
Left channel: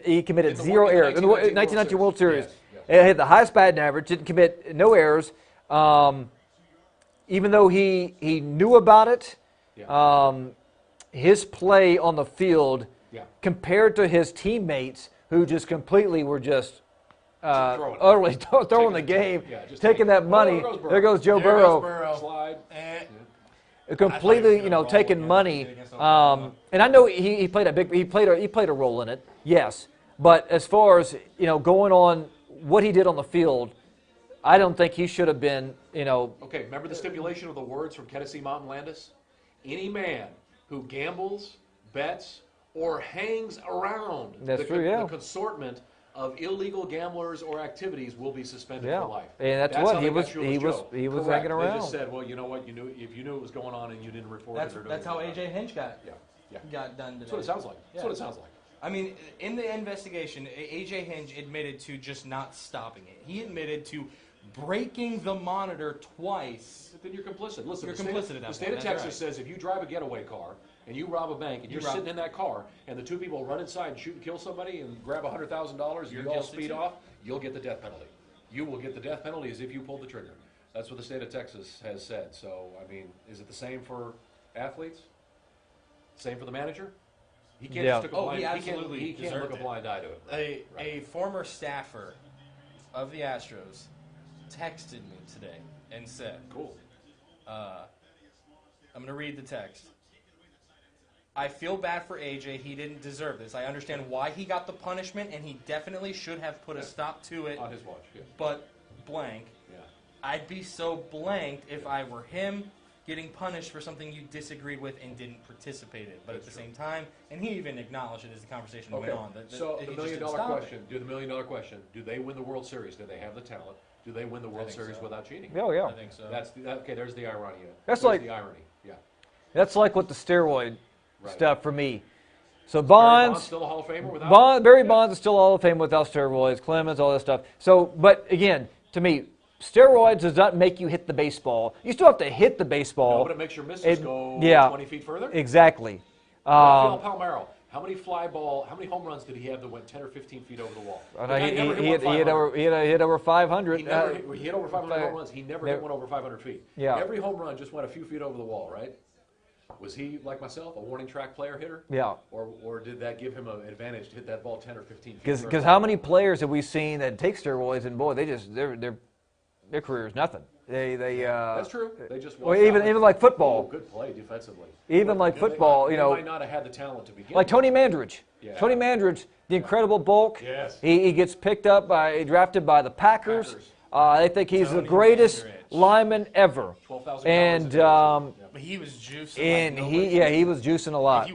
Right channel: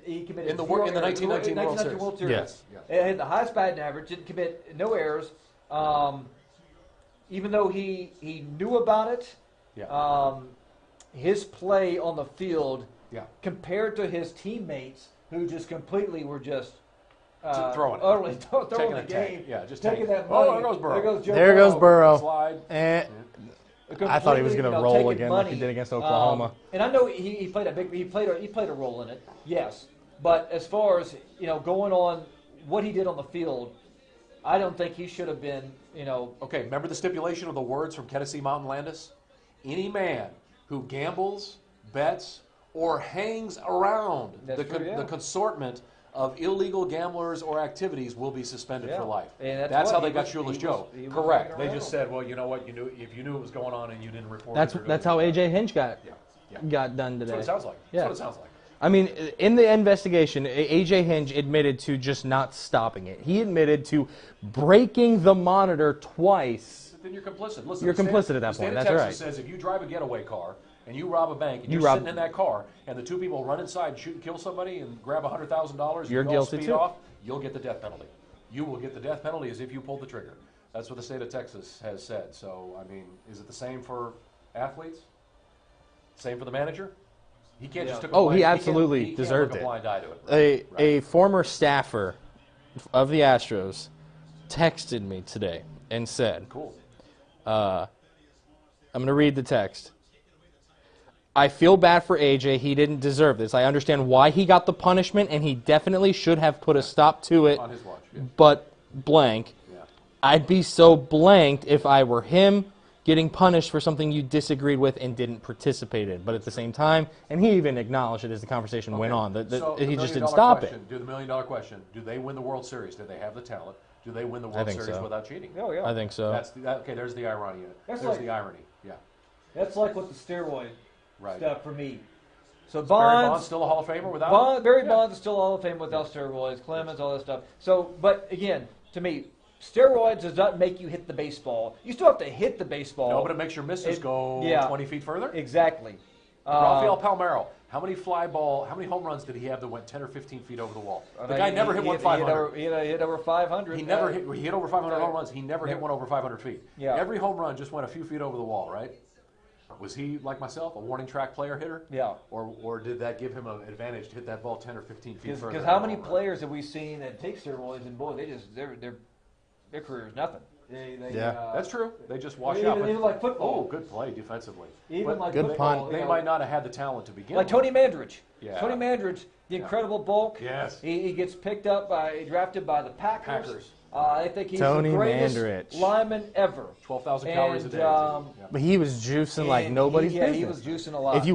He committed 0 errors in the 1990 World Series. Yes. He had the highest batting average. Didn't commit no errors. Even though he knew about it, his play on the field compared to his teammates, who just completely were just utterly throwing the game, taking that money. There goes Joe Burrow. There goes Burrow. Slide. Completely, taking money. And I know he played a role in it, yes. But as far as going on what he did on the field, I don't think he should have been. Okay, remember the stipulation of the words from Tennessee Mountain Landis? Any man who gambles, bets, or hangs around the consortment of illegal gamblers or activities will be suspended for life. And that's how they got Shoeless Joe. He was hanging around. They just said, well, you know what? If you knew it was going on and you didn't report it. That's how A.J. Hinch got done today. That's what it sounds like. That's what it sounds like. I mean, in the investigation, A.J. Hinch admitted to just not stopping it. He admitted to breaking the monitor twice. Then you're complicit. Listen, you're complicit at that point. The state of Texas says if you drive a getaway car and you rob a bank and you're sitting in that car and the 2 people run inside and shoot and kill somebody and grab $100,000 and you're guilty speed off, you'll get the death penalty. You will get the death penalty as if you pulled the trigger. That's what the state of Texas has said. So, I mean, is it the same for athletes? Same for the manager? He can't just took a blind, he absolutely deserved it. A blind eye to it. A former staffer of the Astros texted me today and said, "Cool. I'm going to read the text. I feel bad for AJ. He didn't deserve this. I understand why he got the punishment, and he definitely should have put a stop to it. On his watch. Yeah. But blank. Yeah. I'd be so blanked if I were him getting punished for something you disagreed with and didn't participate in. But at the same time, and he even acknowledged it as the conversation went on, that So he the just $1 didn't stop question, it. Do the $1 million question, do they win the World Series? Do they have the talent? Do they win the World think Series so. without cheating? Oh, yeah. I think so. Okay, there's the irony. That's There's like- the irony. Yeah. That's like with the steroid Right. stuff for me. So Barry Bonds, Bonds still a Hall of Famer without? Barry Bonds is still Hall of Fame without steroids, Clemens, all that stuff. So, but again, to me, steroids does not make you hit the baseball. You still have to hit the baseball. No, but it makes your misses It- go yeah. 20 feet further. Exactly. Rafael Palmeiro, how many how many home runs did he have that went 10 or 15 feet over the wall? The guy never hit one 500. He hit over 500. He hit over 500 home runs. He never hit one over 500 feet. Yeah. Every home run just went a few feet over the wall, right? Was he, like myself, a warning track player hitter? Yeah. Or did that give him an advantage to hit that ball 10 or 15 feet further? Because how many players have we seen that take steroids and boy, they just their career is nothing. That's true. They just Or watched even like football. Oh, good play defensively. Even like Good football, play. you They know, might not have had the talent to begin like with. Tony Mandridge. Yeah. Tony Mandridge, the incredible bulk. Yes. He gets picked up drafted by the Packers. Packers. They think he's Tony the greatest Mandridge. lineman ever. 12,000 And calories a day. But he was juicing like and nobody. he was juicing a lot. If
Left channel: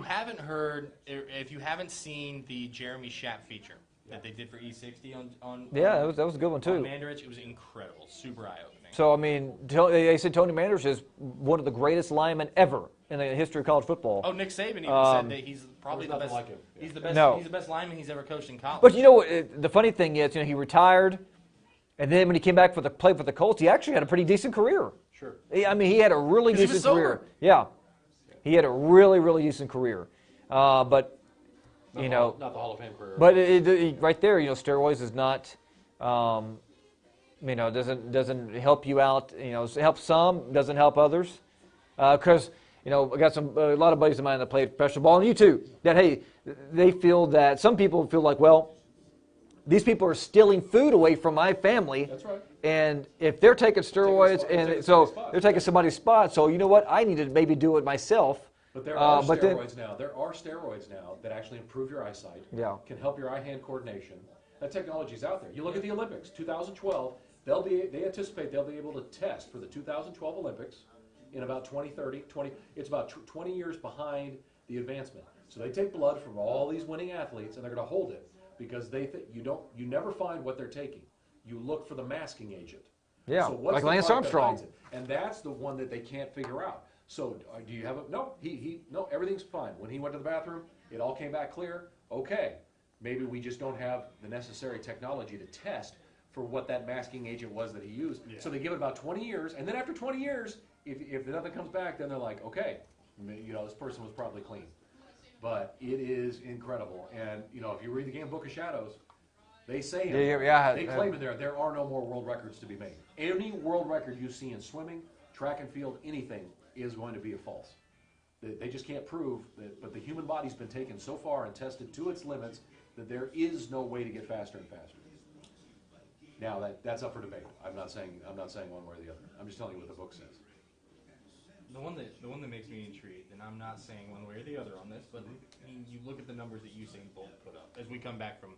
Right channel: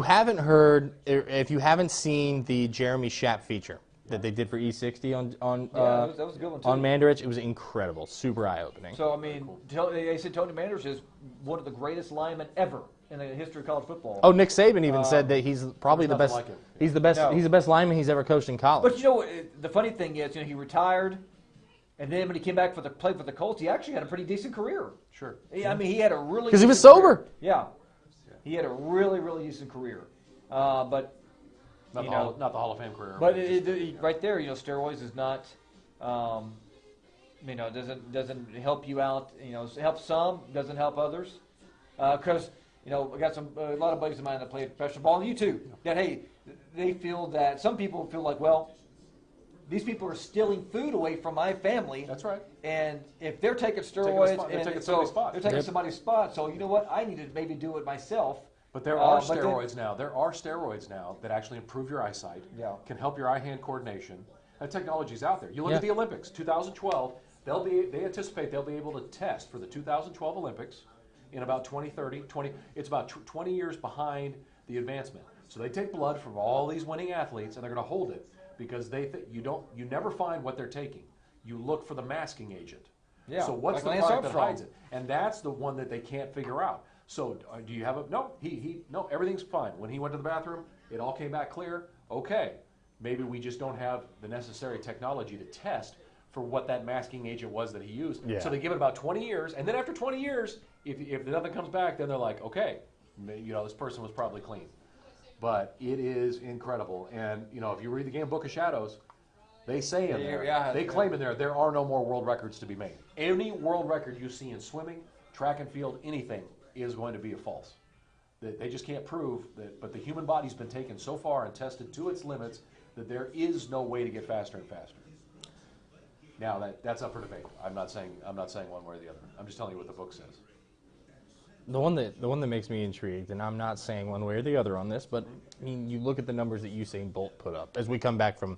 you haven't seen the Jeremy Schaap feature that they did for E60 on that was a good one too. on Mandarich, it was incredible, super eye-opening. So I mean, they said Tony Mandridge is one of the greatest linemen ever in the history of college football. Oh, Nick Saban even said that he's probably the There's best. nothing like him. He's the best. No. He's the best lineman he's ever coached in college. But you know what? The funny thing is, he retired, and then when he came back play for the Colts, he actually had a pretty decent career. Sure. I mean, he had a really 'Cause he was decent sober. career. Yeah, he had a really, really decent career. But Not you the know, Hall, not the Hall of Fame career. but right there, steroids is not, doesn't help you out. It helps some, doesn't help others. Because I got a lot of buddies of mine that play professional ball, and you too. That they feel that some people feel like, well, these people are stealing food away from my family. That's right. And if they're taking steroids, spot- they're taking and somebody's so spot. they're taking somebody's spot. So you know what? I need to maybe do it myself. But there are but then- steroids now. There are steroids now that actually improve your eyesight. Yeah. Can help your eye-hand coordination. That technology is out there. You look Yeah. at the Olympics, 2012. They anticipate they'll be able to test for the 2012 Olympics in about 2030. It's about 20 years behind the advancement. So they take blood from all these winning athletes and they're going to hold it because you never find what they're taking. You look for the masking agent. Yeah, So what's like the Lance part that Armstrong. hides it? And that's the one that they can't figure out. So do you have a no? No. Everything's fine. When he went to the bathroom, it all came back clear. Okay, maybe we just don't have the necessary technology to test for what that masking agent was that he used. Yeah. So they give it about 20 years, and then after 20 years, if nothing comes back, then they're like, okay, this person was probably clean. But it is incredible, and if you read the game Book of Shadows, they say in there, they claim in there are no more world records to be made. Any world record you see in swimming, track and field, anything is going to be a false. They just can't prove that. But the human body's been taken so far and tested to its limits that there is no way to get faster and faster. Now that's up for debate. I'm not saying one way or the other. I'm just telling you what the book says. The one that makes me intrigued, and I'm not saying one way or the other on this, but I mean, you look at the numbers that Usain Bolt put up as we come back from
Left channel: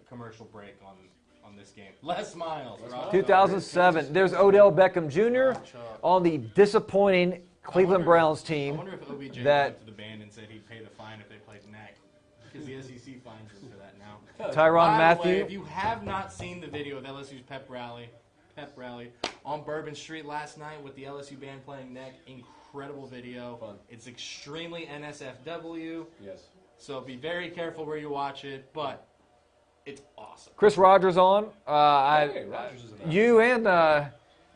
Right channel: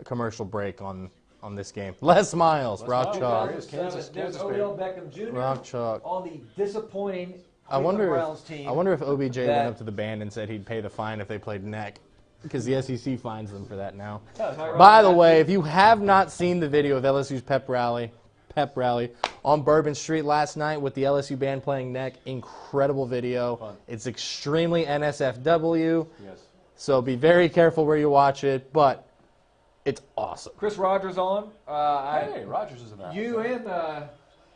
a commercial break on this game. Les Miles, Rock Chalk. 2007. There's Odell Beckham Jr. Rock Chalk. on the disappointing Cleveland Browns team. I wonder if OBJ went up to the band and said he'd pay the fine if they played neck, because the SEC fines them for that now. Tyrann By the Mathieu. way, if you have not seen the video of LSU's pep rally on Bourbon Street last night with the LSU band playing neck, incredible video. Fun. It's extremely NSFW, Yes. so be very careful where you watch it, but it's awesome. Chris Rogers on. Hey, Rogers is in that. You and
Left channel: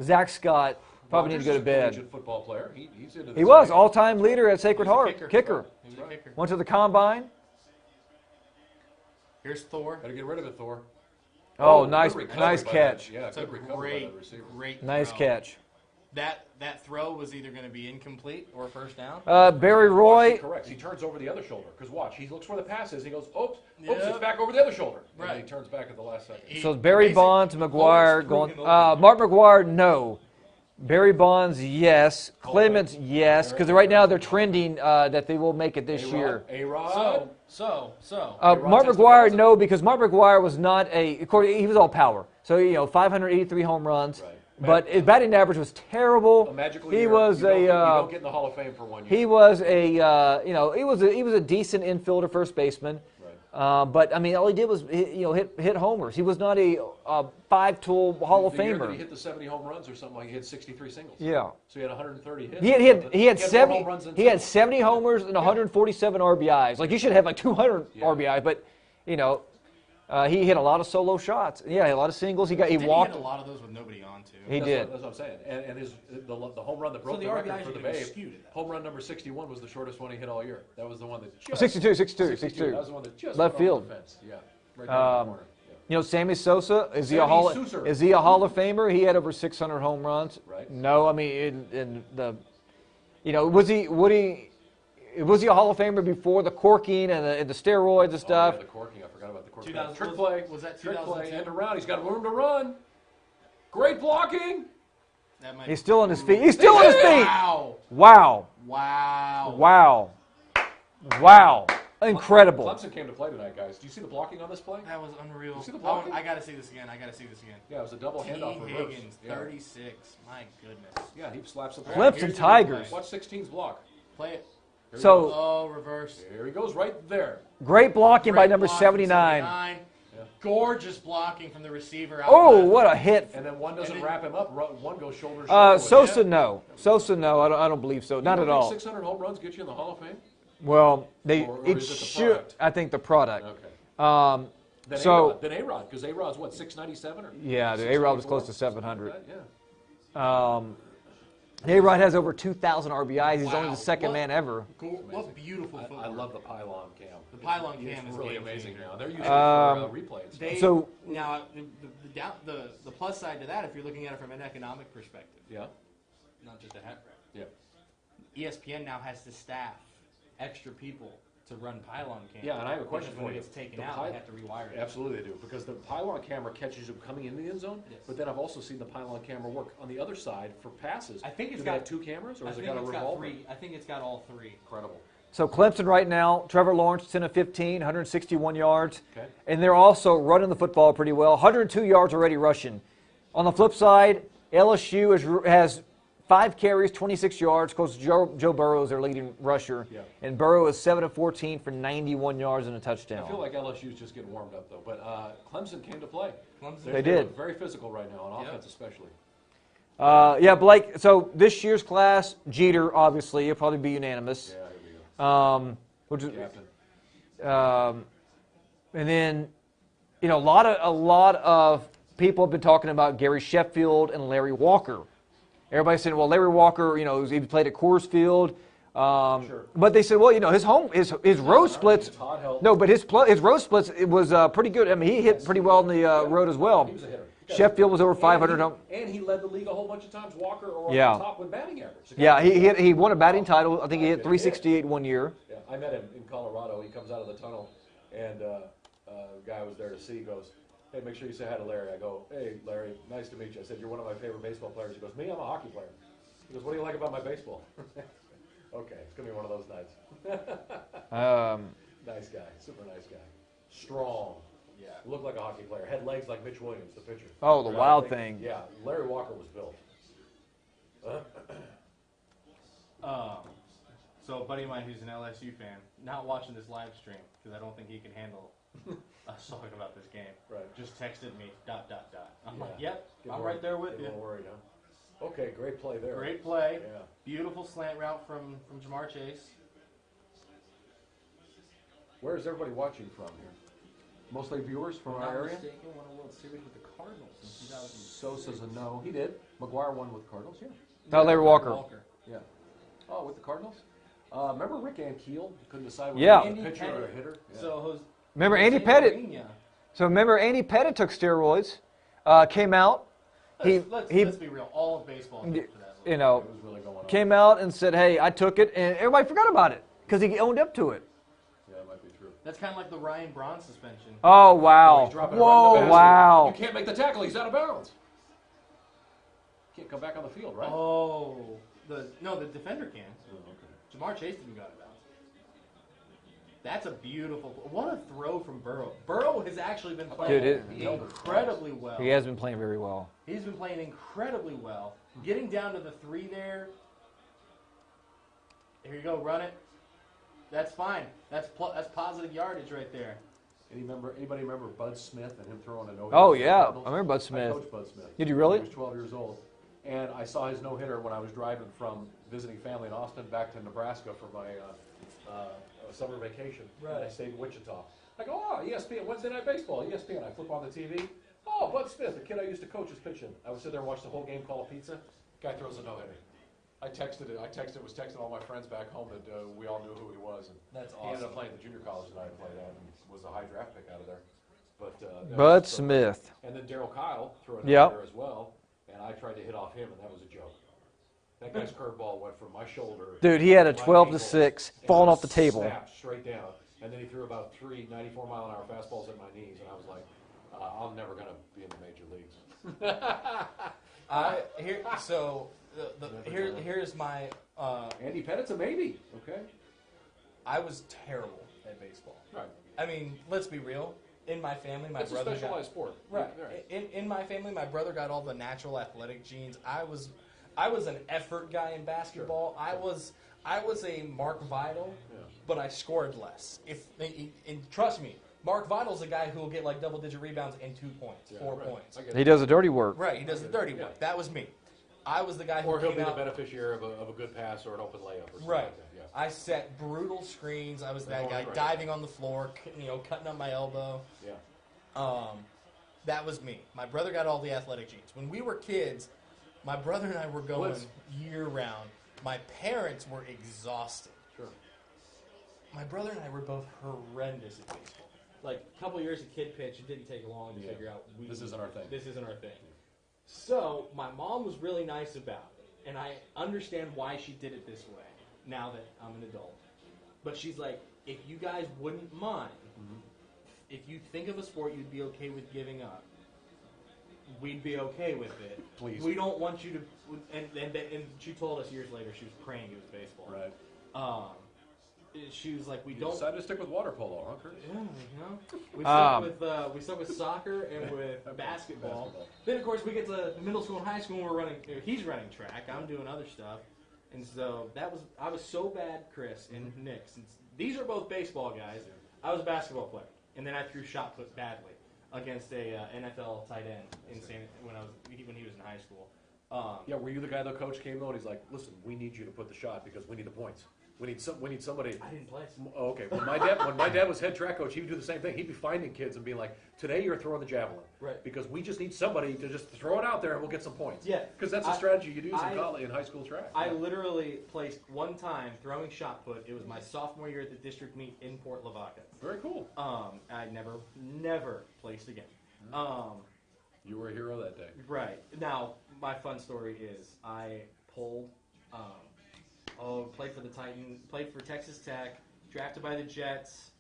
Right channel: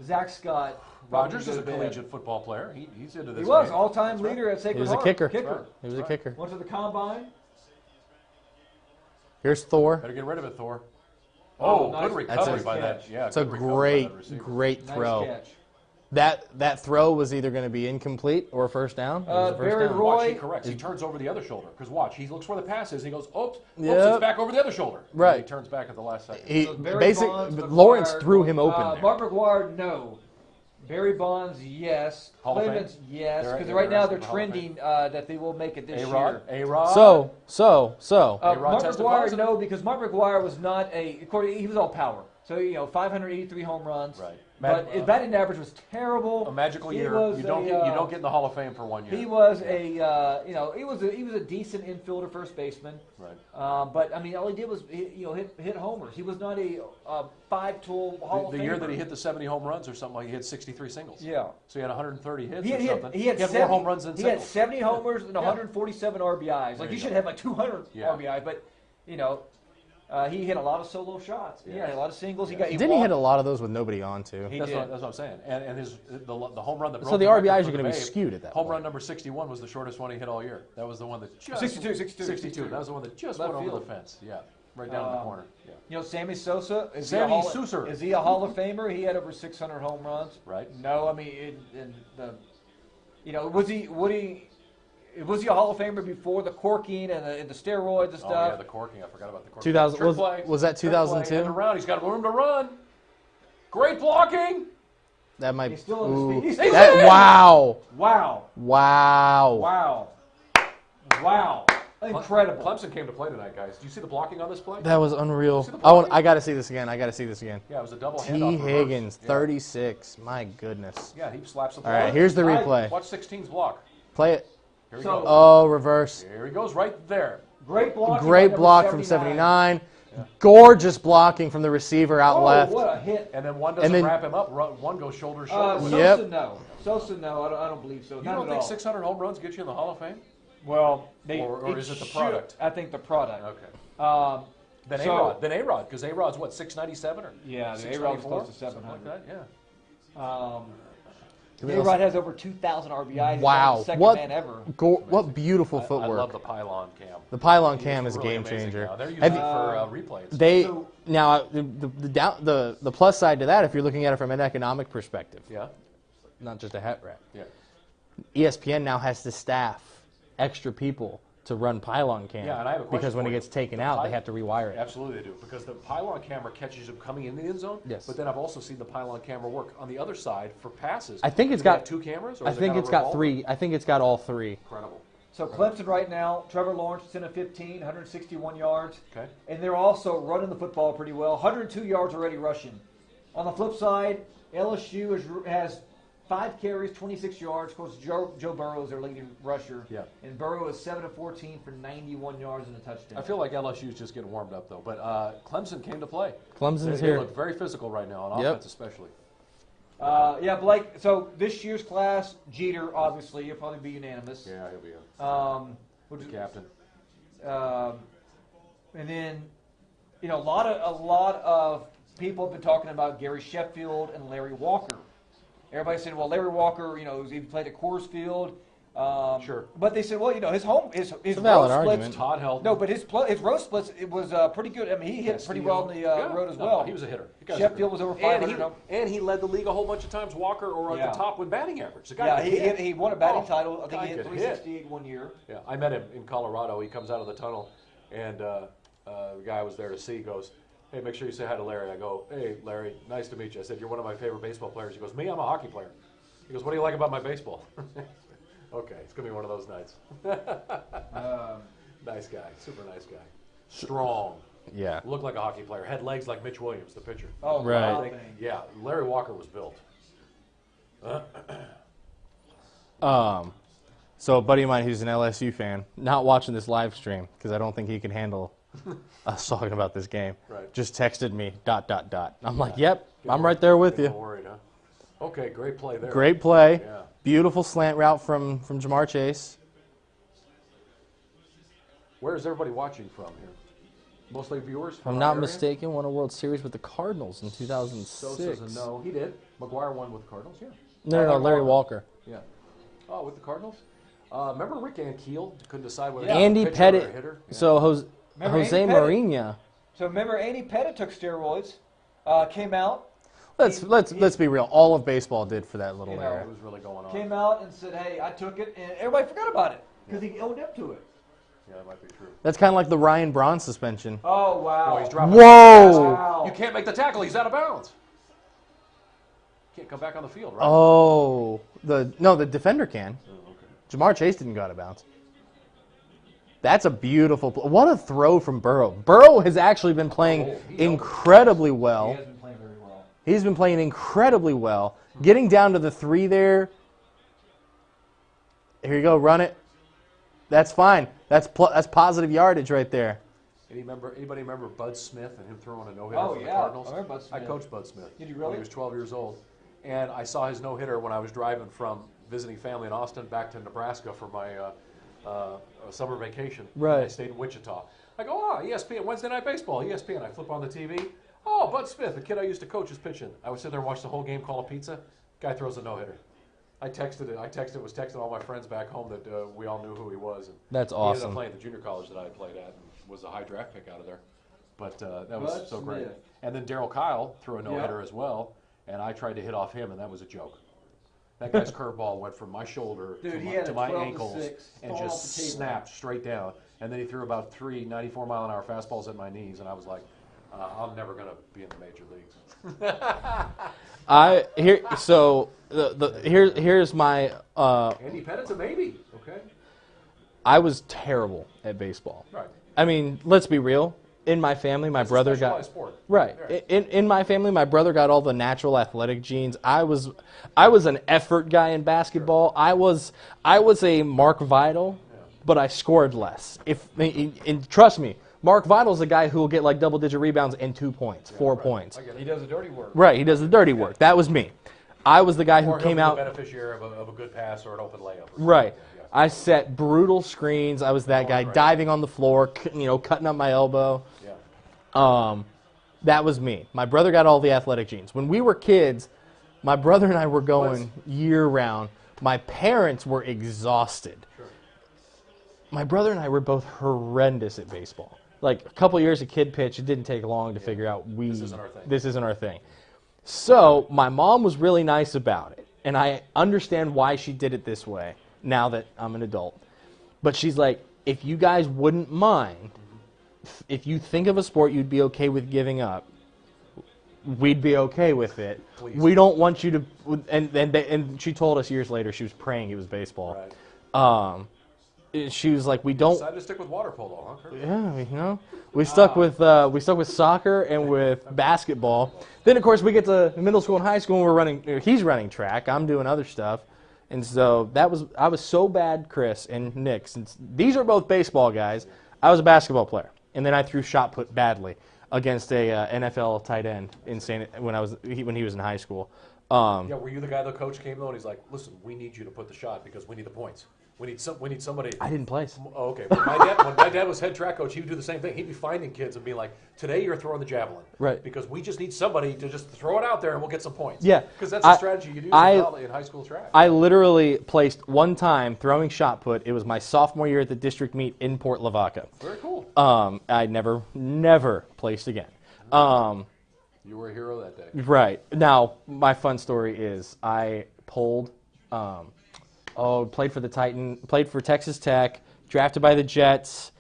Zach Scott probably Rogers need to is go a to bed. collegiate football player. He's into this. He was game. all-time leader at He Sacred was a Heart. kicker. He was a kicker. Went to the combine. Here's Thor. Better get rid of it, Thor. Oh, nice, good recovery nice by catch. that. Yeah, It's a good recovery by great, that receiver. great throw. Nice catch. That throw was either going to be incomplete or first down. Barry Watch, Roy. he corrects. He turns over the other shoulder. Because watch, he looks where the pass is. He goes, oops, Yep. it's back over the other shoulder. Right. And he turns back at the last second. He- So Barry basic- Bonds, Lawrence McGuire. threw him open. there. Mark McGuire, no. Barry Bonds, yes. Hall of Fame? Clemens, yes. Because They're right now they're in the Hall of Fame. trending that they will make it this year. A-Rod. So. A-Rod Mark tested McGuire, positive? no, because Mark McGuire was not of course, he was all power. So, 583 home runs. Right. But his batting average was terrible. A magical he year. was you don't get in the Hall of Fame for 1 year. He was he was a decent infielder, first baseman. Right. But I mean, all he did was hit homers. He was not a five-tool Hall of The year Famer. that he hit the 70 home runs or something, he hit 63 singles. Yeah. So he had 130 hits. He or had something. 70 more home runs than he had singles. 70 homers and 147 RBIs. Like you should have like 200 Yeah. RBIs, but he hit a lot of solo shots. Yeah, a lot of singles. He Didn't he walked. hit a lot of those with nobody on too? He That's did. What, that's what I'm saying. And the home run that broke So the record RBIs for are going to the be Babe, skewed at that home point. run number 61 was the shortest one he hit all year. That was the one that just 62. That was the one that just Left went field. over the fence. Yeah, right down the corner. Yeah. Sammy Sosa, is he a Sammy Hall? Sosa. Is he a Hall of Famer? He had over 600 home runs. Right. No, I mean, was he a Hall of Famer before the corking and the steroids and Oh, stuff? yeah, the corking. I forgot about the corking. 2000 Trick play. was that Trick play, 2002? end around. He's got room to run. Great blocking. That might. He's still on his Ooh. feet. He's still on his feet. Wow! Wow. Wow! Wow. Wow. Incredible. Clemson came to play tonight, guys. Do you see the blocking on this play? That was unreal. See the I got to see this again. Yeah, it was a double T. handoff. reverse. Higgins, Yeah. 36. My goodness. Yeah, he slaps the All ball. right, here's the Tigers. replay. Watch 16's block. Play it. Here he So- goes. Oh, reverse. Here he goes right there. Great blocking by Great number block 79. from 79. Gorgeous blocking from the receiver out Oh, left. what a hit. And then one doesn't then- wrap him up. One goes shoulder to shoulder. with him. Sosa, Yep. no. Sosa, no. I don't believe so. You Not don't at think all. 600 home runs get you in the Hall of Fame? Well, Or is it the product? I think the product. Okay. Then So- A-Rod. Then A-Rod, because A-Rod's what, 697 or? Yeah, the A-Rod was 694? close to 700. Something like that, yeah. A-Rod has over 2,000 RBIs. He's Wow. only the second What- man ever. What beautiful I footwork. love the pylon cam. The pylon It's cam is a really game amazing changer. now. They're using And it for replays. They So- now the plus side to that, if you're looking at it from an economic perspective, Yeah, not just a hat rack. yeah. ESPN now has to staff extra people to run pylon cam Yeah, and I have a question because when for it you. gets taken The out, they py- have to rewire it. Absolutely they do, because the pylon camera catches him coming in the end zone. Yes. But then I've also seen the pylon camera work on the other side for passes. I think it's Do they got have two cameras. Or I has it think got a it's got revolver? 3. I think it's got all 3. Incredible. So Clemson right now, Trevor Lawrence, 10 of 15, 161 yards. Okay. And they're also running the football pretty well. 102 yards already rushing. On the flip side, LSU has 5 carries, 26 yards. Of course, Joe Burrow is their leading rusher. Yeah. And Burrow is 7 of 14 for 91 yards and a touchdown. I feel like LSU is just getting warmed up though. But Clemson came to play. Clemson's They here. look very physical right now on Yep. offense, especially. Yeah, Blake. So this year's class, Jeter, obviously, he'll probably be unanimous. Yeah, here we go. Which is, Captain. and then, a lot of people have been talking about Gary Sheffield and Larry Walker. Everybody's saying, well, Larry Walker, he played at Coors Field. Sure. But they said, well, his Valid road splits. argument. Todd held. No, but his road splits it was pretty good. I mean, he hit pretty well on the road as well. He was a hitter. The guy's Sheffield a was hitter. over 500. And he led the league a whole bunch of times. Walker or on Yeah. the top with batting average. The guy Yeah, could hit. he won a batting title. I think he guy hit could hit. 368 one year. Yeah, I met him in Colorado. He comes out of the tunnel, and the guy I was there to see goes, "Hey, make sure you say hi to Larry." I go, "Hey, Larry, nice to meet you." I said, "You're one of my favorite baseball players." He goes, "Me, I'm a hockey player." He goes, "What do you like about my baseball?" Okay, it's gonna be one of those nights. Nice guy, super nice guy, strong. Yeah. Looked like a hockey player. Had legs like Mitch Williams, the pitcher. Oh, the Right. wild I think- thing. Yeah, Larry Walker was built. So a buddy of mine who's an LSU fan, not watching this live stream because I don't think he can handle us talking about this game. Right. Just texted me ... I'm like, yep, I'm right there with you. Getting worried, huh? Okay, great play there. Great play. Yeah. Beautiful slant route from Jamar Chase. Where is everybody watching from here? Mostly viewers If from I'm our not area? mistaken, won a World Series with the Cardinals in So 2006. says a no. He did. McGuire won with Cardinals, yeah. No, Larry Larry Walker. Walker. Yeah. Oh, with the Cardinals? Remember Rick Ankiel? Couldn't decide whether Yeah. he was a Andy pitcher or Pettit. a hitter? Yeah. So Jose Remember Andy Pettit? Mourinho. So remember, Andy Pettit took steroids, came out, Let's be real. All of baseball did for that little. you know, area. It was really going on. came out and said, "Hey, I took it," and everybody forgot about it because he owned up to it. Yeah, it might be true. That's kind of like the Ryan Braun suspension. Oh Oh, wow! he's dropping Whoa! it. Wow! You can't make the tackle. He's out of bounds. Can't come back on the field, right? Oh, the defender can. Oh, okay. Jamar Chase didn't go out of bounds. That's a beautiful. What a throw from Burrow. Burrow has actually been playing incredibly well. He has been playing very well. He's been playing incredibly well. Getting down to the 3 there. Here you go, run it. That's fine. That's positive yardage right there. Anybody remember Bud Smith and him throwing a no-hitter? Oh, for the yeah. Cardinals? I remember Bud Smith. I coached Bud Smith. Did you really? He was 12 years old. And I saw his no-hitter when I was driving from visiting family in Austin back to Nebraska for my summer vacation. Right. I stayed in Wichita. I go, ESPN, Wednesday Night Baseball, ESPN. I flip on the TV. Oh, Bud Smith, the kid I used to coach, is pitching. I would sit there and watch the whole game, call a pizza. Guy throws a no-hitter. I was texting all my friends back home that we all knew who he was. And That's he ended awesome. up playing at the junior college that I played at and was a high draft pick out of there. But that Bud was so Smith. great. And then Darryl Kyle threw a Yep. no-hitter as well, and I tried to hit off him, and that was a joke. That guy's curveball went from my shoulder. Dude, he had a to my 12 to ankles 6 and falling off just the table. snapped straight down, and then he threw about 3 94-mile-an-hour fastballs at my knees, and I was like, I'm never gonna be in the major leagues. Here's my. Andy Pettit's a maybe. Okay. I was terrible at baseball. Right. I mean, let's be real. In my family, my It's a brother got specialized sport. right. Yeah. In my family, my brother got all the natural athletic genes. I was an effort guy in basketball. Sure. I was a Mark Vidal, but I scored less. And trust me, Mark Vidal's a guy who will get like double-digit rebounds and 2 points, 4 right. points. I get He does the dirty work. Right, he does the dirty work. That was me. I was the guy who Or he'll came be out. the beneficiary of a good pass or an open layup. Or something Right. like that, yeah. I set brutal screens. I was that guy right. diving on the floor, cutting up my elbow. Yeah. That was me. My brother got all the athletic genes. When we were kids, my brother and I were going year-round. My parents were exhausted. Sure. My brother and I were both horrendous at baseball. Like a couple years of kid pitch, it didn't take long to figure out This isn't our thing. This isn't our thing. So my mom was really nice about it, and I understand why she did it this way now that I'm an adult. But she's like, if you guys wouldn't mind, if you think of a sport you'd be okay with giving up, we'd be okay with it. Please. We don't want you to. And she told us years later she was praying it was baseball. Right. She was like, we don't. Decided to stick with water polo, huh? Yeah, we stuck with soccer and with basketball. Then of course we get to middle school and high school and he's running track. I'm doing other stuff, and so I was so bad, Chris and Nick. Since these are both baseball guys, I was a basketball player, and then I threw shot put badly against a NFL tight end when he was in high school. Yeah, were you the guy the coach came though and he's like, listen, we need you to put the shot because we need the points. We need somebody. I didn't place. Oh, okay. When my dad was head track coach, he would do the same thing. He'd be finding kids and being like, today you're throwing the javelin. Right. Because we just need somebody to just throw it out there and we'll get some points. Yeah. Because that's the strategy you do in high school track. I literally placed one time throwing shot put. It was my sophomore year at the district meet in Port Lavaca. Very cool. I never placed again. You were a hero that day. Right. Now, my fun story is I pulled, played for the Titan, played for Texas Tech, drafted by the Jets,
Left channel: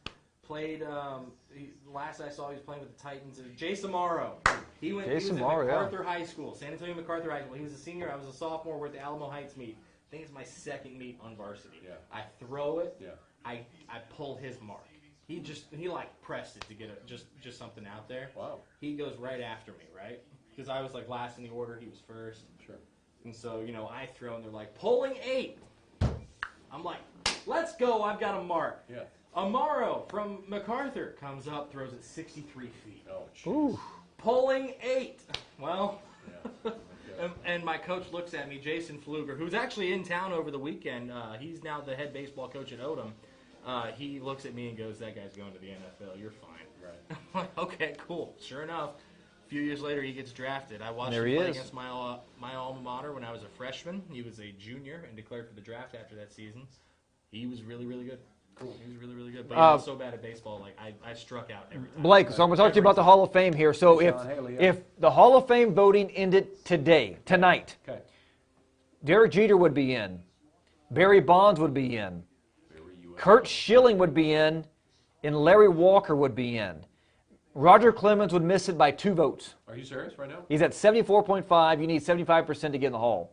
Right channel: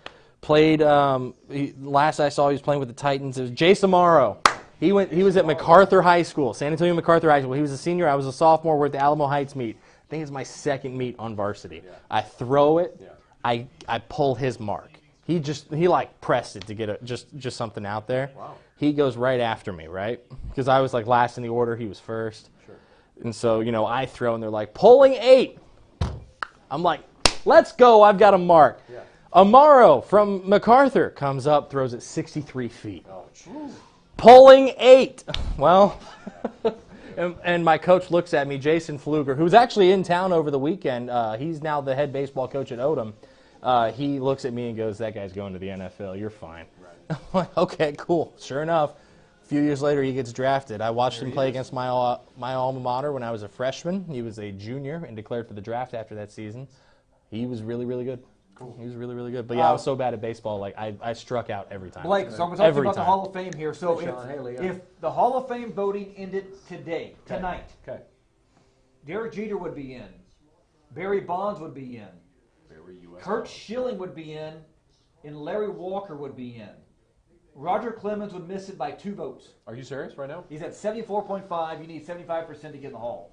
played, last I saw he was playing with the Titans. It was Jay Samaro. He was at MacArthur High School, San Antonio MacArthur High School. He was a senior. I was a sophomore. We're at the Alamo Heights meet. I think it's my second meet on varsity. Yeah. I throw it. Yeah. I pull his mark. He like pressed it to get just something out there. Wow. He goes right after me, right? Because I was like last in the order. He was first. Sure. And so, I throw, and they're like, pulling 8. I'm like, let's go. I've got a mark. Yeah. Amaro from MacArthur comes up, throws it 63 feet. Oh, geez. Pulling 8. Well, and my coach looks at me, Jason Fluger, who's actually in town over the weekend. He's now the head baseball coach at Odom. He looks at me and goes, that guy's going to the NFL. You're fine. Right. I'm like, okay, cool. Sure enough, a few years later, he gets drafted. I watched him play against my alma mater when I was a freshman. He was a junior and declared for the draft after that season. He was really, really good. Cool. He was really, really good. But yeah, I was so bad at baseball, like I struck out every time. Blake, so I'm going to talk to you about the Every Hall of Fame here. So if the Hall of Fame voting ended tonight, Okay. Derek Jeter would be in. Barry Bonds would be in. Kurt Schilling would be in. And Larry Walker would be in. Roger Clemens would miss it by 2 votes. Are you serious right now? He's at 74.5. You need 75% to get in the Hall.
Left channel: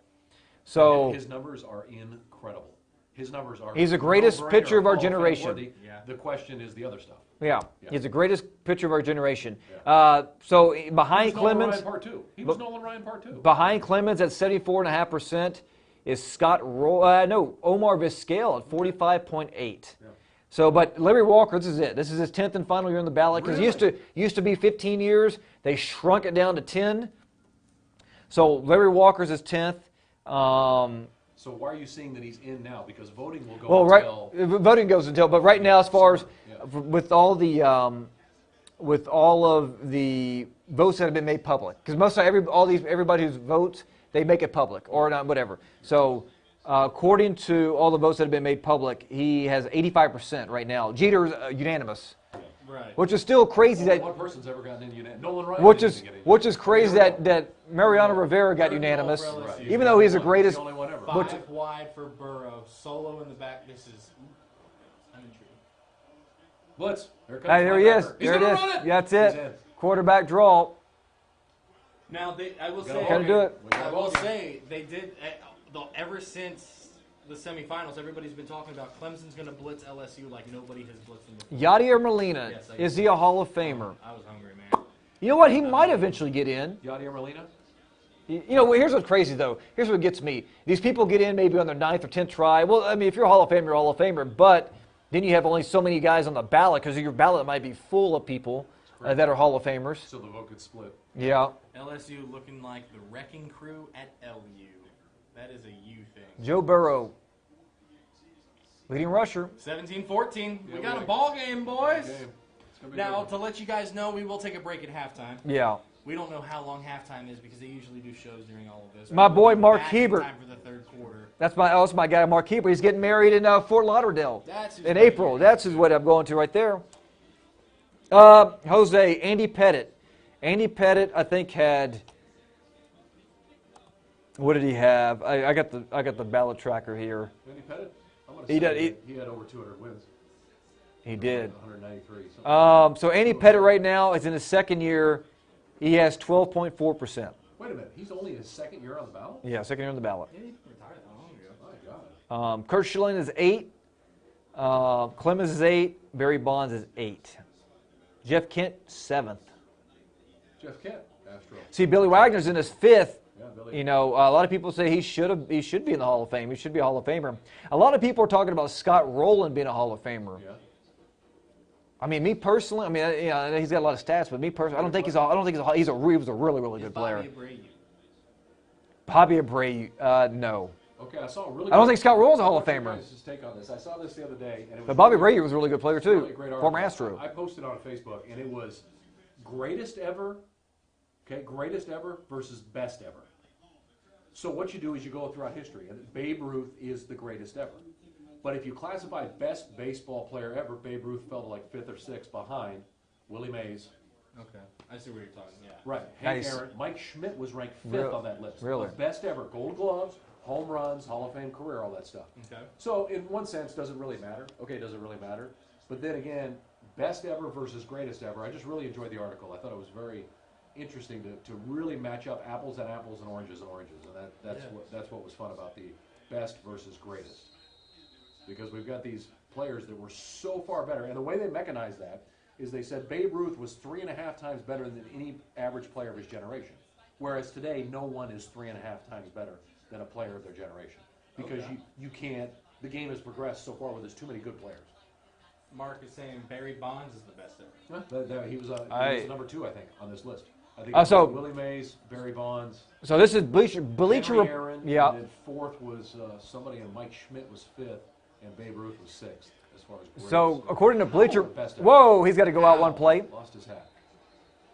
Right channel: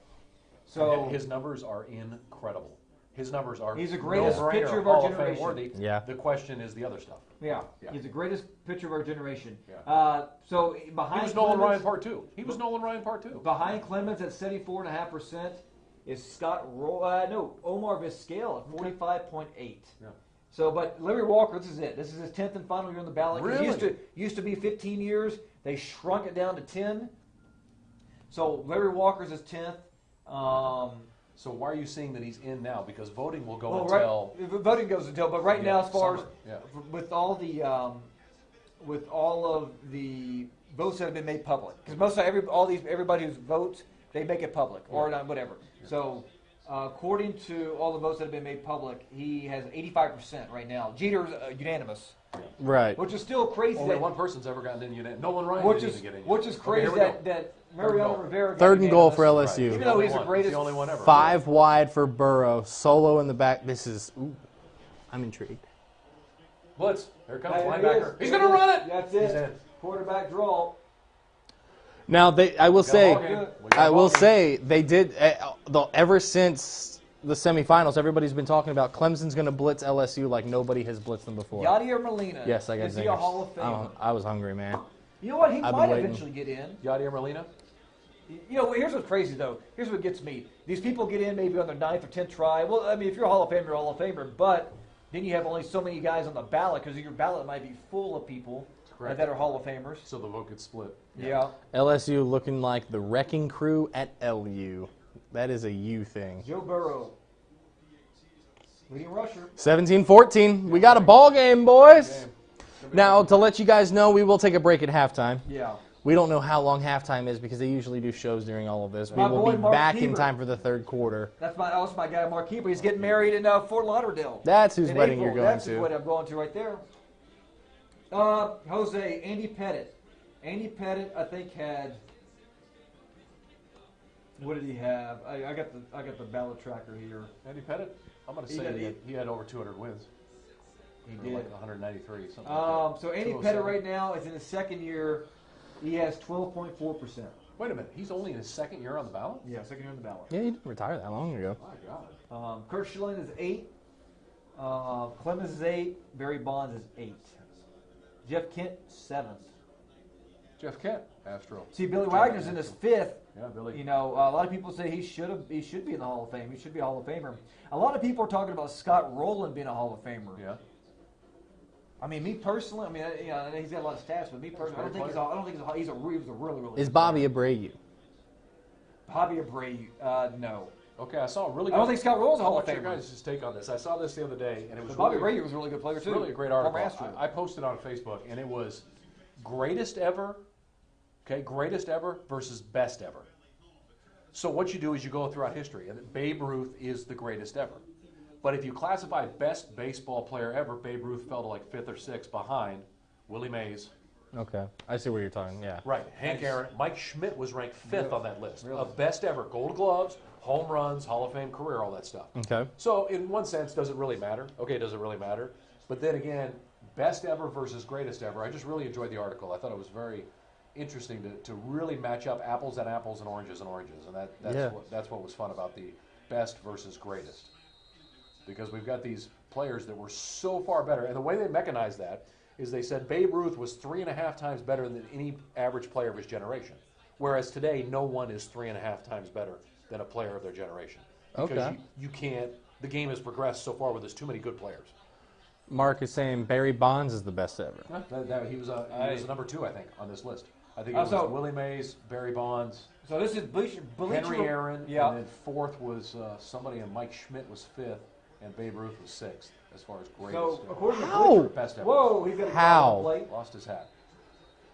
So his numbers are incredible. His numbers are. He's the greatest pitcher of our Hall Fame generation. worthy. Yeah. The question is the other stuff. yeah, he's the greatest pitcher of our generation. Yeah. So He behind was Nolan Clemens, Ryan Part 2. He was Nolan Ryan Part 2. behind Clemens at 74.5% is Omar Vizquel at 45.8. Yeah. So, but Larry Walker, this is it. This is his 10th and final year on the ballot. Because used to be 15 years. They shrunk it down to 10. So Larry Walker's his 10th. So why are you saying that he's in now? Because voting will go Well, until. voting goes until. But right now, as far as summer. Yeah. with all of the votes that have been made public, because most of everybody who votes, they make it public or not, whatever. So. According to all the votes that have been made public, he has 85% right now. Jeter's unanimous, Right. which is still crazy Only that, one person's ever gotten in unanimous. Nolan Ryan. which didn't is even get in. which is crazy Okay, here we that Mariano Rivera got Third and goal unanimous, for LSU. even though he's the He's greatest. the only one ever. 5 wide for Burrow. Solo in the back. This is. Ooh, I'm intrigued. Blitz. Here comes Hey, there he is. linebacker. He's There going it to is. run it. That's He's it. in. Quarterback draw. Now I will say, ball game. We got I a will ball game. say they did. Ever since the semifinals, everybody's been talking about Clemson's going to blitz LSU like nobody has blitzed them before. Yadier Molina. Yes, I got is he names. a Hall of Famer? I was hungry, man. You know what? He been might waiting. eventually get in. Yadier Molina. You know, here's what's crazy, though. Here's what gets me. These people get in maybe on their 9th or 10th try. Well, I mean, if you're a Hall of Famer, you're a Hall of Famer. But then you have only so many guys on the ballot because your ballot might be full of people that are Hall of Famers. So the vote could split. Yeah. LSU looking like the wrecking crew at LU. That is a U thing. Joe Burrow, leading rusher. 17-14. We got a ball game, boys. Game. Now, to let you guys know, we will take a break at halftime. Yeah. We don't know how long halftime is because they usually do shows during all of this. My We will boy be Mark back in Hebert. time for the third quarter. That's my guy, Mark Keeper. He's getting married in Fort Lauderdale. That's who's in wedding April. you're That's going what to. I'm going to right there. Jose, Andy Pettit. Andy Pettit, I think, had. What did he have? I got the ballot tracker here. Andy Pettit. I'm going to He say did- he had over 200 wins. He did. 193. something. So Andy Pettit right now is in his second year. He has 12.4%. Wait a minute. He's only in his second year on the ballot? Yeah, second year on the ballot. Yeah, he didn't retire that long ago. My God. Kurt Schilling is 8. Clemens is 8. Barry Bonds is 8. Jeff Kent, 7th. Jeff Kent, Astro. See, Billy Wagner's in his 5th. Yeah, Billy. You know, a lot of people say he should be in the Hall of Fame. He should be a Hall of Famer. A lot of people are talking about Scott Rowland being a Hall of Famer. Yeah. I mean, me personally, he's got a lot of stats, but me personally, I don't think he was a really good Is player. Bobby Abreu? Bobby Abreu? No. Okay, I saw a really. I don't good- think Scott Rowland's a Hall of I want your Famer. guys' take on this. I saw this the other day, and it was. But Bobby really, Abreu was a really good player it's too. really a great article. Former Astro. I posted on Facebook, and it was greatest ever. Okay, greatest ever versus best ever. So what you do is you go throughout history, and Babe Ruth is the greatest ever. But if you classify best baseball player ever, Babe Ruth fell to like 5th or 6th behind Willie Mays. Okay, I see where you're talking. Yeah. Right. Hank Nice. Aaron. Mike Schmidt was ranked 5th on that list. Really? Of best ever. Gold gloves, home runs, Hall of Fame career, all that stuff. Okay. So in one sense, does it really matter? Okay, does it really matter? But then again, best ever versus greatest ever. I just really enjoyed the article. I thought it was very interesting to really match up apples and apples and oranges, and that's what was fun about the best versus greatest. Because we've got these players that were so far better, and the way they mechanized that is they said Babe Ruth was 3.5 times better than any average player of his generation, whereas today no one is 3.5 times better than a player of their generation. Because Okay. you can't. The game has progressed so far where there's too many good players. Mark is saying Barry Bonds is the best ever. He was a number 2, I think, on this list. I think Oh, it was so- Willie Mays, Barry Bonds, So this is Bleacher Henry Aaron, Yeah. and then 4th was somebody, and Mike Schmidt was 5th, and Babe Ruth was 6th as far as greatest. So according to How? Bleacher, Best ever. whoa, he's got to go out How? one play, Lost his hat.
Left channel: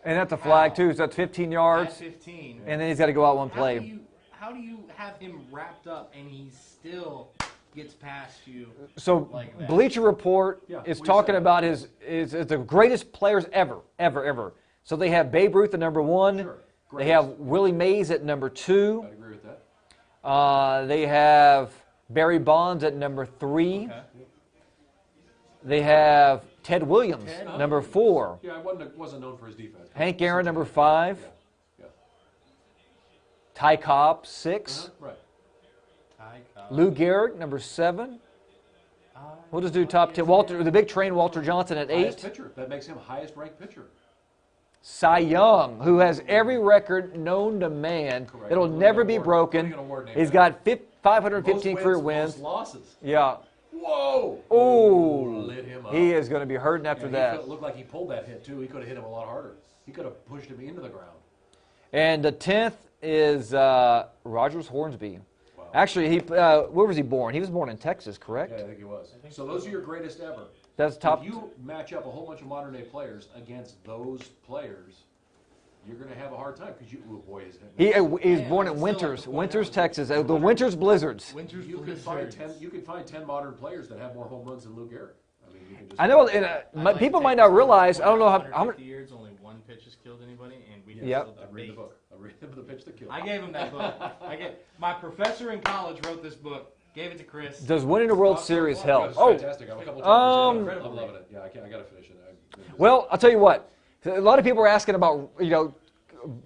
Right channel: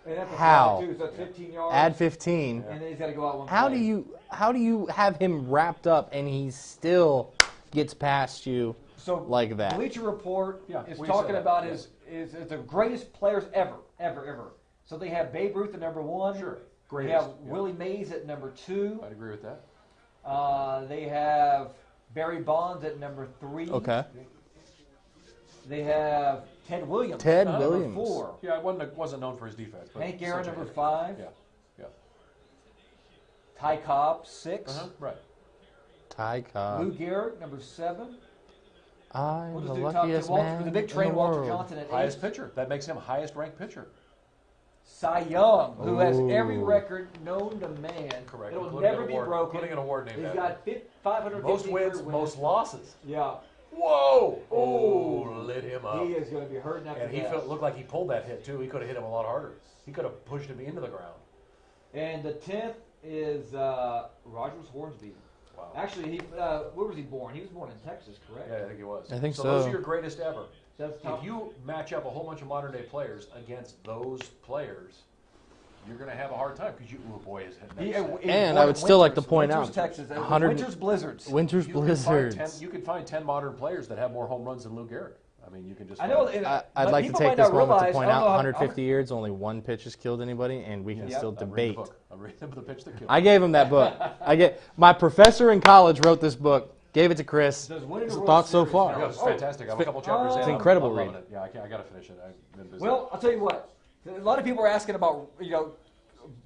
and that's a How? flag too. So that's 15 yards, Add 15. and then he's got to go out one How play. do you have him wrapped up and he still gets past you like that? Bleacher Report Yeah, is we talking said that. about is the greatest players ever. So they have Babe Ruth at number 1. Sure. They Greatest. have Willie Mays at number 2. I'd agree with that. They have Barry Bonds at number 3. Okay. They have Ted Williams, Ted number Williams. 4. Yeah, I wasn't known for his defense. but Hank Aaron, such a number good- 5. Yeah, yeah. Ty Cobb, 6. Right. Ty Cobb. Lou Gehrig, number 7. I'm We'll just the do top 10. luckiest Walter, man the big in train, the Walter world. Johnson at 8. Highest pitcher. That makes him highest ranked pitcher. Cy Young, who has every Ooh. record known to man. Correct. It'll Winning never an be award- broken. winning an award named He's after got him. 515 Most career wins, wins. most losses. Yeah. Whoa! Oh, lit him up. he is going to be hurting after And that. he looked like he pulled that hit too. He could have hit him a lot harder. He could have pushed him into the ground. And the 10th is Rogers Hornsby. Wow. Actually, where was he born? He was born in Texas, correct? Yeah, I think he was. I think so. Those so. are your greatest ever. That's top. If you match up a whole bunch of modern day players against those players, you're going to have a hard time because you, oh boy, is He, it. he's And born I would in still like to Winters, point Winters, out, Texas. The 100 Winters Blizzards. Winter's You could find Blizzards. 10. You could find 10 modern players that have more home runs than Lou Gehrig. I mean, you can just. I know, find- and, I'd but like to people take might this not moment to realize. I point don't know out how. 150 years, only one pitch has killed anybody, and we can Yeah. still Read the debate. book. I read the pitch that killed. I gave him that book. My professor in college wrote this book. Gave it to Chris. Does winning a World Thoughts so Series far? Yeah, help? it's fantastic. I have a couple chapters in. it's incredible I'm loving read. it. Yeah, I got to finish it. Well, I'll tell you what. A lot of people are asking about,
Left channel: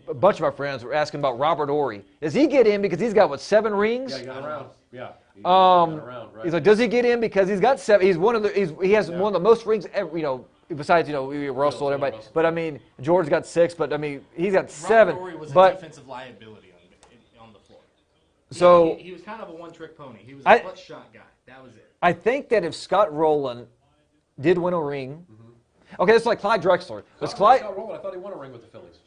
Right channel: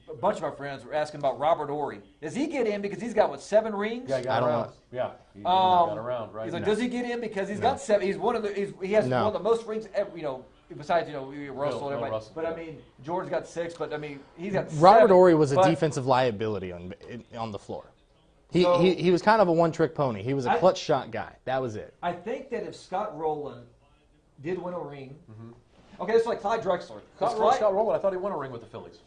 a bunch of our friends were asking about Robert Horry. Does he get in because he's got, 7 rings? yeah, he I got don't around. know. Yeah, he got around. Right. He's like, does he get in because he's got 7? He's one of the. He has No. one of the most rings ever. Besides Russell and everybody. Russell. But I mean, George got 6. But I mean, he's got 7. Robert Horry was a but defensive liability on the floor. So- He was kind of a one-trick pony. He was a I- clutch shot guy. That was it. I think that if Scott Rowland did win a ring, okay, it's like Clyde Drexler. Scott Clyde, Rowland, I thought he won a ring with the Phillies.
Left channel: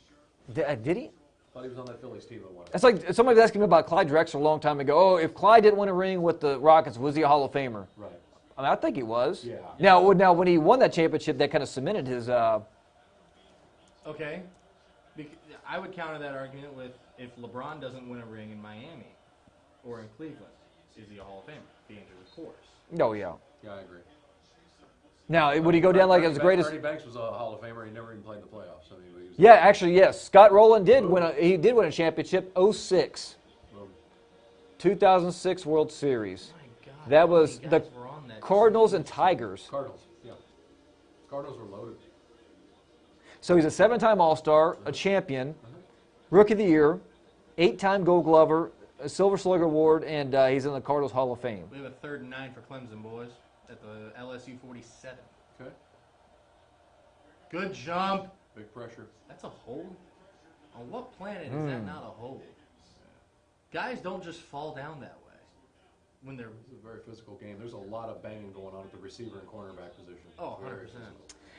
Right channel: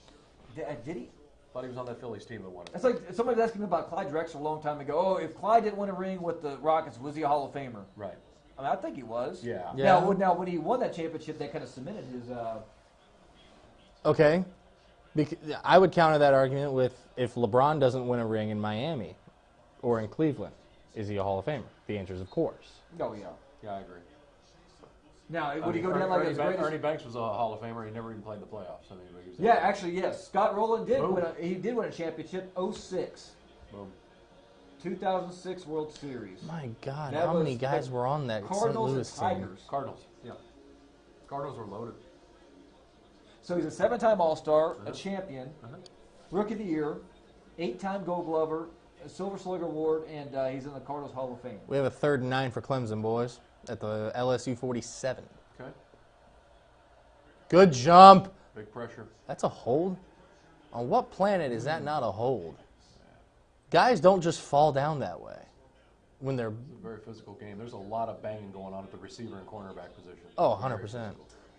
did he? I thought he was on that Phillies team that won. It's like somebody was asking me about Clyde Drexler a long time ago. Oh, if Clyde didn't win a ring with the Rockets, was he a Hall of Famer? Right. I mean, I think he was. Yeah. Now, when he won that championship, that kind of cemented his. Okay. I would counter that argument with if LeBron doesn't win a ring in Miami or in Cleveland, is he a Hall of Famer? The answer is of course. Oh yeah. Yeah, I agree. Now, would he go down like as the greatest? Ernie Banks was a Hall of Famer. He never even played in the playoffs. I mean, he was, Yeah, actually, yes. Scott Rowland did Boom. win. He did win a championship. 06, boom. 2006 World Series. My God, That how was many guys the were on that? Cardinals St. and Louis team? Tigers. Cardinals. Yeah. Cardinals were loaded. So he's a 7-time All-Star, a champion, Rookie of the Year, 8-time Gold Glover, a Silver Slugger Award, and he's in the Cardinals Hall of Fame. We have a 3rd and 9 for Clemson, boys, at the LSU 47. Okay. Good jump. Big pressure. That's a hold? On what planet is Hmm. that not a hold? Guys don't just fall down that way when they're, It's a very physical game. There's a lot of banging going on at the receiver and cornerback position. oh, Very 100%. physical.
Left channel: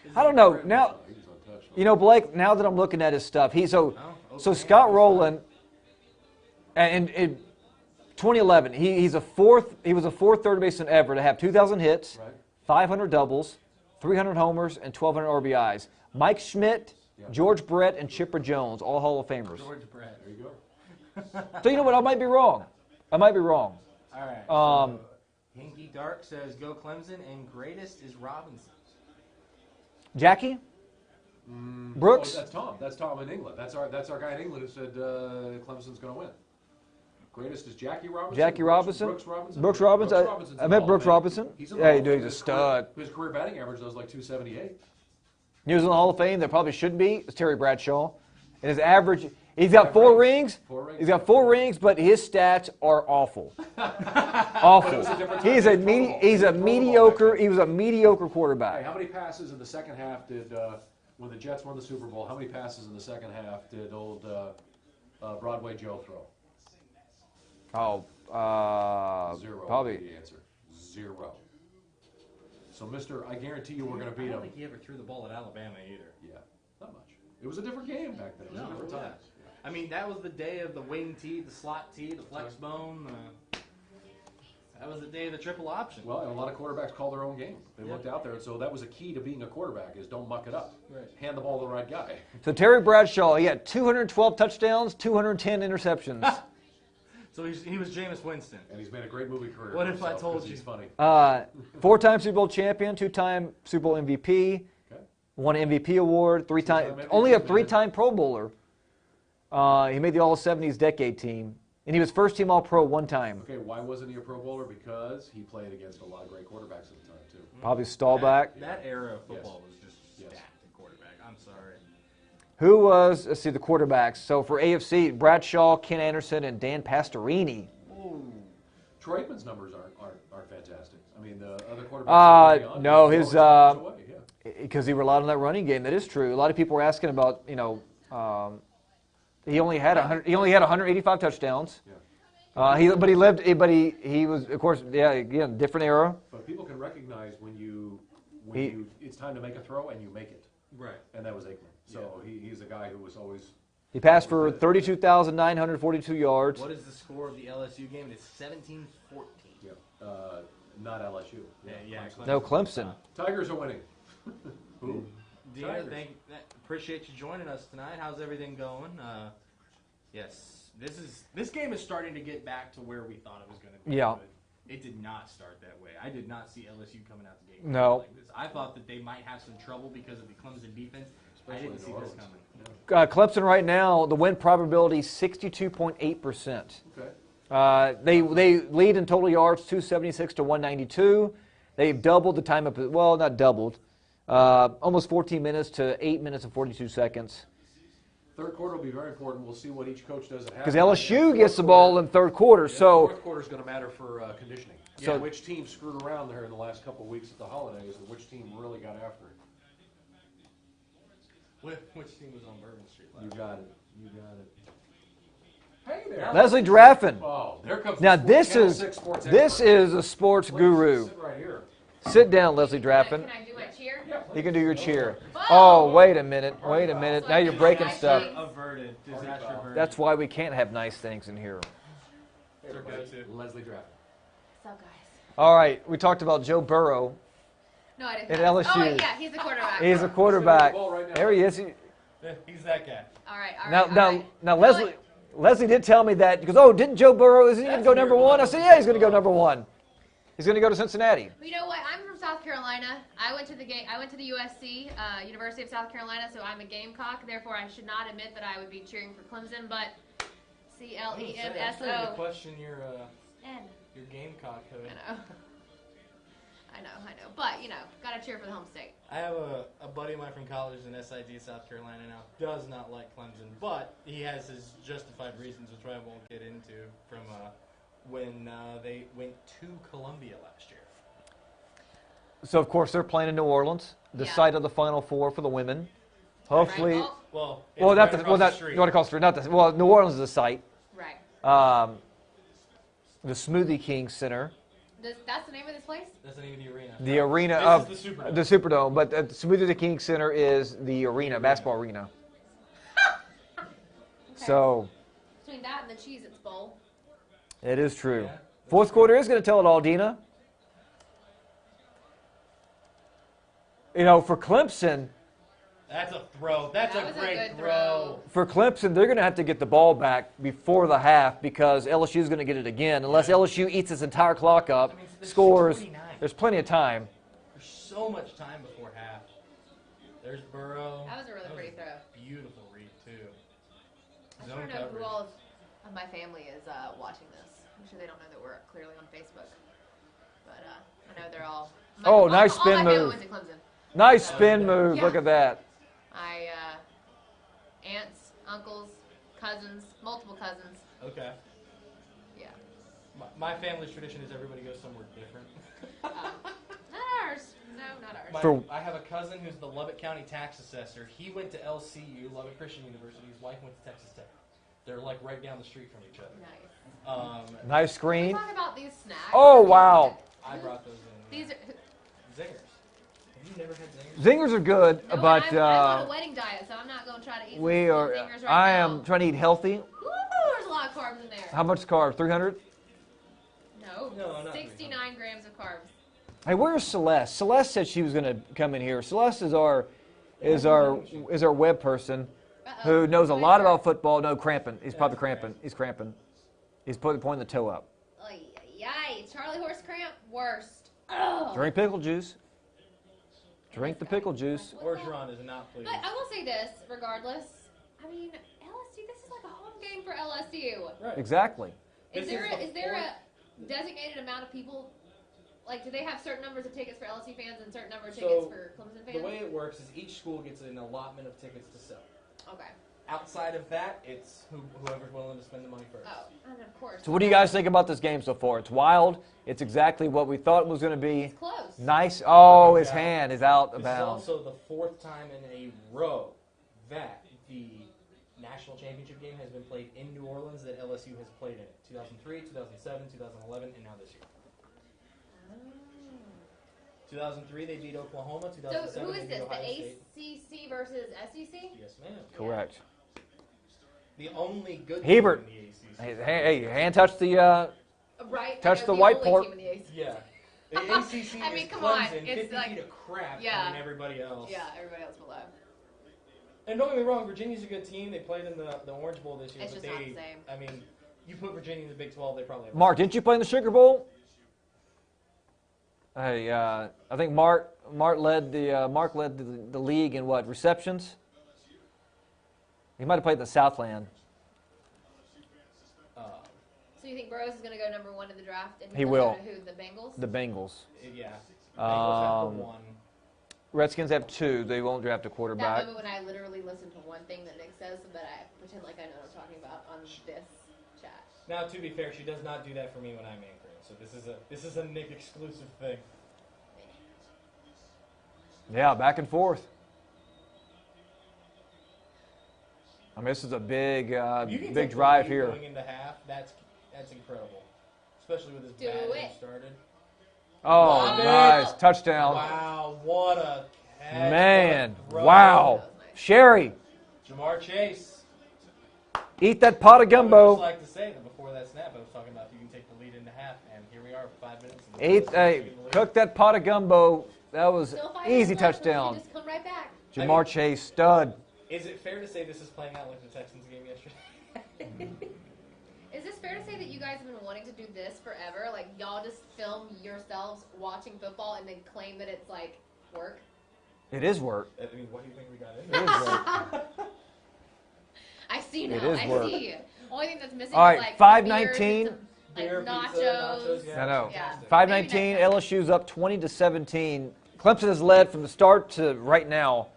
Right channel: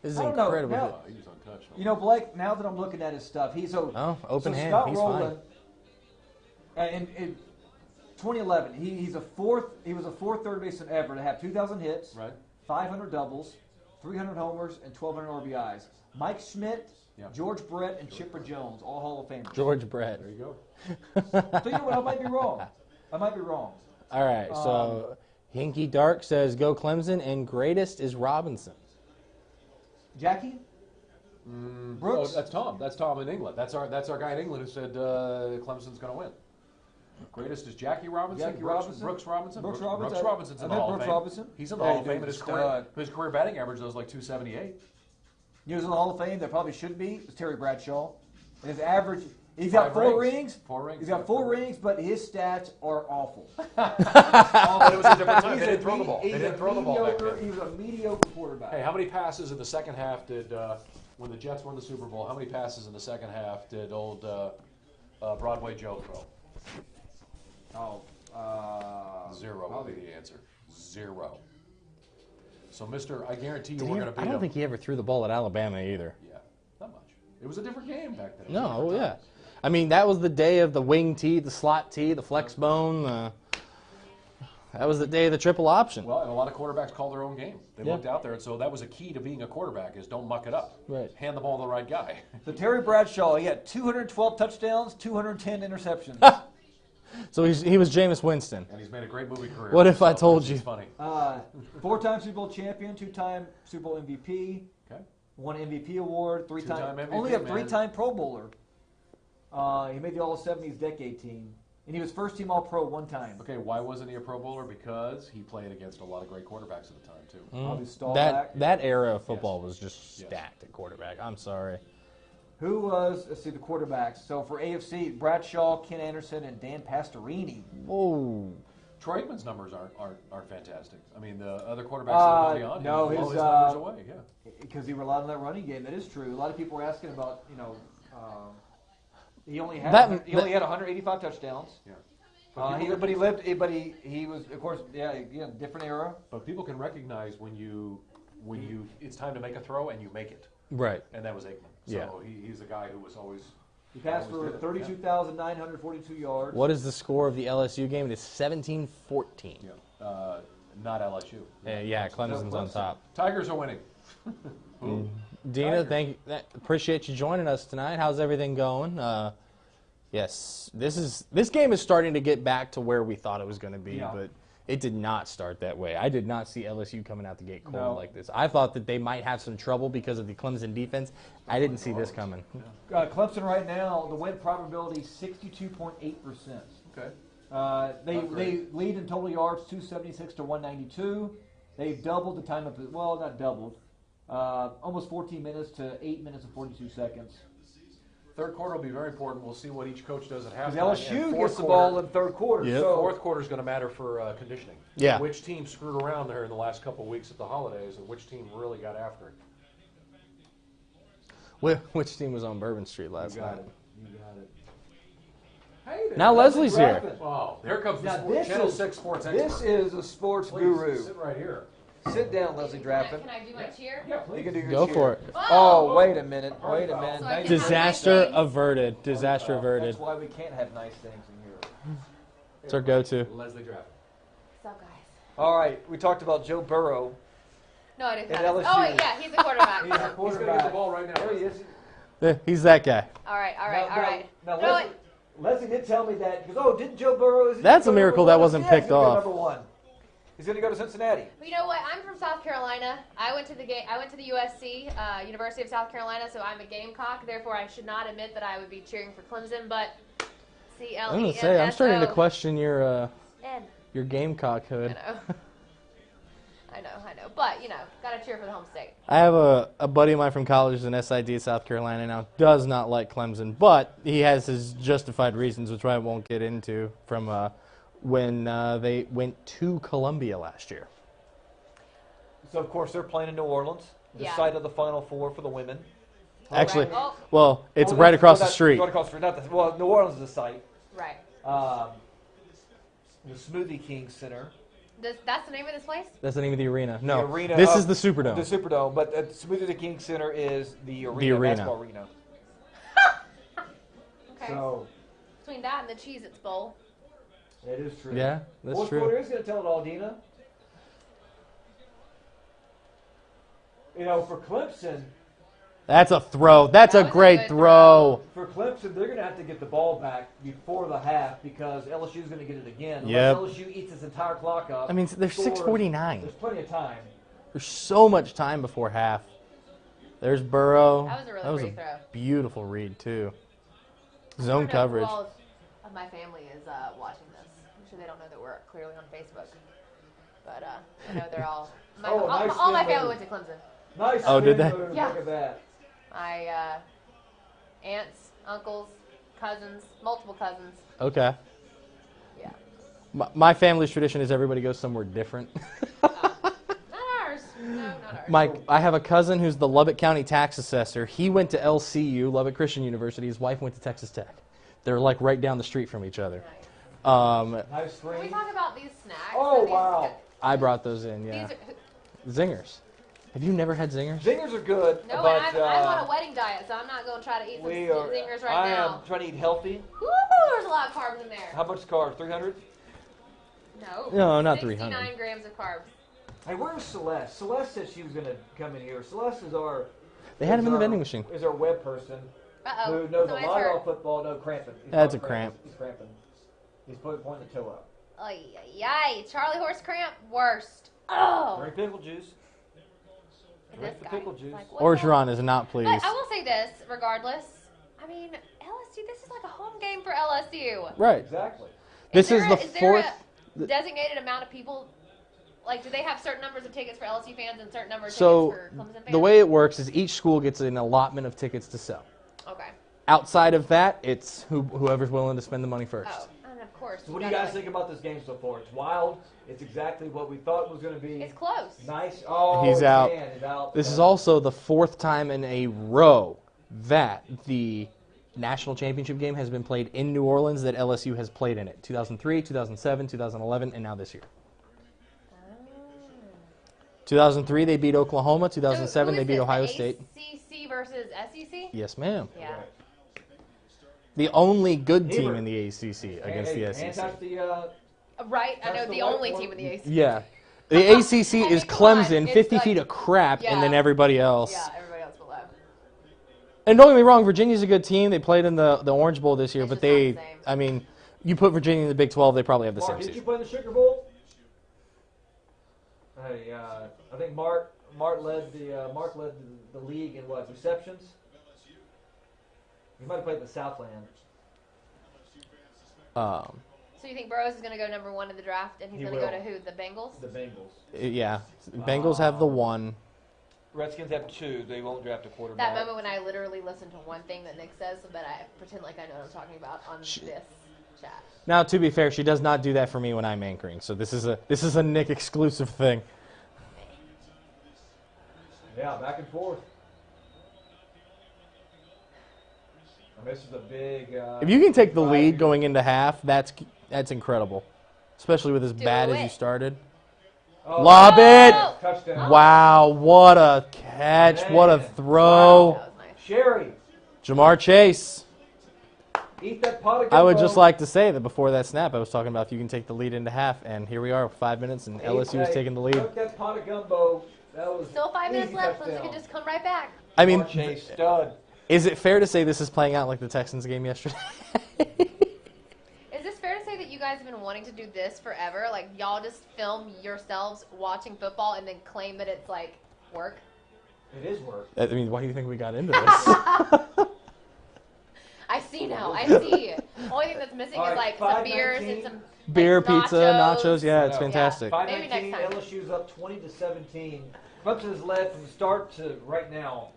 This is I don't know. incredible. Now, He was untouched. Blake, now that I'm looking at his stuff, open so hand, Scott he's Rowland, and in 2011, he was a fourth third baseman ever to have 2,000 hits, Right. 500 doubles, 300 homers, and 1,200 RBIs. Mike Schmidt, Yeah. George Brett, and Chipper Jones, all Hall of Famers. George Brett. There you go. So you know what? I might be wrong. All right, Um, so Hinky Dark says, go Clemson, and greatest is Robinson. Jackie? Oh, Brooks? that's Tom. That's Tom in England. That's our guy in England who said Clemson's going to win. Greatest is Jackie Robinson. Jackie Robinson? Brooks Robinson. Brooks Robinson. Robinson's I in met the Hall of Brooks Fame. Robinson. He's in the Yeah, Hall of Fame. he's a His career- stud. His career batting average was like 278. He was in the Hall of Fame. There probably should be. It's Terry Bradshaw. And his average, he's got 4 Five rings. rings. 4 rings. He's got 4 rings, but his stats are awful. But it was a different time. He's They a didn't throw the ball. he's They a didn't throw the ball back mediocre. then. He was a mediocre Hey, quarterback. how many passes in the second half did when the Jets won the Super Bowl? How many passes in the second half did old Broadway Joe throw? Oh, 0 probably. would be the answer. 0. So, Mister, I guarantee you we're going to beat I him. don't think he ever threw the ball at Alabama either. Yeah, not much. It was a different game back then. No, yeah. I mean, that was the day of the wing tee, the slot tee, the flex bone. That was the day of the triple option. Well, and a lot of quarterbacks call their own game. They Yeah. looked out there, and so that was a key to being a quarterback is don't muck it up. Right. Hand the ball to the right guy. So Terry Bradshaw, he had 212 touchdowns, 210 interceptions. So he was Jameis Winston. And he's made a great movie career. What if I told It's you? funny. 4-time Super Bowl champion, 2-time Super Bowl MVP, Okay. won MVP award, 3-time, Two-time MVP, only a man. 3-time Pro Bowler. He made the All-70s Decade team. And he was first-team All-Pro one time. Okay, why wasn't he a Pro Bowler? Because he played against a lot of great quarterbacks at the time, too. Probably Staubach. That era of football was just stacked at quarterback. I'm sorry. Who was, let's see, the quarterbacks. So for AFC, Bradshaw, Ken Anderson, and Dan Pastorini. Oh. Troy Aikman's numbers aren't fantastic. I mean, the other quarterbacks. No, his numbers away, because he relied on that running game. That is true. A lot of people were asking about, he only had 185 touchdowns. Yeah. He was, of course, again, different era. But people can recognize when it's time to make a throw and you make it. Right. And that was Aikman. So he's a guy who was always. He passed for 32,942 yards. What is the score of the LSU game? It is 17-14. Yeah. Not LSU. Clemson's No, on Clemson. top. Tigers are winning. Dina, appreciate you joining us tonight. How's everything going? Yes, this game is starting to get back to where we thought it was going to be, but it did not start that way. I did not see LSU coming out the gate like this. I thought that they might have some trouble because of the Clemson defense. I didn't see this coming. Clemson right now, the win probability 62.8%. Okay. They lead in total yards 276 to 192. They've doubled the time up. Well, not doubled. Almost 14 minutes to 8 minutes and 42 seconds. Third quarter will be very important. We'll see what each coach does at halftime. Because LSU gets the ball in third quarter. Yep. So Fourth quarter is going to matter for conditioning. Yeah. So which team screwed around there in the last couple of weeks at the holidays, and which team really got after it? Which team was on Bourbon Street last night? You got it. Hey there. now Leslie's Leslie Draffin. Wow, there comes Now the this Channel is 6 sports this expert. is a sports Please, guru. Sit right here. Sit down, Leslie Draffin. Can I do my cheer? Yeah, You please. can do your Go cheer. for it. Oh, wait a minute. Wait a minute. Now you're breaking Disaster stuff. averted. Disaster averted. That's why we can't have nice things in here. It's our go-to. Leslie Draffin. What's up, guys? All right, we talked about Joe Burrow. No, I didn't. At know. LSU. Oh, yeah, he's a quarterback. He's a He's gonna quarterback. get the ball right now. There he is. He's that guy. All right, all Now, right, now, all right. now, No, Leslie did tell me that because didn't Joe Burrow? Is he That's gonna go a miracle number that one? I said, wasn't yeah, he's picked going to go off. number one. He's going to go to Cincinnati. You know what? I'm from South Carolina. I went to the USC, University of South Carolina, so I'm a Gamecock. Therefore, I should not admit that I would be cheering for Clemson, but I'm going to say, I'm starting to question your N. Gamecockhood. I know. But, got to cheer for the home state. I have a buddy of mine from college in SID, South Carolina now, does not like Clemson, but he has his justified reasons, which I won't get into, from when they went to Columbia last year. So, of course, they're playing in New Orleans, the Yeah. site of the Final Four for the women. Actually, Right. well, it's Well, right across well, the street. Right across the street. New Orleans is the site. Right. The Smoothie King Center. That's the name of this place? That's the name of the arena. The arena. This of- is the Superdome. The Superdome, but Smoothie King Center is the arena, arena. basketball arena. Okay. So, Between that and the Cheez-Its Bowl. it is true. Yeah, that's Fourth true. quarter is going to tell it all, Dina. For Clemson, That's a throw. That's That a was a great good throw. they're going to have to get the ball back before the half because LSU is going to get it again. Unless Yep. LSU eats its entire clock up. I mean, there's scores, 6:49. There's plenty of time. There's so much time before half. There's Burrow. That was a really pretty throw. Beautiful read, too. I Zone don't know coverage. Who all of my family is watching this. I'm sure they don't know that we're clearly on Facebook. But I know they're all. Nice all spin my family move. went to Clemson. Nice Oh, did spin they? move. Yeah. Look at that. My aunts, uncles, cousins, multiple cousins. Okay. Yeah. My family's tradition is everybody goes somewhere different. Not ours. No, not ours. I have a cousin who's the Lubbock County tax assessor. He went to LCU, Lubbock Christian University. His wife went to Texas Tech. They're like right down the street from each other. Nice. Nice Can we screen. talk about these snacks? Oh, wow. I brought those in, yeah. These are, Zingers. Have you never had zingers? Zingers are good, no, but I'm on a wedding diet, so I'm not going to try to eat we some are. zingers right I now. am trying to eat healthy. Ooh, there's a lot of carbs in there. How much carbs? 300. No, not 69 300. grams of carbs. Hey, where's Celeste? Celeste said she was going to come in here. Celeste is our. They had is a new our, vending machine. Is our web person Uh-oh. who knows a Go lot ahead, about football. No cramping. He's That's probably a cramping. cramp. He's cramping. He's pointing the toe up. Ay, ay, ay. Charlie horse cramp, worst. Oh. Drink pickle juice. Drink the This guy. pickle juice. Like, what the- Orgeron is not pleased. But I will say this, regardless. I mean, LSU See, this is like a home game for LSU. Right. Exactly. This is the Is fourth. there a designated amount of people? Like, do they have certain numbers of tickets for LSU fans and certain number of So tickets for Clemson fans? the way it works is each school gets an allotment of tickets to sell. Okay. Outside of that, it's whoever's willing to spend the money first. Oh, and of course. So what do you guys think about this game so far? It's wild. It's exactly what we thought it was going to be. It's close. Nice. Oh, He's his out. hand is out. This of is bounds. also the fourth time in a row that the national championship game has been played in New Orleans that LSU has played in it. 2003, 2007, 2011, and now this year. 2003, they beat Oklahoma. 2007, they beat Ohio State. ACC versus SEC? Yes, ma'am. Yeah. Correct. The only good Hebert. team in the ACC. Hey, against the hand SEC. touched the. Right. Touch I know the the whiteboard. only team in the ACC. Yeah. The ACC I mean, is come on, Clemson, it's 50 like- feet of crap, Yeah. and then everybody else. Yeah, everybody else below. And don't get me wrong, Virginia's a good team. They played in the Orange Bowl this year, It's but just not they, the same. I mean, you put Virginia in the Big 12, they probably have the Mark, same didn't you seed. play in the Sugar Bowl? Hey, I think Mark led the league in what, receptions? He might have played in the Southland. So you think Burrows is going to go number 1 in the draft, and he's He going to will. go to who? The Bengals? The Bengals. Yeah. Bengals have the Um, one. Redskins have 2. They won't draft a That quarterback. moment when I literally listen to one thing that Nick says, but I pretend like I know what I'm talking about on this chat. Now, to be fair, she does not do that for me when I'm anchoring, so this is a Nick exclusive thing. Yeah, back and forth. I mean, this is a big. If you can big take the drive lead here. going into half, that's incredible, especially with as bad as you it. started. Oh, Lob it. nice. Touchdown. Wow, what a catch! What a Man. throw! Wow. That was nice. Sherry, Jamar Chase. eat that pot of I gumbo. would just like to say that before that snap, I was talking about if you can take the lead into half, and here we are, 5 minutes, and LSU is taking the lead. Cook that pot of gumbo. That was Still 5 easy minutes left, so you touchdown. can just come right back. I mean, Jamar Chase, stud. is it fair to say this is playing out like the Texans game yesterday? Is this fair to say that you guys have been wanting to do this forever? Like, y'all just film yourselves watching football and then claim that it's, like, work? It is work. I mean, why do you think we got into this? I see now. It I is work. see. Only thing that's missing All is, right, like, some beers $5.19. and some, Beer, like, pizza, nachos, yeah, I it's know. fantastic. 5:19. Maybe next time. LSU's up 20-17. Clemson has led from the start to right now.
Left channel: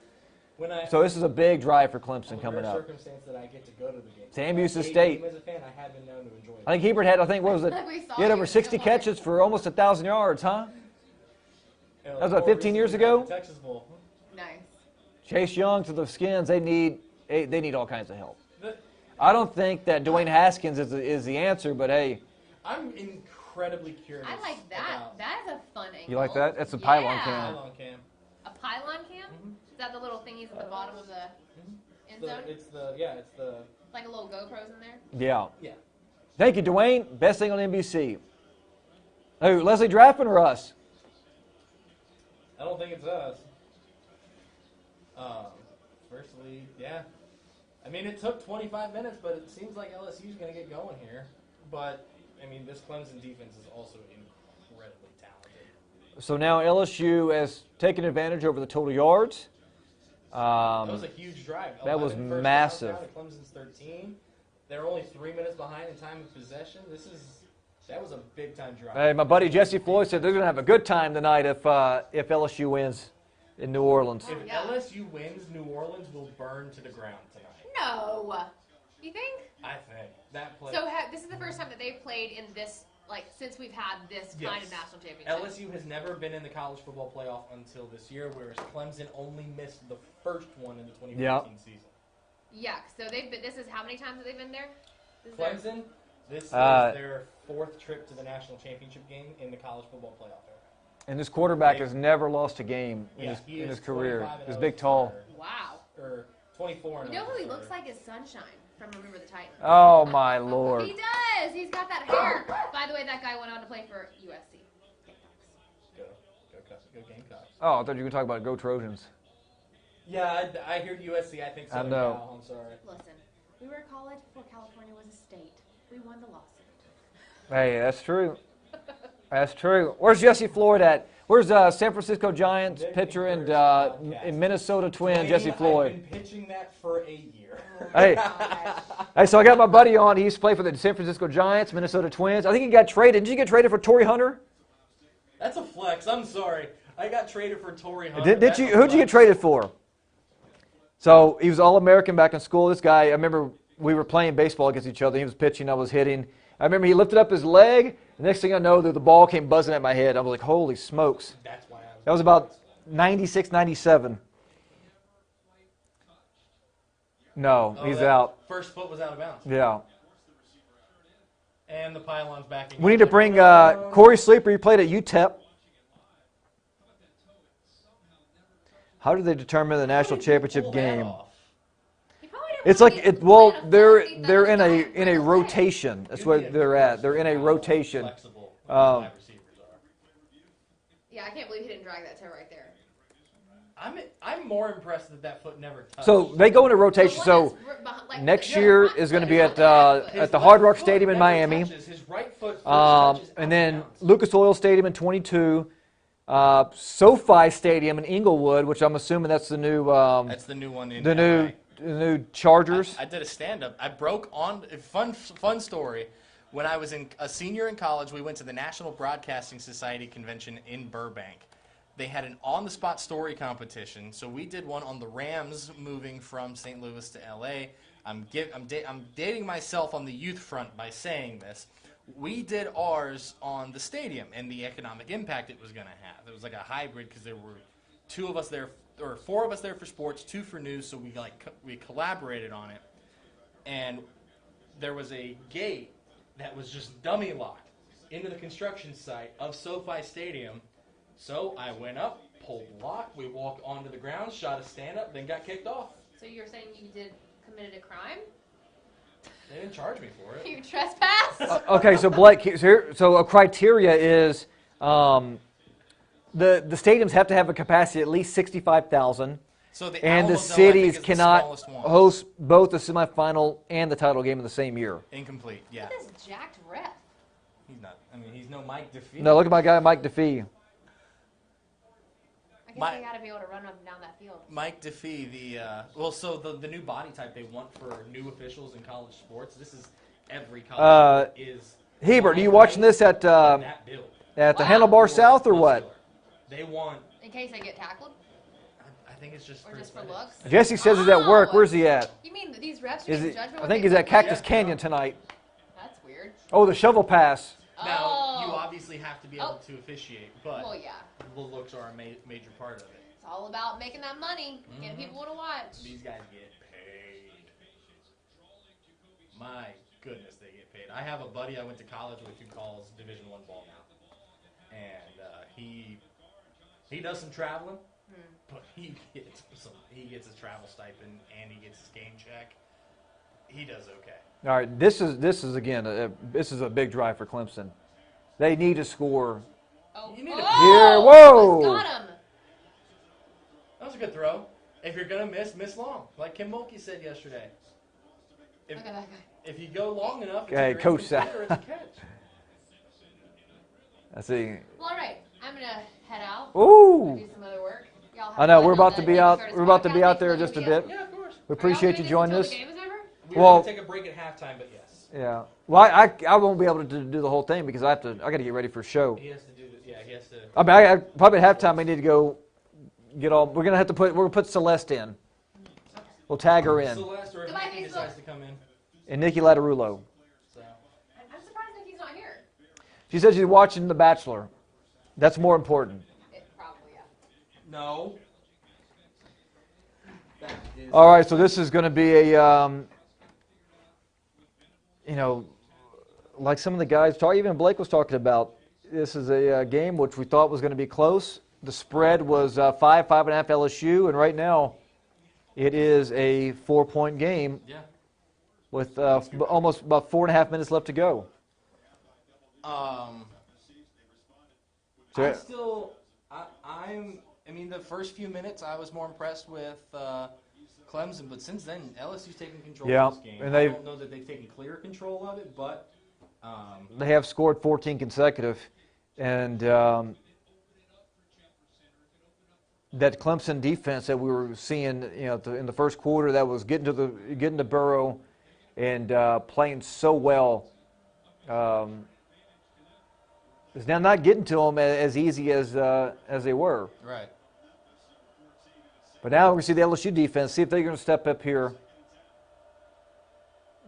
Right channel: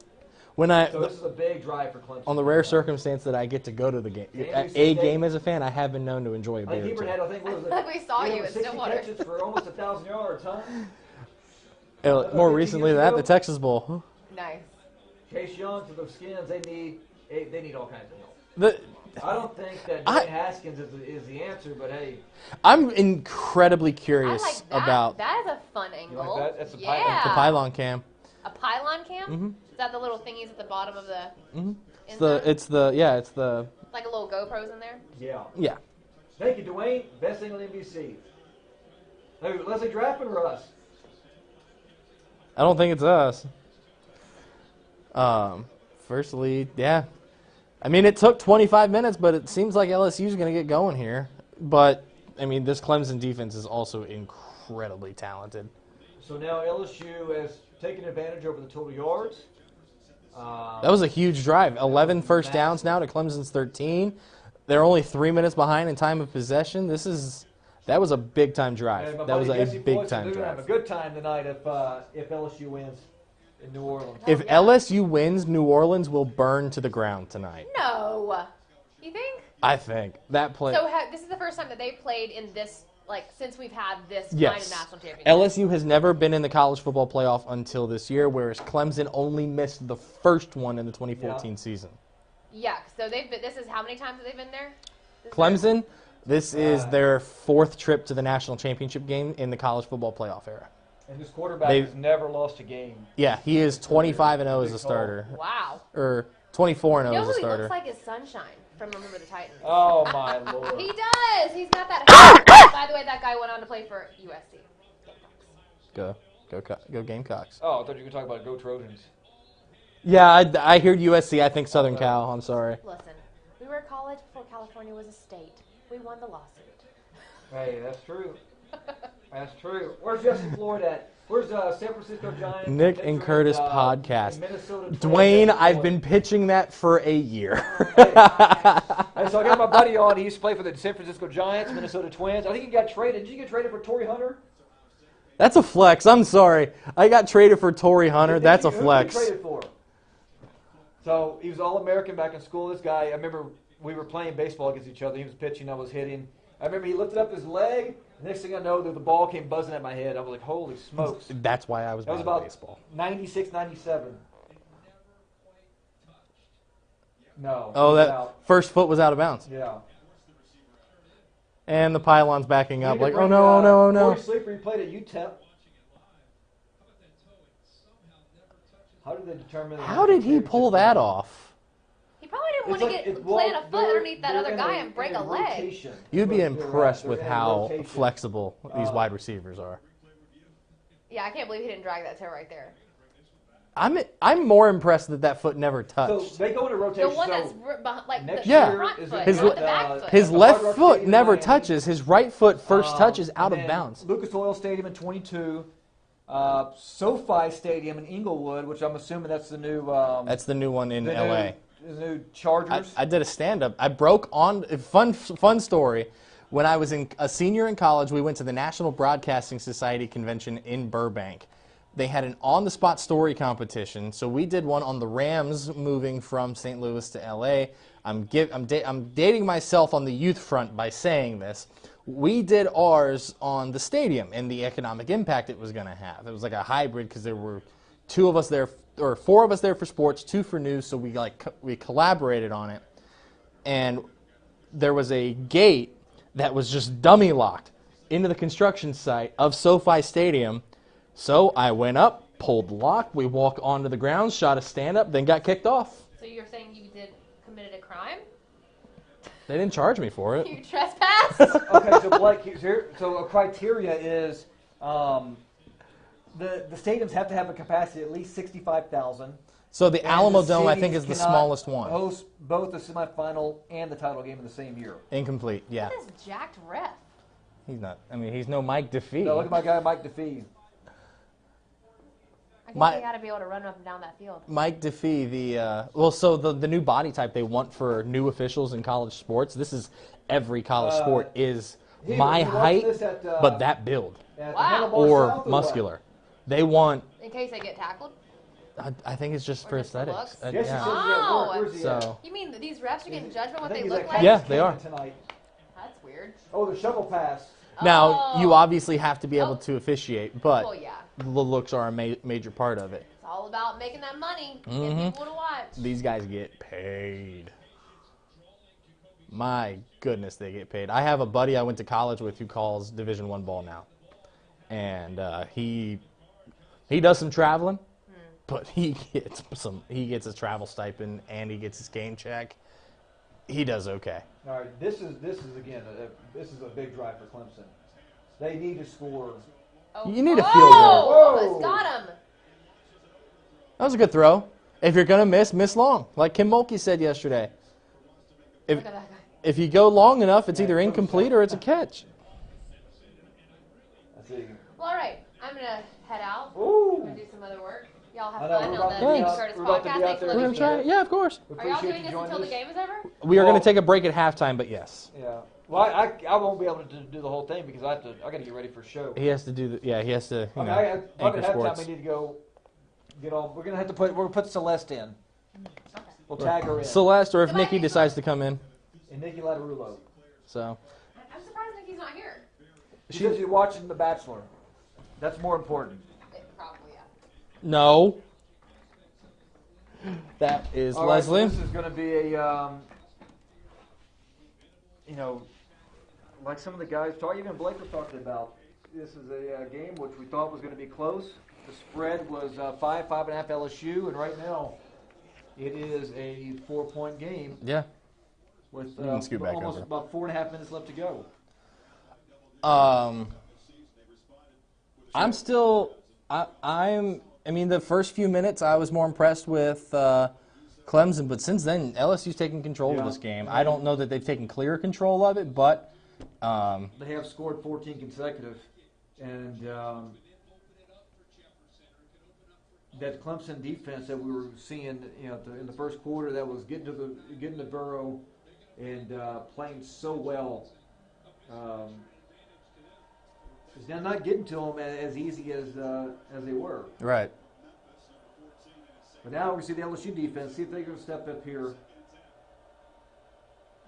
When I So this is a big drive for Clemson. on the coming rare up. circumstance that I get to go to the game, Sam Houston a State. game as a fan, I have been known to enjoy. I think Hebert had, what was it? Like we saw He had you over in 60 Stillwater. catches for almost 1,000 yards, huh? was more 15 recently years than that, ago? the Texas Bowl. Nice. Chase Young to the Skins, they need all kinds of help. The, I don't think that Dwayne Haskins is the answer, but hey, I'm incredibly I curious like that. about That is a fun angle. like that? That's a yeah. pylon the pylon cam. A pylon cam? Mhm. Is that the little thingies at the bottom of the It's inside? the Like a little GoPros in there? yeah. Thank you, Dwayne. Best thing on NBC. Who, Leslie Draftman or us? I don't think it's us. First lead, yeah. I mean, it took 25 minutes, but it seems like LSU's going to get going here. But, I mean, this Clemson defense is also incredibly talented. So now LSU has taken advantage over the total yards. That was a huge drive. 11 was first downs massive. now to Clemson's 13. They're only 3 minutes behind in time of possession. That was a big-time drive. Hey, my That buddy was a Jesse Floyd said big-time they're going to have a drive. good time tonight if LSU wins in New Orleans. If Yeah. LSU wins, New Orleans will burn to the ground tonight. No. You think? I think. That play. So this is the first time that they've played in this, like, since we've had this kind of Yes. national championship. LSU has never been in the college football playoff until this year, whereas Clemson only missed the first one in the 2014 season. Yeah, so this is how many times have they been there? This is Clemson, this is Uh, their fourth trip to the national championship game in the college football playoff era. And this quarterback They've- has never lost a game. Yeah, he is his career. 25-0 He's as a big, tall. starter. their- Wow. Or 24-0 You know as who a he starter. looks like is Sunshine from Remember the Titans. Oh, my Lord. He does. He's got that. By the way, that guy went on to play for USC. Go Gamecocks. Oh, I thought you were talking about Go Trojans. Yeah, I hear USC. I think Southern No. Cal. I'm sorry. Listen, we were a college before California was a state. We won the lawsuit. Hey, that's true. That's true. Where's Jesse Floyd at? Where's San Francisco Giants Nick and pitcher Kurtis podcast. and Minnesota Twins? Dwayne, Jesse I've Floyd. been pitching that for a year. Hey, so I got my buddy on. He used to play for the San Francisco Giants, Minnesota Twins. I think he got traded. Did you get traded for Torrey Hunter? That's a flex. I'm sorry. I got traded for Torrey Hunter. That's a flex. Who did you get traded for? So he was All-American back in school. This guy, I remember we were playing baseball against each other. He was pitching, I was hitting. I remember he lifted up his leg. The next thing I know, the ball came buzzing at my head. I was like, holy smokes. That's why I was. That was playing about baseball. 96, 97. No, Oh, he's that out. first foot was out of bounds. Yeah. And the pylon's backing up. We need to like, bring no. Corey Sleeper. He played at UTEP. How did they determine the How national did you championship pull that game? off? You probably didn't It's want like to get well, plant a foot they're underneath that they're other in guy a and in break a leg. rotation. That's You'd what be they're impressed at. They're with in a how rotation. flexible these wide receivers are. Yeah, I can't believe he didn't drag that toe right there. I'm more impressed that foot never touched. So they go into The rotation. one So that's behind, like next the year front is foot, going to be not at the back foot. his the left Hard Rock foot Stadium in never Miami. touches. His right foot first touches out and then of bounds. Lucas Oil Stadium in 22. SoFi Stadium in Inglewood, which I'm assuming that's the new That's the new one in the LA. new Chargers. I did a stand-up. I broke on fun story. When I was a senior in college, we went to the National Broadcasting Society convention in Burbank. They had an on-the-spot story competition, so we did one on the Rams moving from St. Louis to L.A. I'm dating myself on the youth front by saying this. We did ours on the stadium and the economic impact it was going to have. It was like a hybrid because there were 4 of us there for sports, 2 for news, so we collaborated on it. And there was a gate that was just dummy locked into the construction site of SoFi Stadium. So I went up, pulled the lock, we walked onto the ground, shot a stand-up, then got kicked off. So you're saying you committed a crime? They didn't charge me for it. You trespassed? Okay, so Blake, so a criteria is the stadiums have to have a capacity at least 65,000. So the And Alamo the Dome, I cities think, is the cannot smallest one. host both the semifinal and the title game in the same year. Incomplete, yeah. Look at this jacked ref. He's not. I mean, he's no Mike DeFee. Now look at my guy Mike DeFee. I guess you got to be able to run up and down that field. Mike DeFee, so the new body type they want for new officials in college sports. This is every college sport is. Heber, my you watching height, this at but that build at the Wow. Handlebar or South or muscular. They want. In case they get tackled? I think it's just Or for just the aesthetics. looks? Jesse says he's at work. Where's he at? So- You mean these refs are Is getting it, judgment I what think they he's look at like? Cactus Yeah, they Canyon are. tonight. That's weird. Oh, the shovel pass. Now you Oh. obviously have to be able to officiate, but Well, yeah. the looks are a major part of it. It's all about making that money. Mm-hmm. Get people to watch. These guys get paid. My goodness, they get paid. I have a buddy I went to college with who calls Division I ball now, and he does some traveling, but he gets a travel stipend and he gets his game check. He does okay. All right, this is again this is a big drive for Clemson. They need to score. Oh. You need a oh, field goal. Whoa. Got him. That was a good throw. If you're gonna miss long, like Kim Mulkey said yesterday. Look at that guy. If you go long enough, it's Yeah, either Coach incomplete said. or it's a catch. I see. Well, all right. I'm going to head out. Ooh. Do some other work. Y'all have I know, fun we're on about to the be out- Curtis we're about to be podcast. out there Thanks just for a listening. bit. Yeah, of course. We Are y'all appreciate gonna you get joining until us. the game is over? We are Well- going to take a break at halftime, but yes. Yeah. Well, I won't be able to do the whole thing because I got to get ready for a show. He has to do he has to. I mean, I probably at Sports. halftime I need to go get all. We're gonna put Celeste in. We'll tag her in. Celeste, or if Goodbye, Nikki Nick. decides to come in. And Nikki Latarullo. So I'm surprised Nikki's not here. She said she's watching The Bachelor. That's more important. Probably, yeah. no. That is. All right, so Leslie. this is going to be a, like some of the guys even Blake was talking about. This is a game which we thought was going to be close. The spread was 5.5 LSU, and right now it is a 4-point game Yeah. with Let's get back almost up. about 4.5 minutes left to go. I'm still. I mean, the first few minutes I was more impressed with Clemson, but since then LSU's taken control Yeah, of this game. and I they- don't know that they've taken clear control of it, but They have scored 14 consecutive, and that Clemson defense that we were seeing, in the first quarter, that was getting to Burrow and playing so well, is now not getting to them as easy as they were. Right. But now we see the LSU defense. See if they're going to step up here.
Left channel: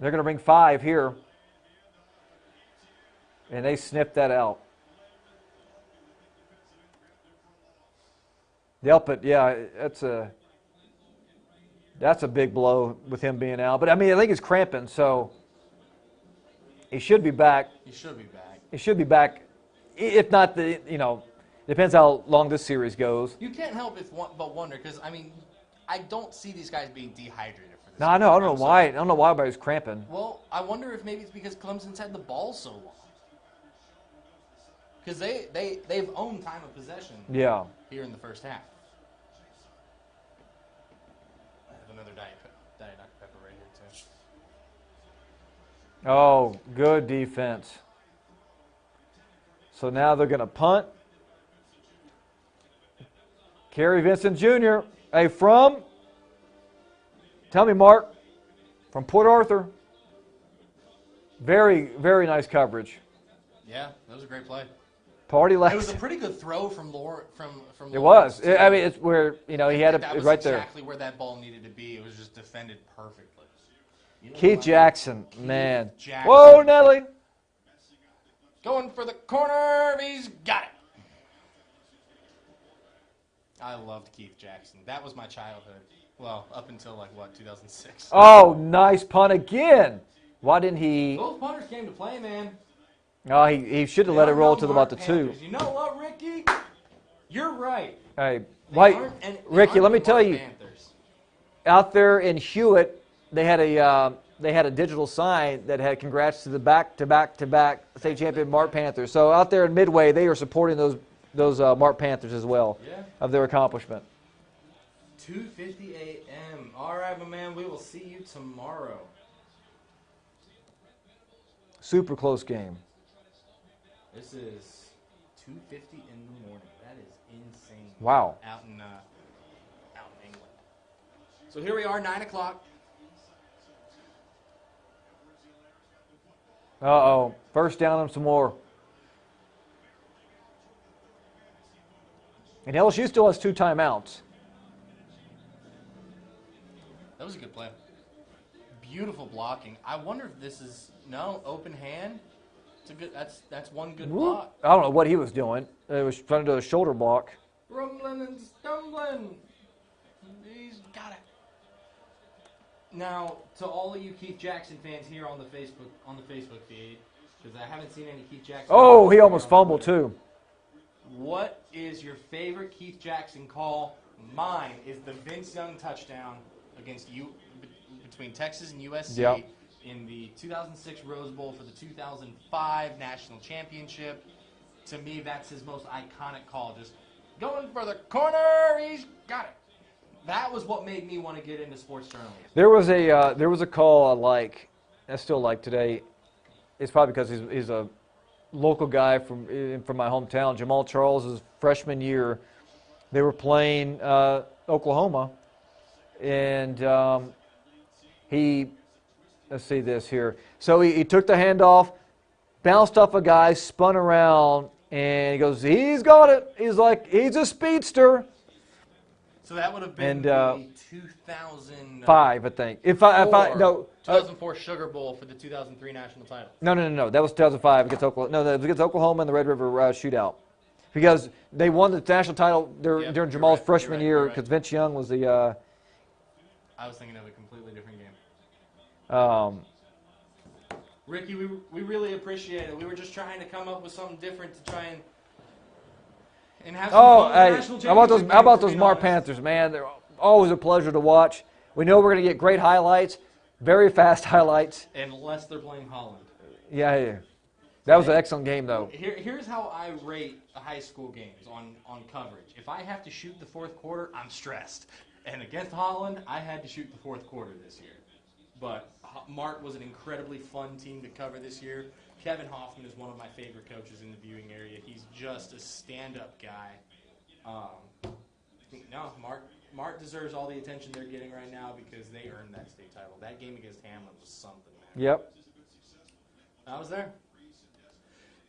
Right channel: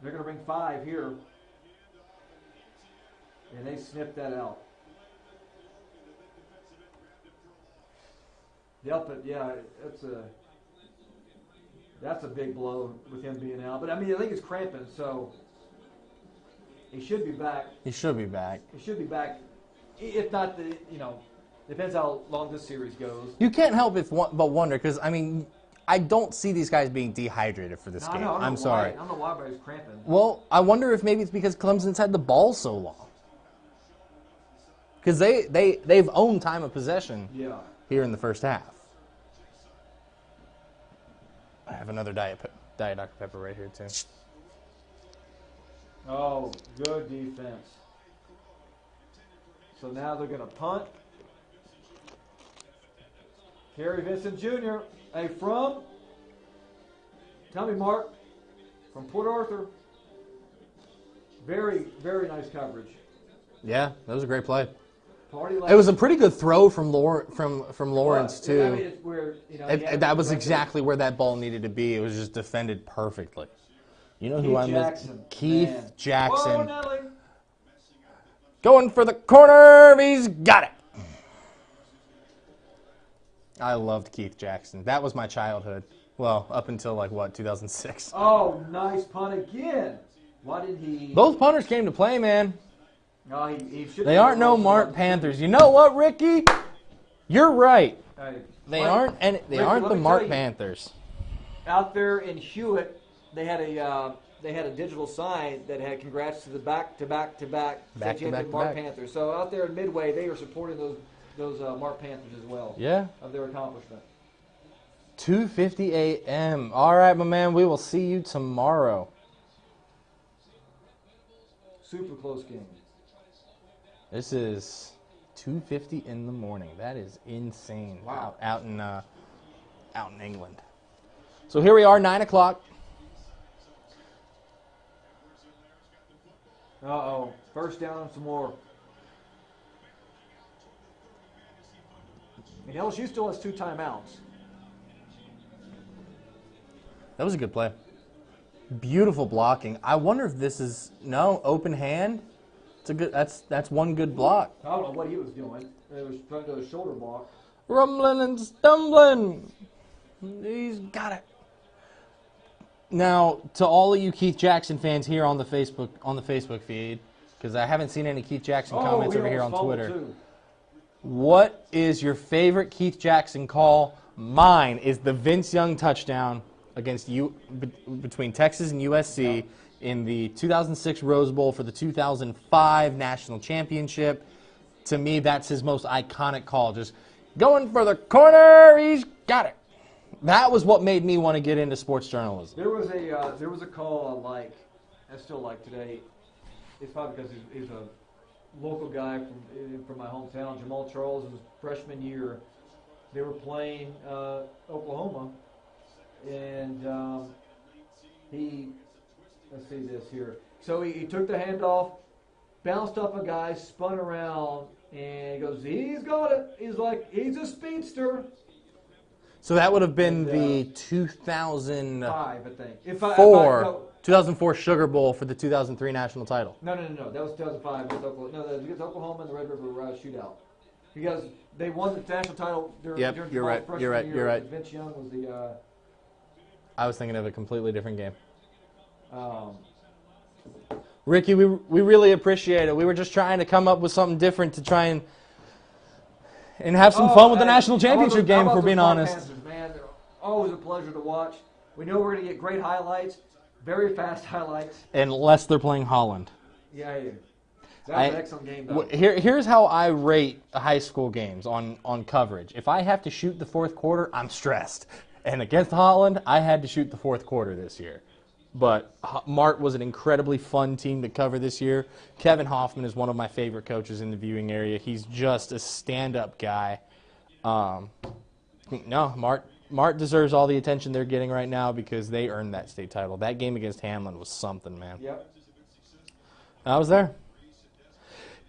They're going to bring 5 here, and they snipped that out. Delpit, yeah, that's a big blow with him being out. But I think he's cramping, so he should be back. He should be back. He should be back. If not, depends how long this series goes. You can't help but wonder because I don't see these guys being dehydrated for this. No, game. I know. I don't I'm know why. sorry. I don't know why everybody's cramping. Well, I wonder if maybe it's because Clemson's had the ball so long. Because they've owned time of possession. Yeah. Here in the first half. I have another Diet Dr. Pepper right here too. Oh, good defense. So now they're going to punt. Kerry Vincent Jr. Hey, tell me, Mark, from Port Arthur. Very, very nice coverage. Yeah, that was a great play. Party left. It was a pretty good throw from Lawrence. It was. Too. It's where he had that was right exactly where that ball needed to be. It was just defended perfectly. Keith Jackson, man. Keith Jackson. Whoa, Nelly. Going for the corner. He's got it. I loved Keith Jackson. That was my childhood. Well, up until 2006. Oh, nice punt again. Why didn't he? Those punters came to play, man. Oh, he should have. They aren't no Mark Panthers. You know what, Ricky? You're right. Hey, They aren't. And Ricky, let me tell you. Panthers. Out there in Hewitt, they had a digital sign that had congrats to the back-to-back state champion Mark Panthers. So out there in Midway, they are supporting those Mark Panthers as well. Yeah. Of their accomplishment. 2:50 a.m. All right, my man. We will see you tomorrow. Super close game. This is 2:50 in the morning. That is insane. Wow. Out in England. So here we are, 9 o'clock. Uh-oh. First down and some more. And LSU still has 2 timeouts. That was a good play. Beautiful blocking. I wonder if this is open hand. It's a good. That's one good block. I don't know what he was doing. He was trying to do a shoulder block. Rumbling and stumbling. He's got it. Now, to all of you Keith Jackson fans here on the Facebook feed, because I haven't seen any Keith Jackson. Oh, he comments almost on fumbled Twitter. too. What is your favorite Keith Jackson call? Mine is the Vince Young touchdown against between Texas and USC Yep. in the 2006 Rose Bowl for the 2005 National Championship. To me, that's his most iconic call. Just going for the corner, he's got it. That was what made me want to get into sports journalism. There was a call I still like today. It's probably because he's a local guy from my hometown. Jamal Charles' freshman year, they were playing Oklahoma, and let's see this here. So he took the handoff, bounced off a guy, spun around, and he goes, he's got it. He's a speedster. So that would have been And, the 2005, 5, I think. 2004 Sugar Bowl for the 2003 national title. No. That was 2005 against Oklahoma. No, that was against Oklahoma in the Red River shootout. Because they won the national title during you're Jamal's right, freshman you're right, year. you're right. Because Vince Young was the. I was thinking of a completely different game. Um, Ricky, we really appreciate it. We were just trying to come up with something different to try and have some fun with the national championship game, How about for those being Mark honest. Panthers, man? They're always a pleasure to watch. We know we're going to get great highlights, very fast highlights. Unless they're playing Holland. Yeah. That was an excellent game, though. Here's how I rate high school games on coverage. If I have to shoot the fourth quarter, I'm stressed. And against Holland, I had to shoot the fourth quarter this year. But Mart was an incredibly fun team to cover this year. Kevin Hoffman is one of my favorite coaches in the viewing area. He's just a stand-up guy. No, Mart deserves all the attention they're getting right now because they earned that state title. That game against Hamlin was something, man. Yep. I was there.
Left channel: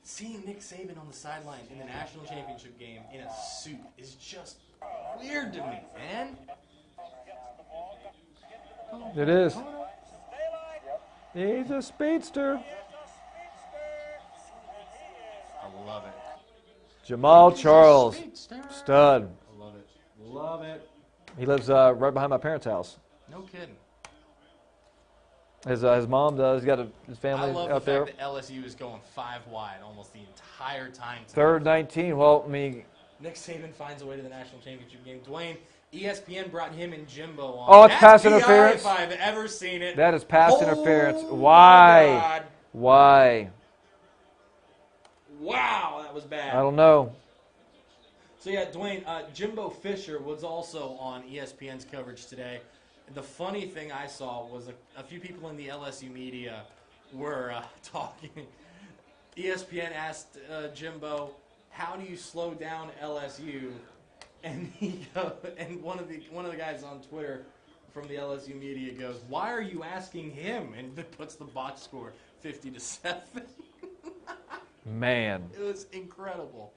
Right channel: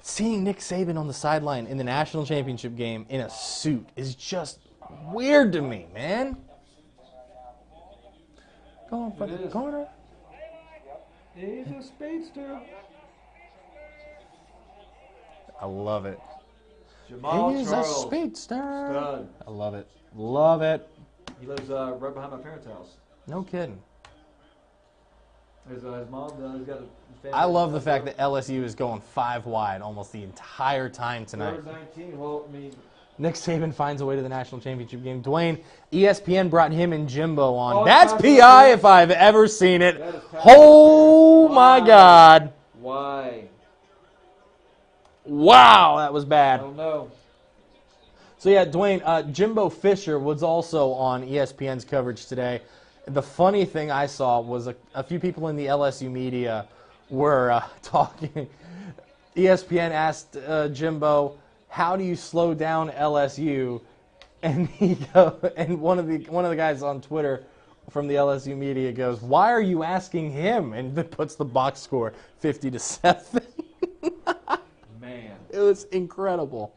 Seeing Nick Saban on the sideline in the national championship game in a suit is just weird to me, man. It is. He's a speedster. I love it. Jamal He's a Charles, speedster. stud. I love it. Love it. He lives right behind my parents' house. No kidding. His mom does. He's got his family. I love the comes fact over. that LSU is going 5 wide almost the entire time tonight. Third 19. Well, I mean, Nick Saban finds a way to the national championship game. Dwayne, ESPN brought him and Jimbo on. Oh, it's That's pass PI interference. if I've ever seen it. that is pass interference. Oh, Why? my God. Why? Wow, that was I bad. don't know. So, yeah, Dwayne, Jimbo Fisher was also on ESPN's coverage today. The funny thing I saw was a few people in the LSU media were talking. ESPN asked Jimbo, how do you slow down LSU? And and one of the guys on Twitter from the LSU media goes, why are you asking him? And it puts the box score 50-7. Man. It was incredible.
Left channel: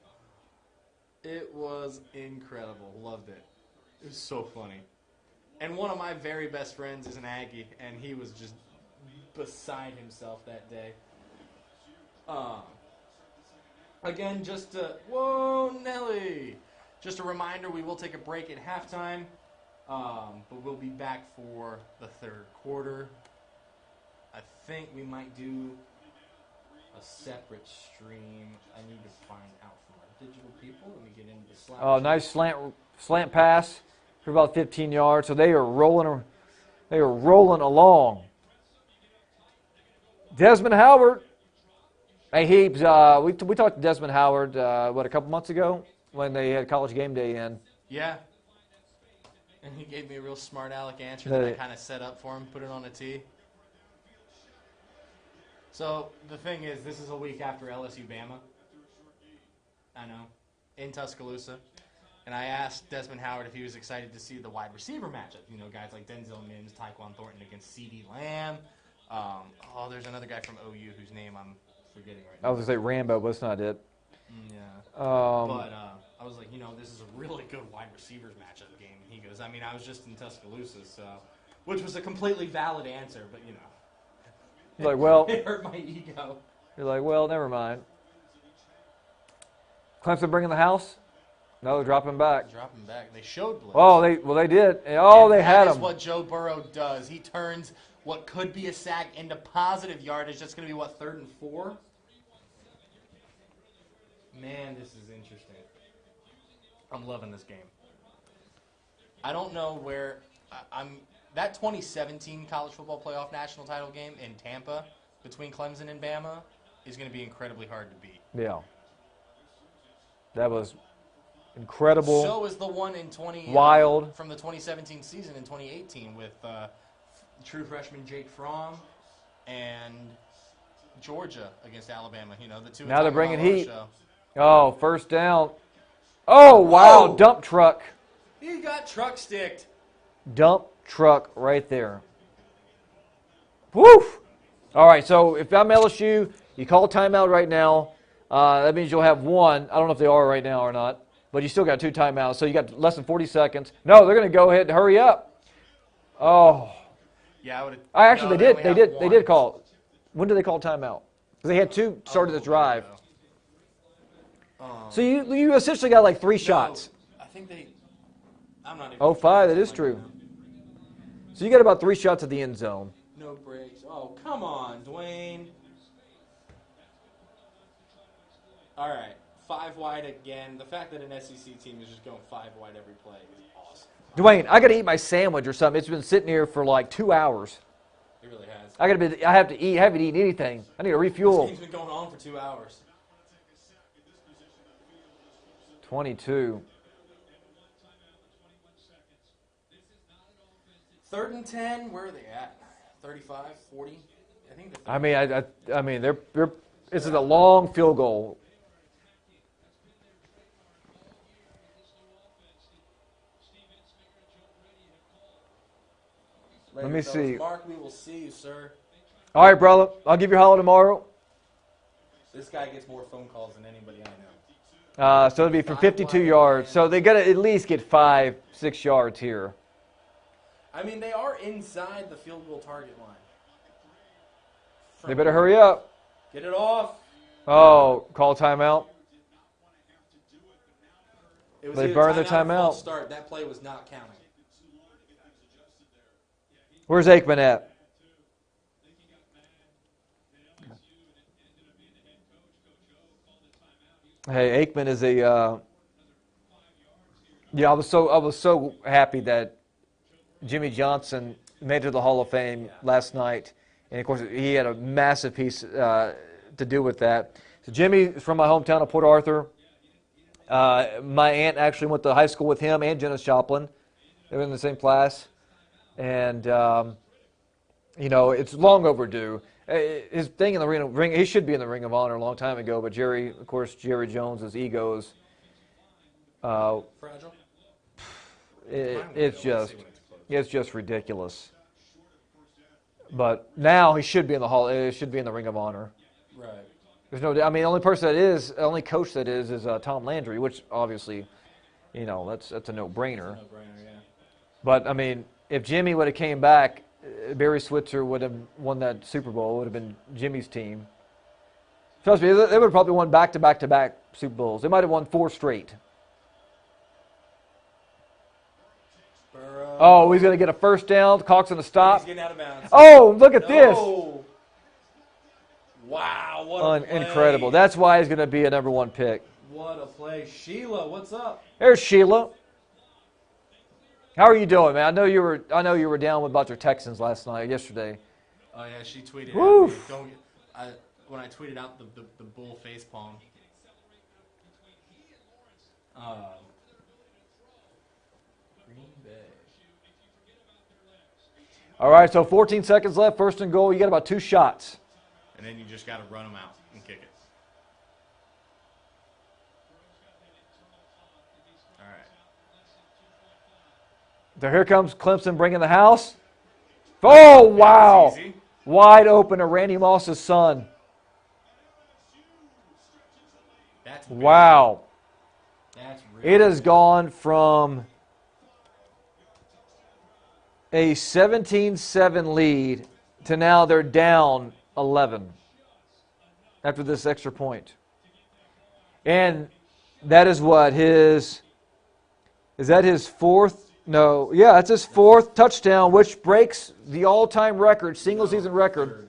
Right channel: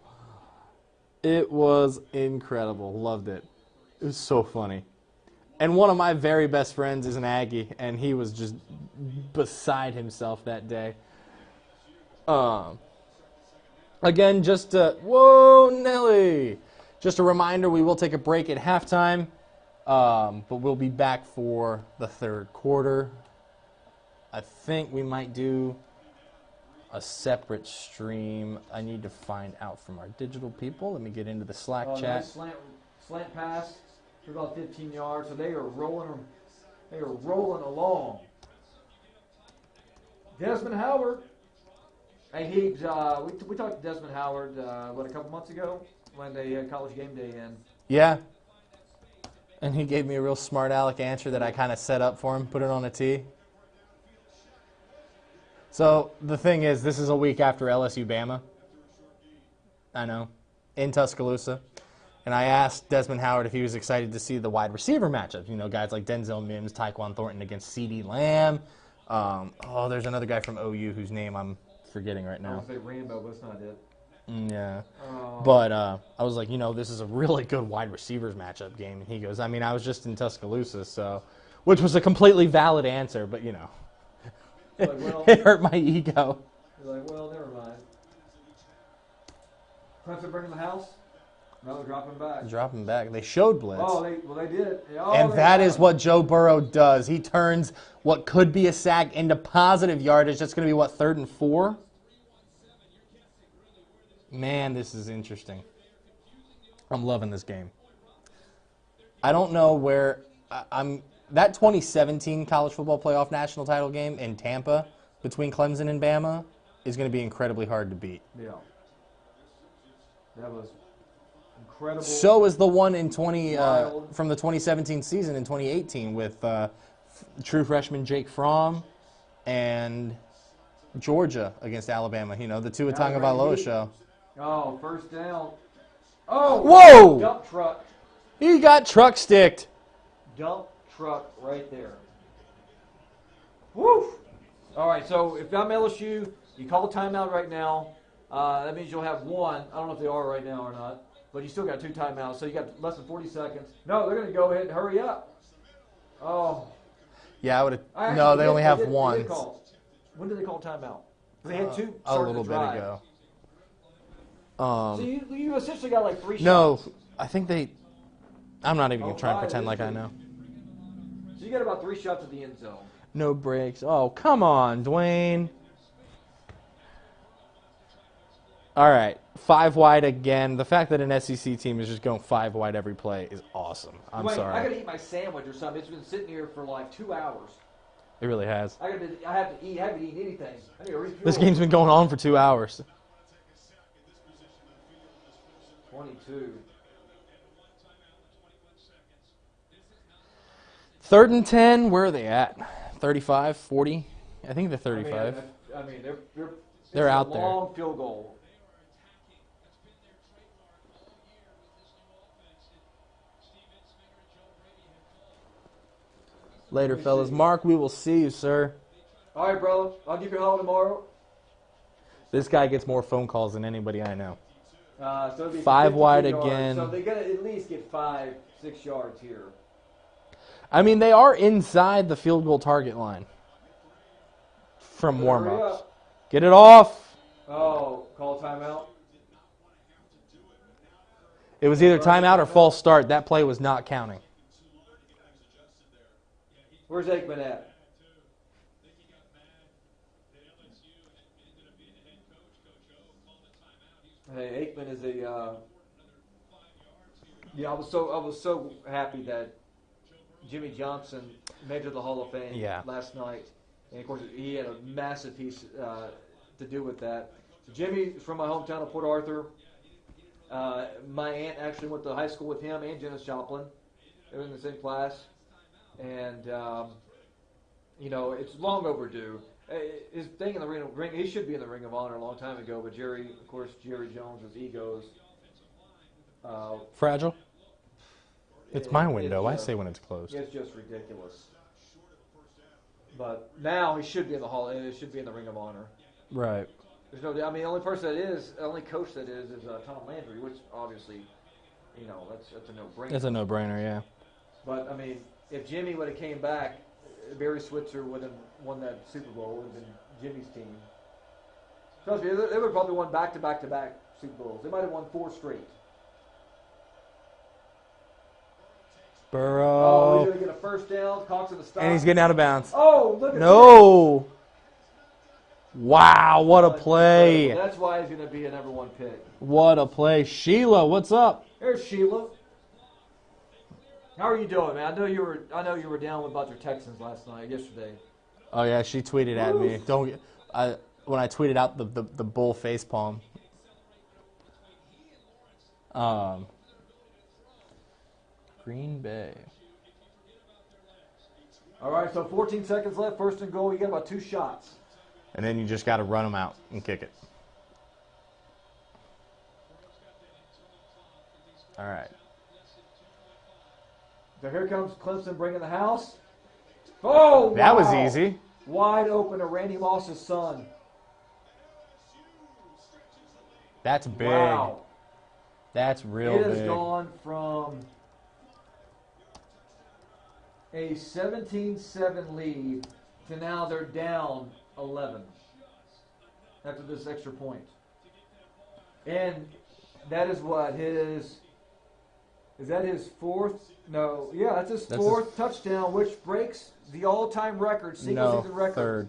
It was incredible. Loved it. It was so funny. And one of my very best friends is an Aggie, and he was just beside himself that day. Again, whoa, Nelly. Just a reminder, we will take a break at halftime, but we'll be back for the third quarter. I think we might do a separate stream. I need to find out from our digital people. Let me get into the Slack chat. Nice slant pass for about 15 yards. So they are rolling along. Desmond Howard. Hey, Heaps, we talked to Desmond Howard, a couple months ago when they had College Game Day in. Yeah. And he gave me a real smart aleck answer that I kind of set up for him, put it on a tee. So the thing is, this is a week after LSU Bama. I know. In Tuscaloosa. And I asked Desmond Howard if he was excited to see the wide receiver matchup. You know, guys like Denzel Mims, Tyquan Thornton against C.D. Lamb. There's another guy from OU whose name I'm forgetting right now. I was going to say Rambo, but it's not it. Yeah. But I was like, this is a really good wide receivers matchup game. And he goes, I was just in Tuscaloosa, so, which was a completely valid answer, but, Like, well, it hurt my ego. you're like, well, never mind. Clemson bringing the house? No, they're dropping back. Dropping back. They showed blitz. Oh, they did. And They that had is him. what Joe Burrow does. He turns what could be a sack into positive yardage. That's going to be, 3rd and 4? Man, this is interesting. I'm loving this game. I don't know where that 2017 College Football Playoff National Title game in Tampa between Clemson and Bama is going to be incredibly hard to beat. Yeah. That was incredible. So is the one in Wild. from the 2017 season in 2018 with true freshman Jake Fromm and Georgia against Alabama. The two Now they're Tagovailoa bringing heat. show. Oh, first down. Oh, Whoa! wow. Dump truck. He got truck sticked. Dump truck right there. Woof. All right, so if I'm LSU, you call a timeout right now. That means you'll have one. I don't know if they are right now or not, but you still got 2 timeouts, so you got less than 40 seconds. No, they're going to go ahead and hurry up. Oh. Yeah, I would have. I actually no, they only have did. one. They did call. When did they call timeout? Because they had 2 started the drive. So you essentially got like 3 shots. No, I think they. I'm not even Oh, trying to 5, that pretend is like true. I know. So you got about 3 shots at the end zone. No breaks. Oh, come on, Dwayne. All right, 5 wide again. The fact that an SEC team is just going 5 wide every play is awesome. I'm Dwayne, sorry. I got to eat my sandwich or something. It's been sitting here for like 2 hours. It really has. I have to eat. I haven't eaten anything. I need to refuel. This game's been going on for 2 hours. 22. 3rd and 10. Where are they at? 35, 40. I think they're 35. I mean, they're this They're is a out there. long field goal. Later, me fellas. see. Mark, we will see you, sir. All right, brother. I'll give you a holler tomorrow. This guy gets more phone calls than anybody I know. So it'll be for 5 52 wide yards. again. So they got to at least get 5, 6 yards here. I mean, they are inside the field goal target line. They better hurry warm-ups. up. Get it off. Oh, call timeout. It was They either burned the timeout or timeout. false start. That play was not counting. Where's Aikman at? Hey, Aikman is a. Yeah, I was so happy that Jimmy Johnson made it to the Hall of Fame last night, and of course he had a massive piece to do with that. So Jimmy is from my hometown of Port Arthur. My aunt actually went to high school with him and Janis Joplin. They were in the same class, and you know, it's long overdue. His thing in the ring, he should be in the Ring of Honor a long time ago, but Jerry Jones's egos. Fragile? It's my window. I say when it's closed. It's just ridiculous. But now he should be in the hall. It should be in the Ring of Honor. Right. There's no. I mean, the only person that is, the only coach that is Tom Landry, which obviously, you know, that's a no-brainer. It's a no-brainer, yeah. But I mean, if Jimmy would have came back, Barry Switzer would have won that Super Bowl. It would have been Jimmy's team. Trust me, they would have probably won back-to-back Super Bowls. They might have won 4 straight. Burrow. Oh, he's going to get a first down. Cox on the stop. And he's getting out of bounds. Oh, look at this. No. Wow, what a play. Incredible. That's why he's going to be a number 1 pick. What a play. Sheila, what's up? There's Sheila. How are you doing, man? I know you were down about your Texans yesterday. Oh yeah, she tweeted at me. When I tweeted out the bull face palm. Green Bay. All right, so 14 seconds left, first and goal. You got about 2 shots. And then you just got to run them out and kick it. All right. So here comes Clemson bringing the house. Oh, wow. That was easy. Wide open to Randy Moss's son. That's big. Wow. That's real It has big. gone from a 17-7 lead to now they're down 11 after this extra point. And that is what is that his 4th? No, yeah, that's his 4th touchdown, which breaks the all-time record, single-season record. Third.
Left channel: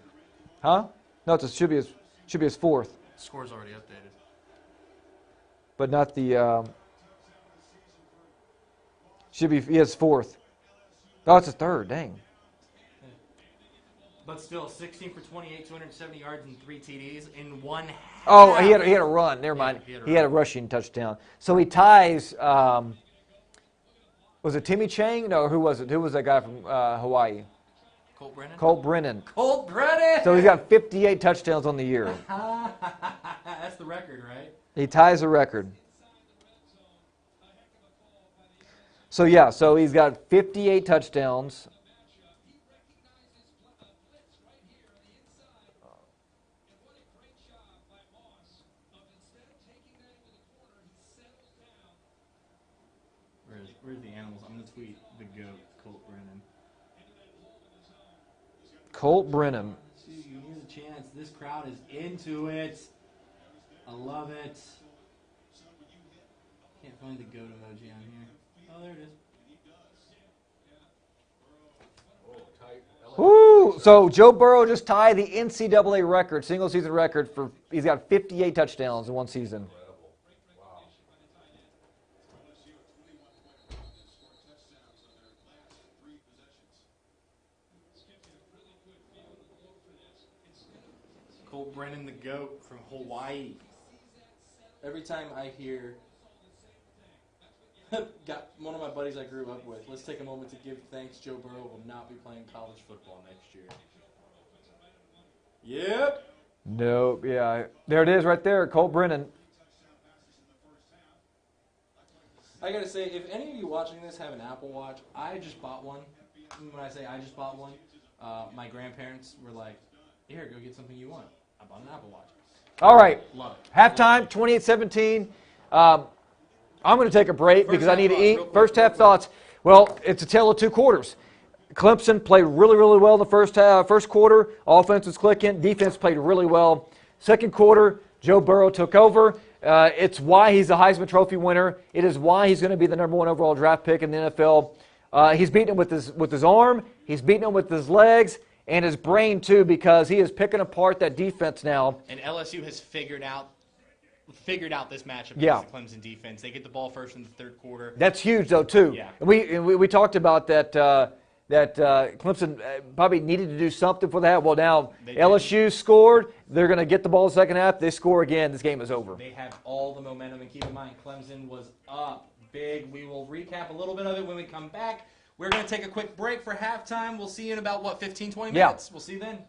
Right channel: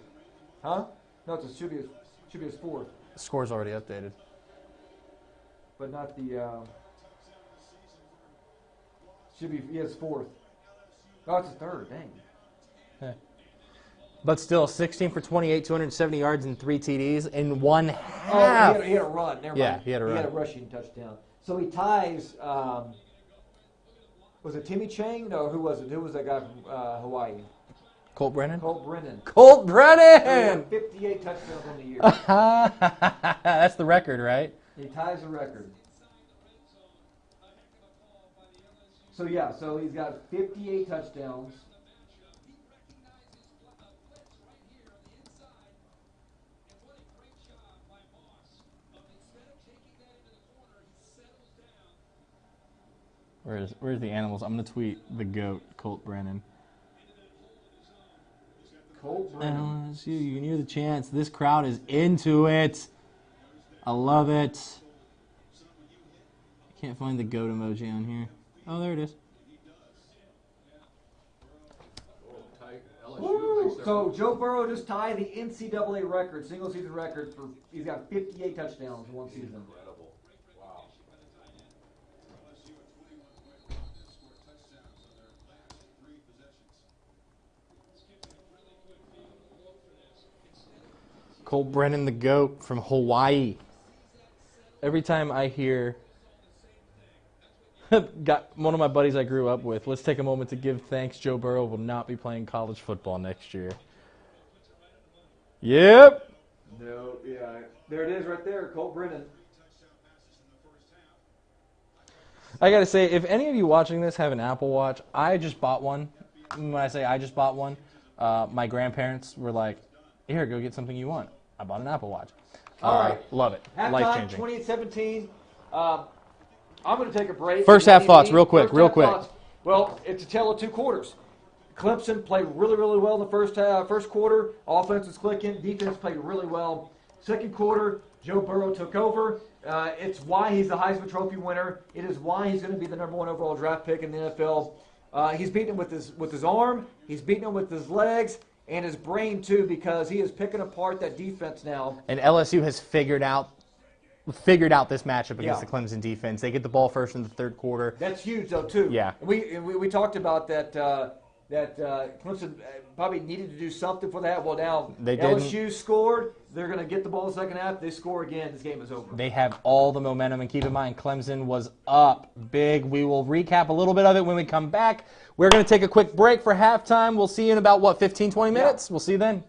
Huh? No, it should be his 4th, The score's already updated. but not the. Should be his 4th. Oh, it's his 3rd. Dang. But still, 16 for 28, 270 yards and 3 TDs in one half. Oh, he had a run. Never mind. Yeah, he had a rushing touchdown. So he ties. Was it Timmy Chang? No, who was it? Who was that guy from Hawaii? Colt Brennan? Colt Brennan. Colt Brennan! So he got 58 touchdowns on the year. That's the record, right? He ties the record. So, yeah, so he's got 58 touchdowns. Where's the animals? I'm going to tweet the GOAT, Colt Brennan. Colt Brennan. You knew the chance. This crowd is into it. I love it. I can't find the GOAT emoji on here. Oh, there it is. Ooh, so Joe Burrow just tied the NCAA record, single-season record for. He's got 58 touchdowns in one season. Colt Brennan, the GOAT from Hawaii. Every time I hear, got one of my buddies I grew up with, let's take a moment to give thanks. Joe Burrow will not be playing college football next year. Yep. Nope. Yeah. There it is right there. Colt Brennan. I got to say, if any of you watching this have an Apple Watch, I just bought one when I say I just bought one, my grandparents were like, here, go get something you want. I bought an Apple Watch. All right. Love it. Halftime, Life-changing. 28-17. I'm going to take a break. First because I half need to thoughts, eat. real quick, First real half quick. thoughts. Well, it's a tale of two quarters. Clemson played really, really well in the first quarter. Offense was clicking. Defense played really well. Second quarter, Joe Burrow took over. It's why he's the Heisman Trophy winner. It is why he's going to be the number 1 overall draft pick in the NFL. He's beating him with his arm. He's beating him with his legs and his brain too, because he is picking apart that defense now. And LSU has figured out this matchup against Yeah. the Clemson defense. They get the ball first in the third quarter. That's huge, though, too. Yeah. We talked about that. Clemson probably needed to do something for that. Well, now They didn't. LSU scored. They're going to get the ball in the second half. They score again. This game is over. They have all the momentum, and keep in mind, Clemson was up big. We will recap a little bit of it when we come back. We're going to take a quick break for halftime. We'll see you in about, 15, 20 minutes? We'll see you then.